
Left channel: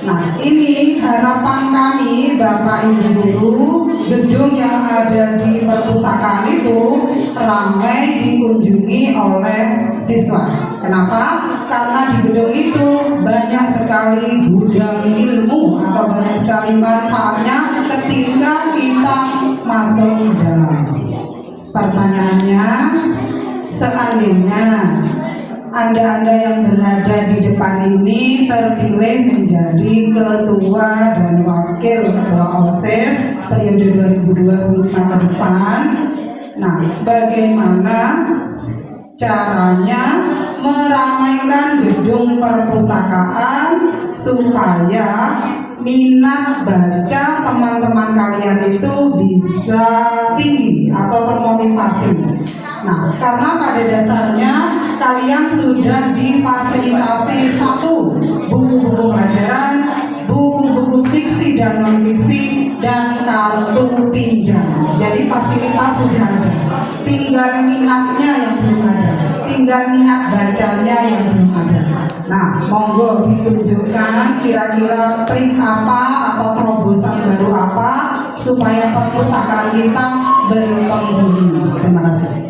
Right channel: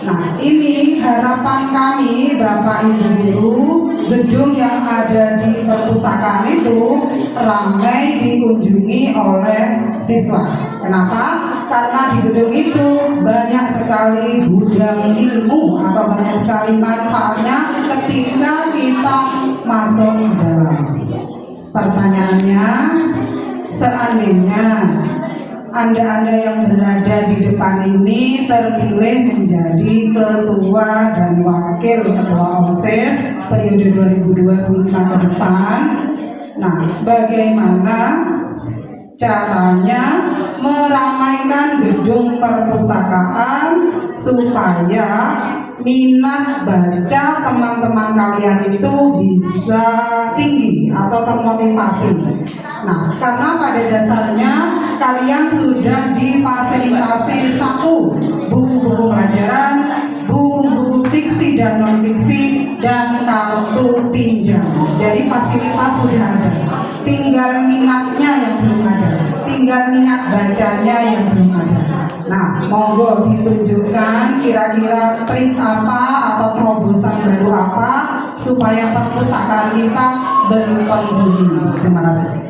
Nah, ini harapan kami Bapak Ibu Guru, gedung yang ada di perpustakaan itu ramai dikunjungi oleh siswa. Kenapa? Karena di gedung itu banyak sekali gudang ilmu atau banyak sekali manfaatnya ketika kita masuk ke dalam. Pertanyaannya, seandainya Anda yang berada di depan ini terpilih menjadi ketua dan wakil ketua OSIS periode 2025 ke depan. Nah, bagaimana caranya meramaikan gedung perpustakaan supaya minat baca teman-teman kalian itu bisa tinggi atau termotivasi? Nah, karena pada dasarnya kalian sudah difasilitasi satu, buku-buku pelajaran, buku-buku fiksi dan non-fiksi, dan kartu pinjam. Jadi fasilitas sudah ada, tinggal minatnya yang belum ada, tinggal niat bacanya yang belum ada. Nah, monggo ditunjukkan kira-kira trik apa atau terobosan baru apa supaya perpustakaan kita berpenghuni. Terima kasih.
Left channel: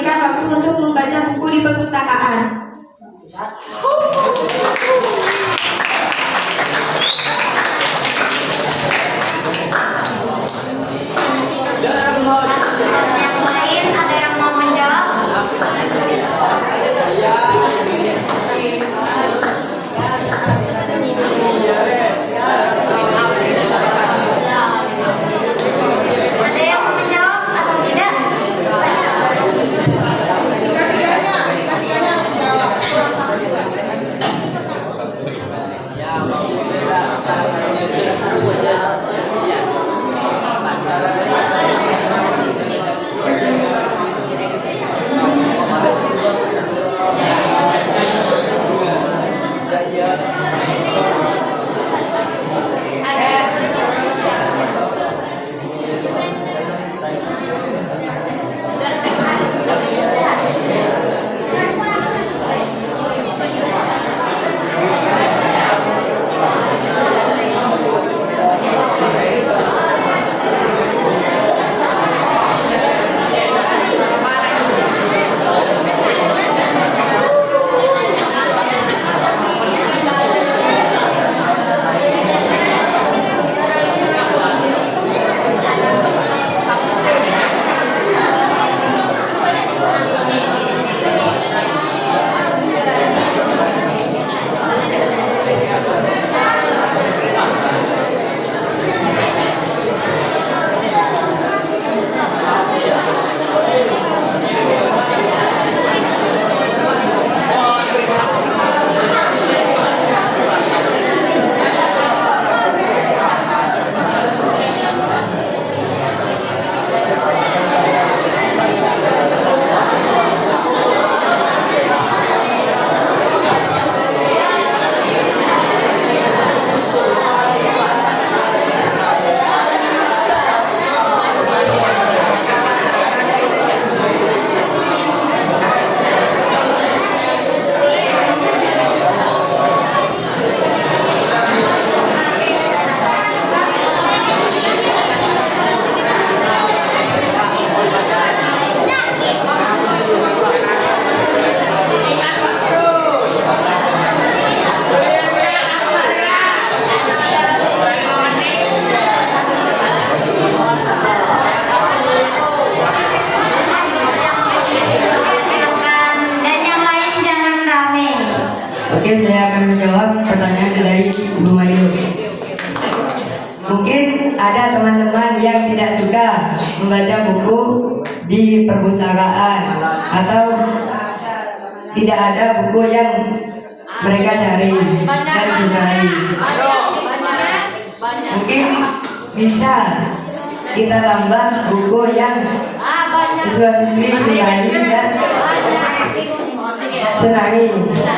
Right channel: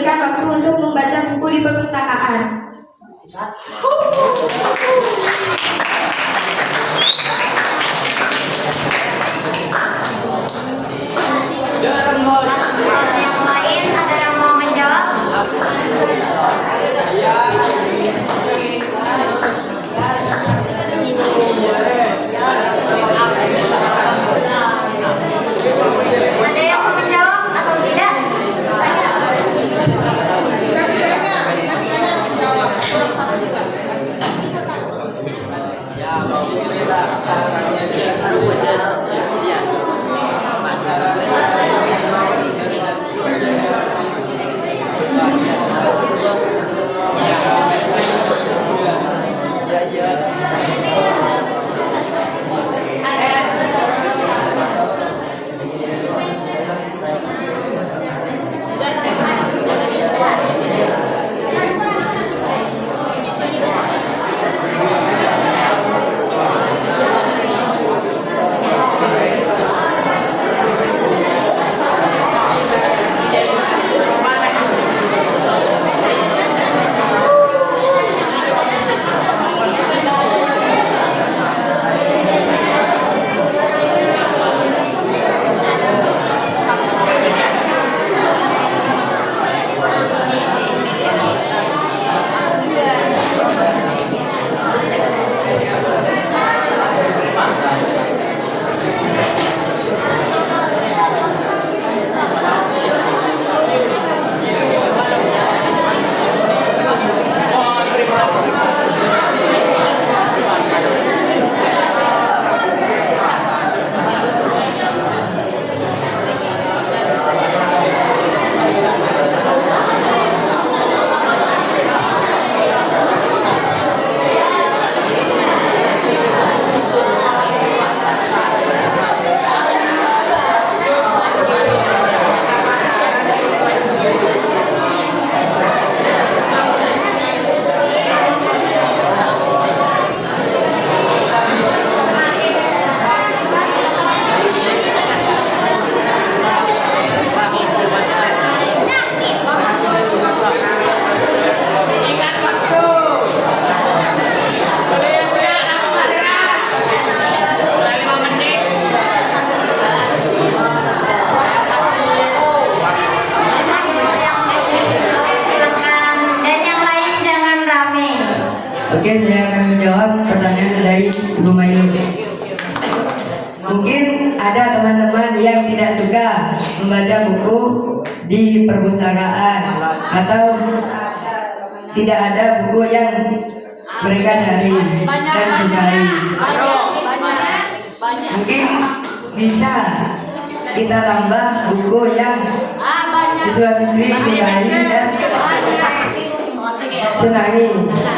memberikan waktu untuk membaca buku di perpustakaan. Yang lain ada yang mau menjawab? Ada yang mau menjawab atau tidak? Tiga-tiganya menjawab. Satu juga. Oke, saya akan menjawab pertanyaan dari Ibu Mailu. Mungkin ada teman-teman yang tidak suka membaca buku di perpustakaan atau tidak ada buku yang mereka cari dan sukai. Mungkin bisa kita tambah buku yang siswa-siswi sukai dan senangi.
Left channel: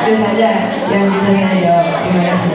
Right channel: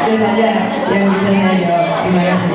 Itu saja yang bisa saya jawab. Terima kasih.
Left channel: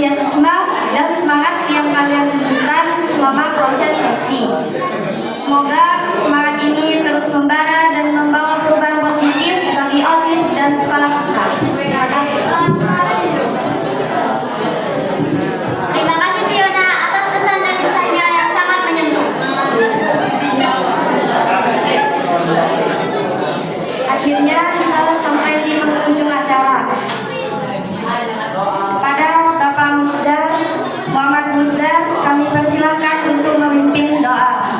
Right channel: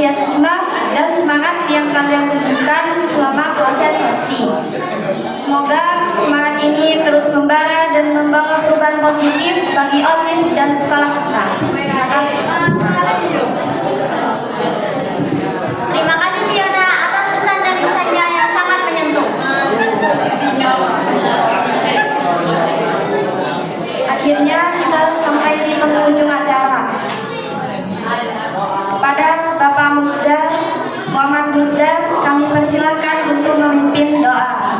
antusiasme dan semangat yang kalian tunjukkan selama proses seleksi. Semoga semangat ini terus membara dan membawa perubahan positif bagi OSIS dan sekolah kita. Terima kasih. Terima kasih Fiona atas kesan dan kesannya yang sangat menyentuh. Akhirnya kita sampai di penghujung acara. Pada Bapak Musda, Muhammad Musda, kami persilahkan untuk memimpin doa.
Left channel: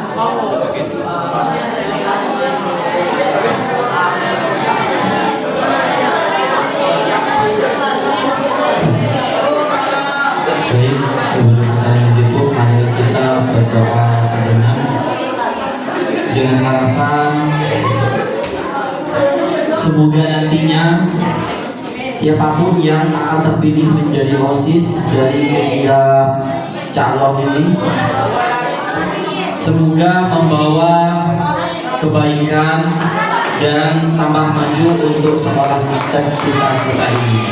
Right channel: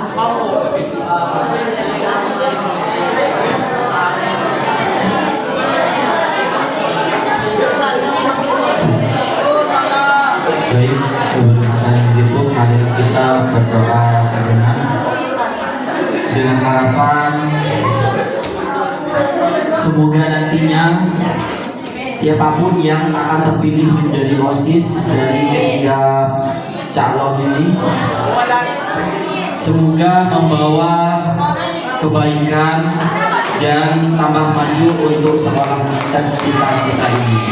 Baik, sebelum kita menutup, mari kita berdoa sejenak dengan harapan semoga nantinya siapapun yang akan terpilih menjadi OSIS dari ketiga calon ini, semoga membawa kebaikan dan tambah maju untuk sekolah dan kita ini.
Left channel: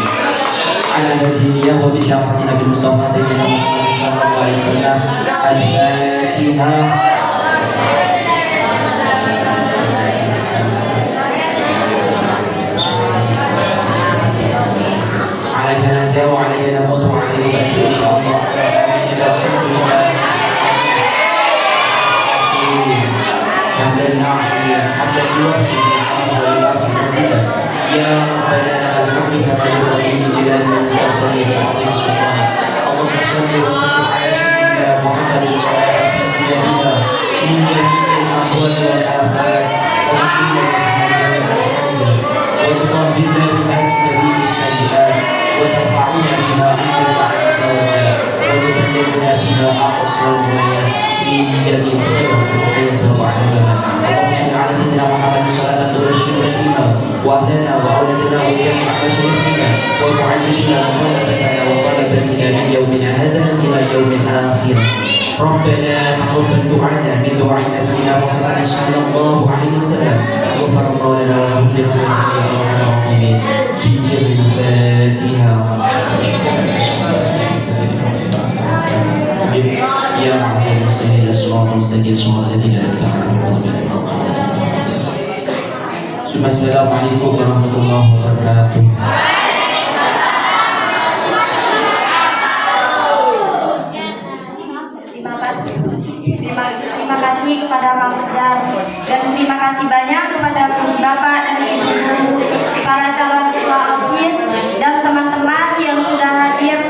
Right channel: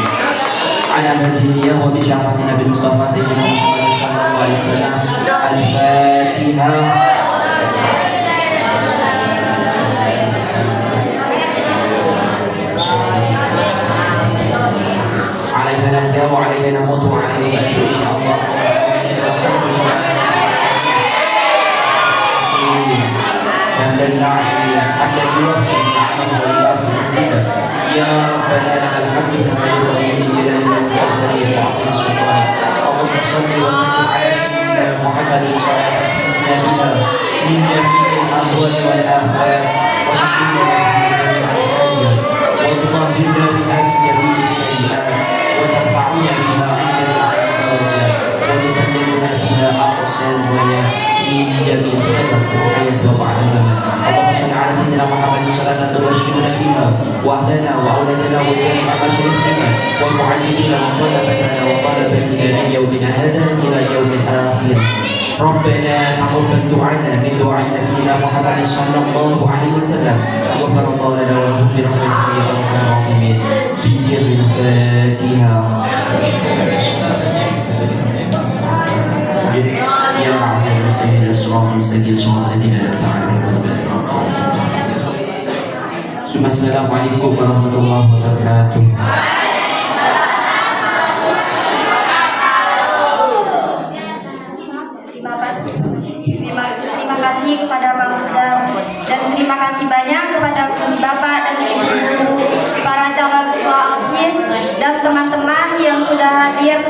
Ala nabiyina wa bi syafa'ati Nabi Mustafa Sayyidina Muhammad sallallahu alaihi wasallam. Al-Fatihah. Alaina nahda wa alaina namutu wa alaina nub'athu insyaallah. Ya Rabbana lakal hamdu wa min jalali Allahumma shalli wa sallim ala sayyidina Muhammadin sallallahu alaihi wa sallam min jami'il ahwal wal afat wa tuqaddimna bi hadhihi as-sayyi'at wa tarfa'una biha 'inda wa tuqaddimna biha aqsal min jami'il khairat wa ta'ala. Allahumma shalli ala sayyidina Muhammadin sallallahu alaihi wa sallam وأهلنا وأولادنا وجميع مشايخنا ومعلمينا وطلبتنا وطلبتنا من يومنا هذا إلى يوم الآخر. ربنا تقبل دعانا من دعاء نبينا محمد صلى الله عليه وسلم غفر الله لنا ولكم برحمته يا الراحمين. بسر الفاتحة. يا معشر المسلمين الصراط المستقيم صراط الذين أنعمت عليهم. Assalamualaikum warahmatullahi wabarakatuh. Terima kasih kepada Pak Musda dan terima kasih banyak kepada Bapak dan Ibu, para calon ketua OSIS dan teman-teman yang sudah hadir